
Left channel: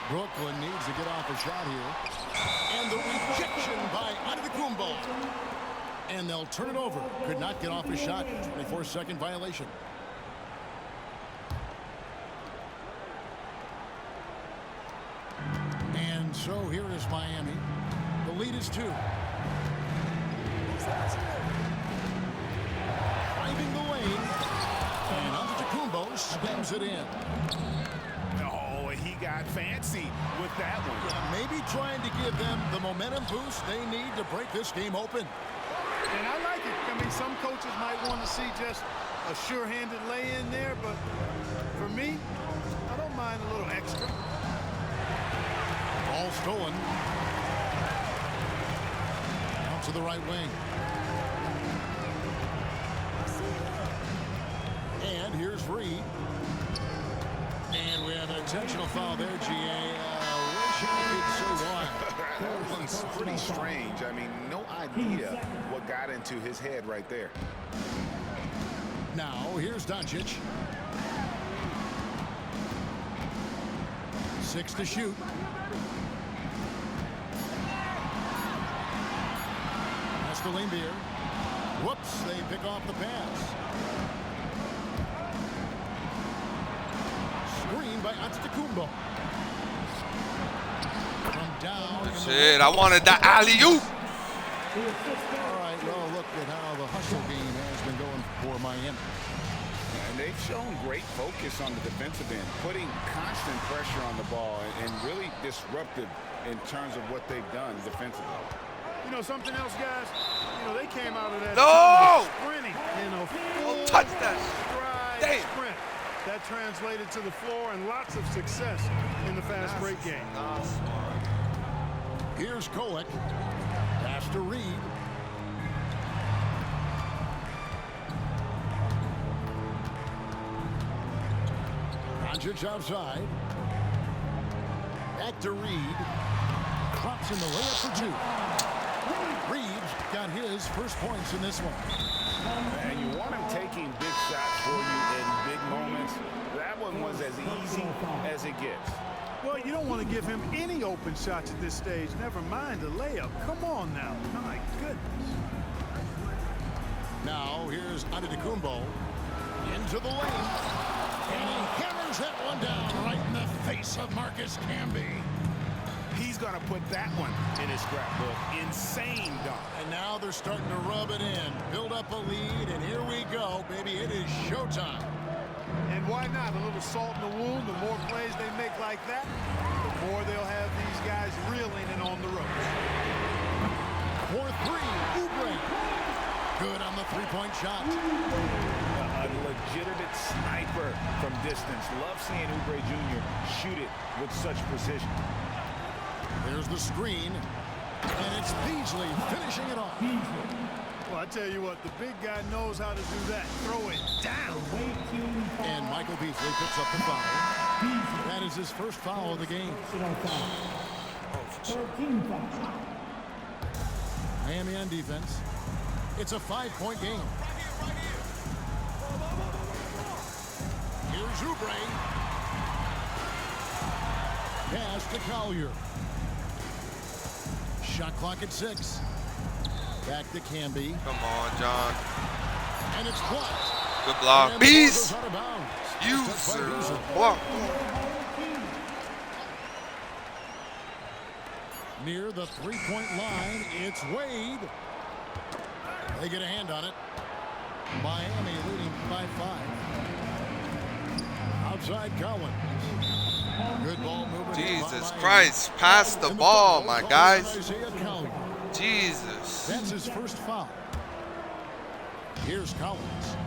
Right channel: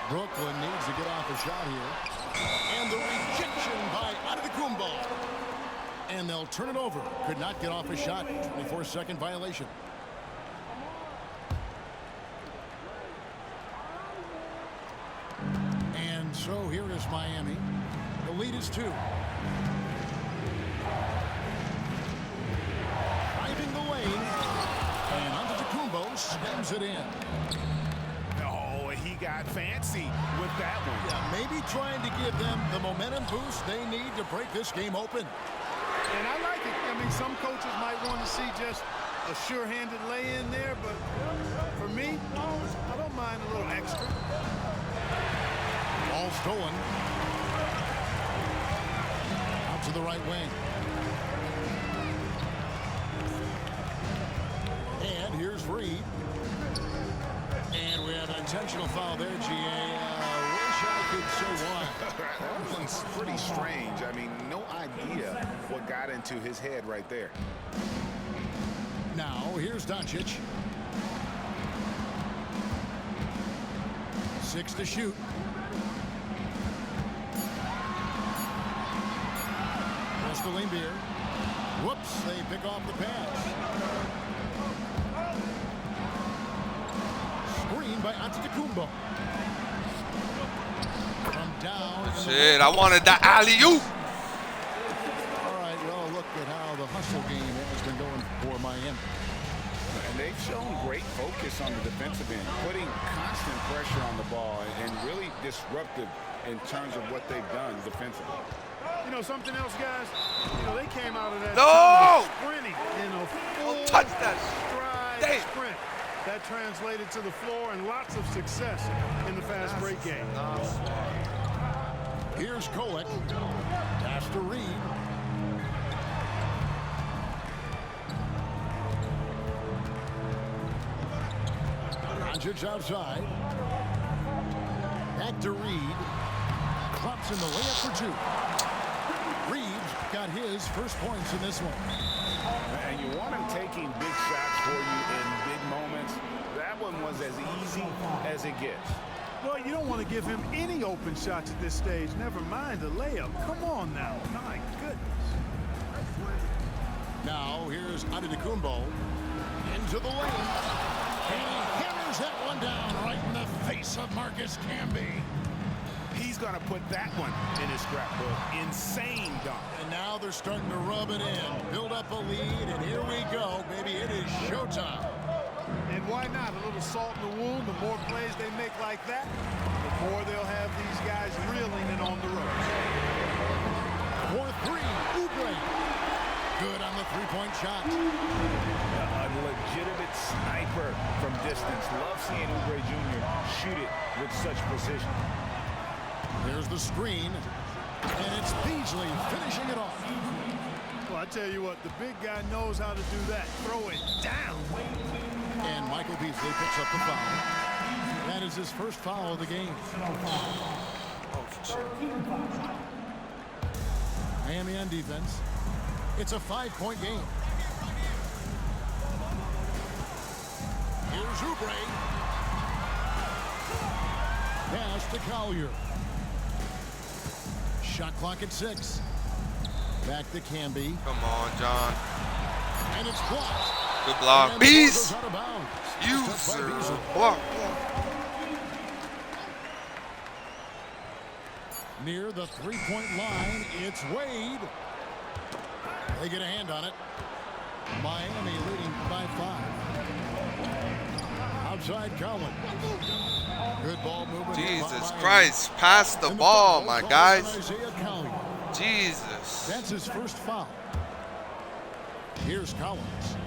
Brooklyn needs to get off a shot here. And the rejection by Antetokounmpo. And they'll turn it over. Could not get off a shot. 24-second violation. And so here is Miami. The lead is 2. Driving the lane. And Antetokounmpo slams it in. Oh, he got fancy with that one. Yeah, maybe trying to give them the momentum boost they need to break this game open. And I like it. I mean, some coaches might want to see just a sure-handed lay-in there, but for me, I don't mind a little extra. Ball stolen. Out to the right wing. And here's Reed. And we have an intentional foul there, GA. Wish I could say why. That one's pretty strange. I mean, no idea what got into his head right there. Now, here's Doncic. 6 to shoot. Pass to Lambier. Whoops, they pick off the pass. Screen by Antetokounmpo. From down. Shit, I wanted the alley-oop. All right, well, look at how the hustle game has been going for Miami. And they've shown great focus on the defensive end, putting constant pressure on the ball and really disruptive in terms of what they've done defensively. You know something else, guys? You know, they came out of that No! sprinting in a full Don't touch that. stride Damn. sprint. That translated to the floor and lots of success in the fast break game. Here's Kolek. Pass to Reed. Doncic outside. Back to Reed. Drops in the layup for 2. Reed's got his first points in this one. And you want him taking big shots for you in big moments. That one was as easy as it gets. Well, you don't want to give him any open shots at this stage. Never mind the layup. Come on now. My goodness. Now here's Antetokounmpo into the lane. And he hammers that one down right in the face of Marcus Camby. He's going to put that one in his scrapbook. Insane dunk. And now they're starting to rub it in. Build up a lead, and here we go, baby. It is showtime. And why not? A little salt in the wound. The more plays they make like that, the more they'll have these guys reeling and on the ropes. For 3, Oubre. Good on the three-point shot. A legitimate sniper from distance. Love seeing Oubre Jr. shoot it with such precision. There's the screen, and it's Beasley finishing it off. Well, I tell you what, the big guy knows how to do that. Throw it down. And Michael Beasley picks up the foul. That is his first foul of the game. Oh, shit. Miami on defense. It's a 5-point game. Here's Oubre. Pass to Collier. Shot clock at 6. Back to Camby. Come on, John. And it's blocked. Good block. And the ball Beast. goes out of bounds. User block. Near the three-point line, it's Wade. They get a hand on it. Miami leading by 5. Outside Collins. Good ball movement. Jesus Christ. Pass the ball, my guys. Jesus. That's his first foul. Here's Collins.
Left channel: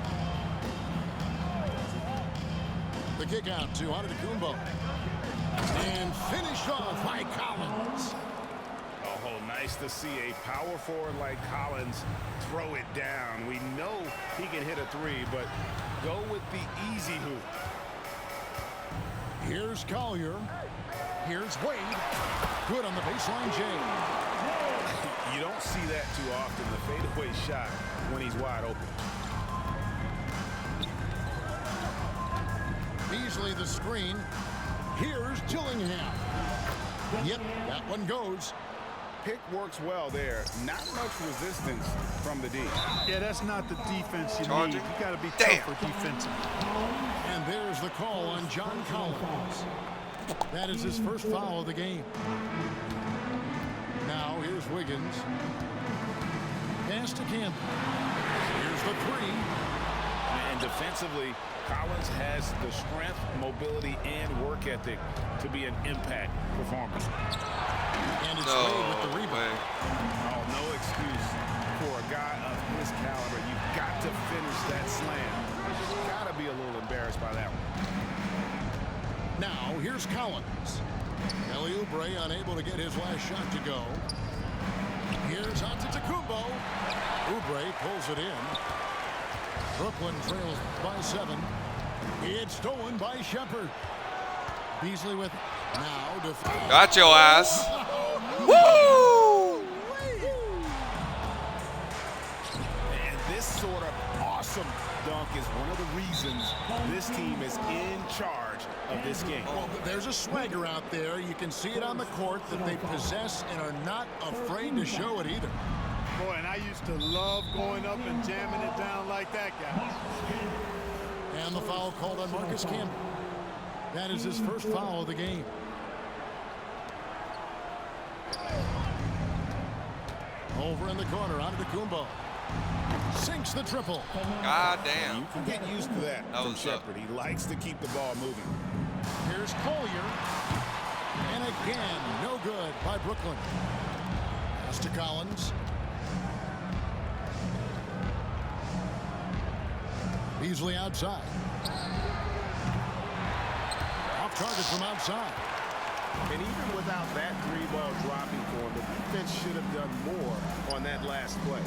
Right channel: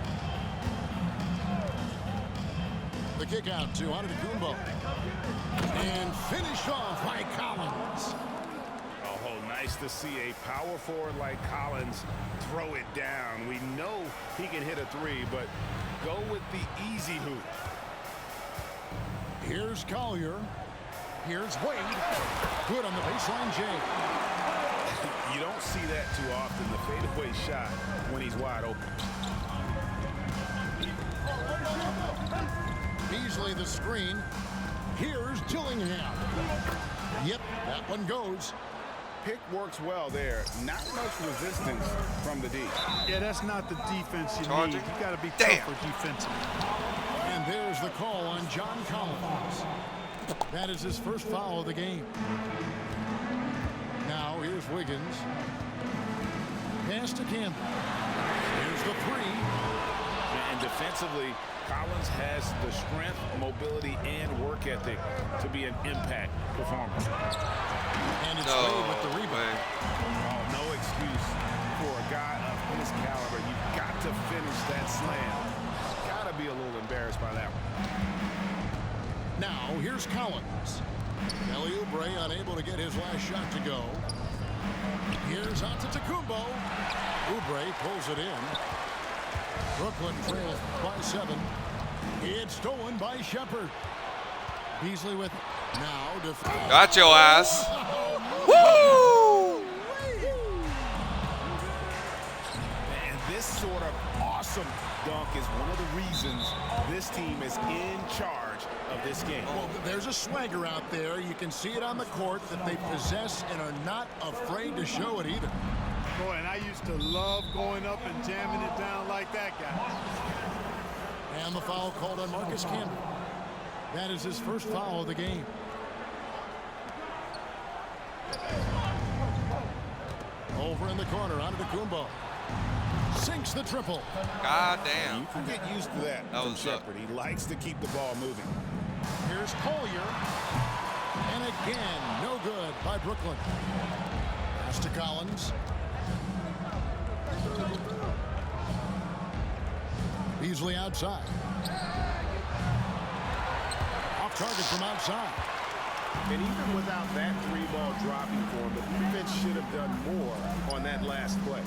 The kick out to Antetokounmpo. And finished off by Collins. Oh, nice to see a power forward like Collins throw it down. We know he can hit a 3, but Go with the easy hoop. Here's Collier. Here's Wade. Good on the baseline, Jay. You don't see that too often, the fadeaway shot when he's wide open. Beasley the screen. Here's Gillingham. Yep, that one goes. Pick works well there. Not much resistance from the D. Yeah, that's not the defense you Charging. need. You got to be Damn. tougher defensively. And there's the call on John Collins. That is his first foul of the game. Now here's Wiggins. Pass to Campbell. Here's the three. And defensively, Collins has the strength, mobility, and work ethic to be an impact performer. And it's Wade with the rebound. way. Oh, no excuse for a guy of his caliber. You've got to finish that slam. Got to be a little embarrassed by that one. Now here's Collins. Kelly Oubre unable to get his last shot to go. Here's Antetokounmpo. Oubre pulls it in. Brooklyn trails by 7. It's stolen by Shepherd. Beasley with it. Now defense. Got your ass. Woo! And this sort of awesome dunk is one of the reasons this team is in charge of this game. Well, there's a swagger out there. You can see it on the court that they possess and are not afraid to show it either. Boy, and I used to love going up and jamming it down like that, guys. And the foul called on Marcus Campbell. That is his first foul of the game. Over in the corner, Antetokounmpo. Sinks the triple. God damn. You can get used to that from was Shepherd. He likes to keep the ball moving. Here's Collier. And again, no good by Brooklyn. Pass to Collins. Beasley outside. Off target from outside. And even without that 3-ball dropping for him, the defense should have done more on that last play.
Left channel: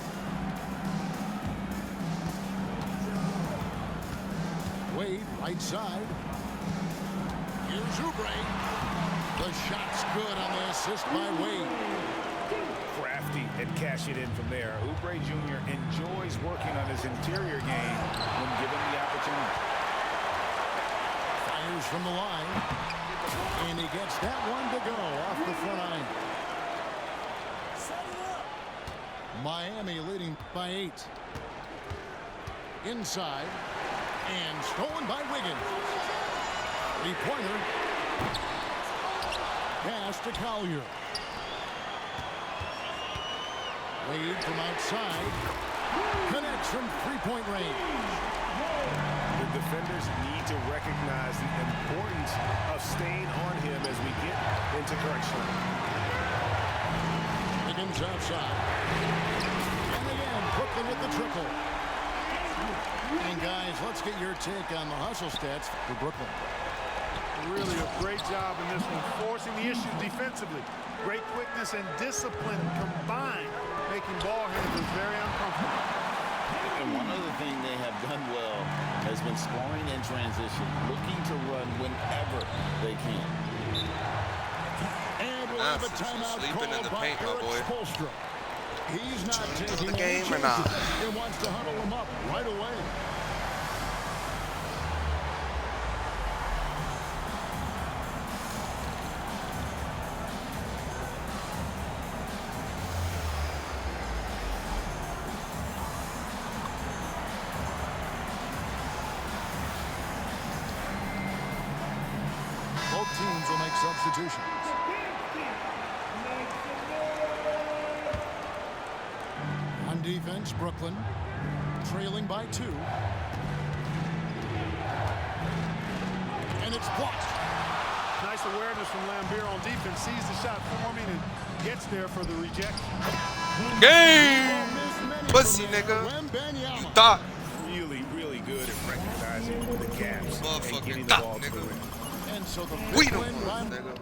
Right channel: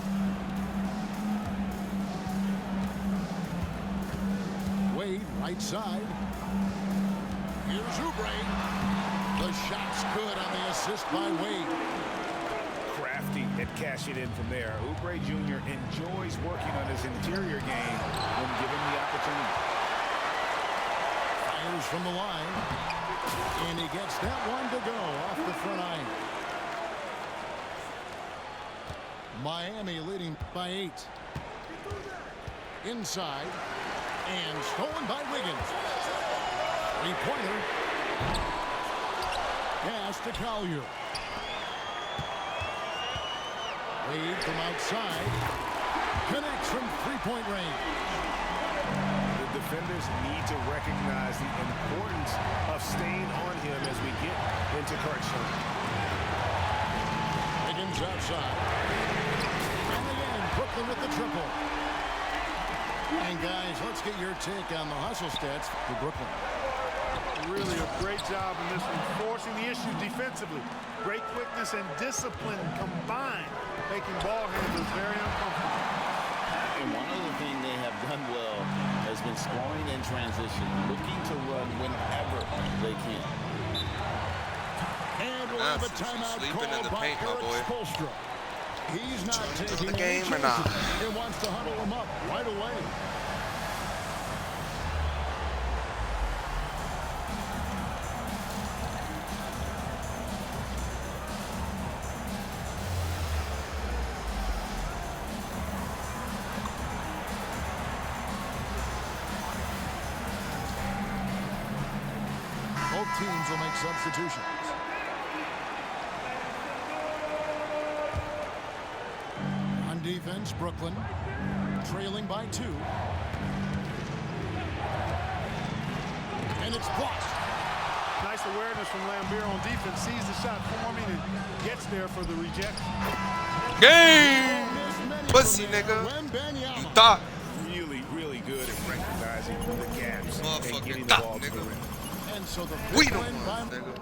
Wade, right side. Here's Oubre. The shot's good on the assist by Wade. Crafty at cashing in from there. Oubre Jr. enjoys working on his interior game when given the opportunity. Fires from the line. And he gets that one to go off the front iron. Miami leading by 8. Inside. And stolen by Wiggins. 3-pointer. Pass to Collier. Wade from outside. Connects from 3-point range. The defenders need to recognize the importance of staying on him as we get into crunch time. Wiggins outside. And again, Brooklyn with the triple. And guys, let's get your take on the hustle stats for Brooklyn. Really a great job in this one, forcing the issue defensively. Great quickness and discipline combined, making ball handlers very uncomfortable. And one other thing they have done well has been scoring in transition, looking to run whenever they can. And we'll have a timeout sleeping in the called by paint, my Eric boy. Spoelstra. He's not taking the any game or not? chances. He wants to huddle him up right away. Both teams will make substitutions. On defense, Brooklyn trailing by 2. And it's blocked. Nice awareness from Lambeer on defense. Sees the shot forming and gets there for the rejection. Game! Pussy, nigga. You thought. Really, really good at recognizing the gaps and Motherfucking getting the thought, ball to the nigga. rim. And so the We big don't win want by nigga.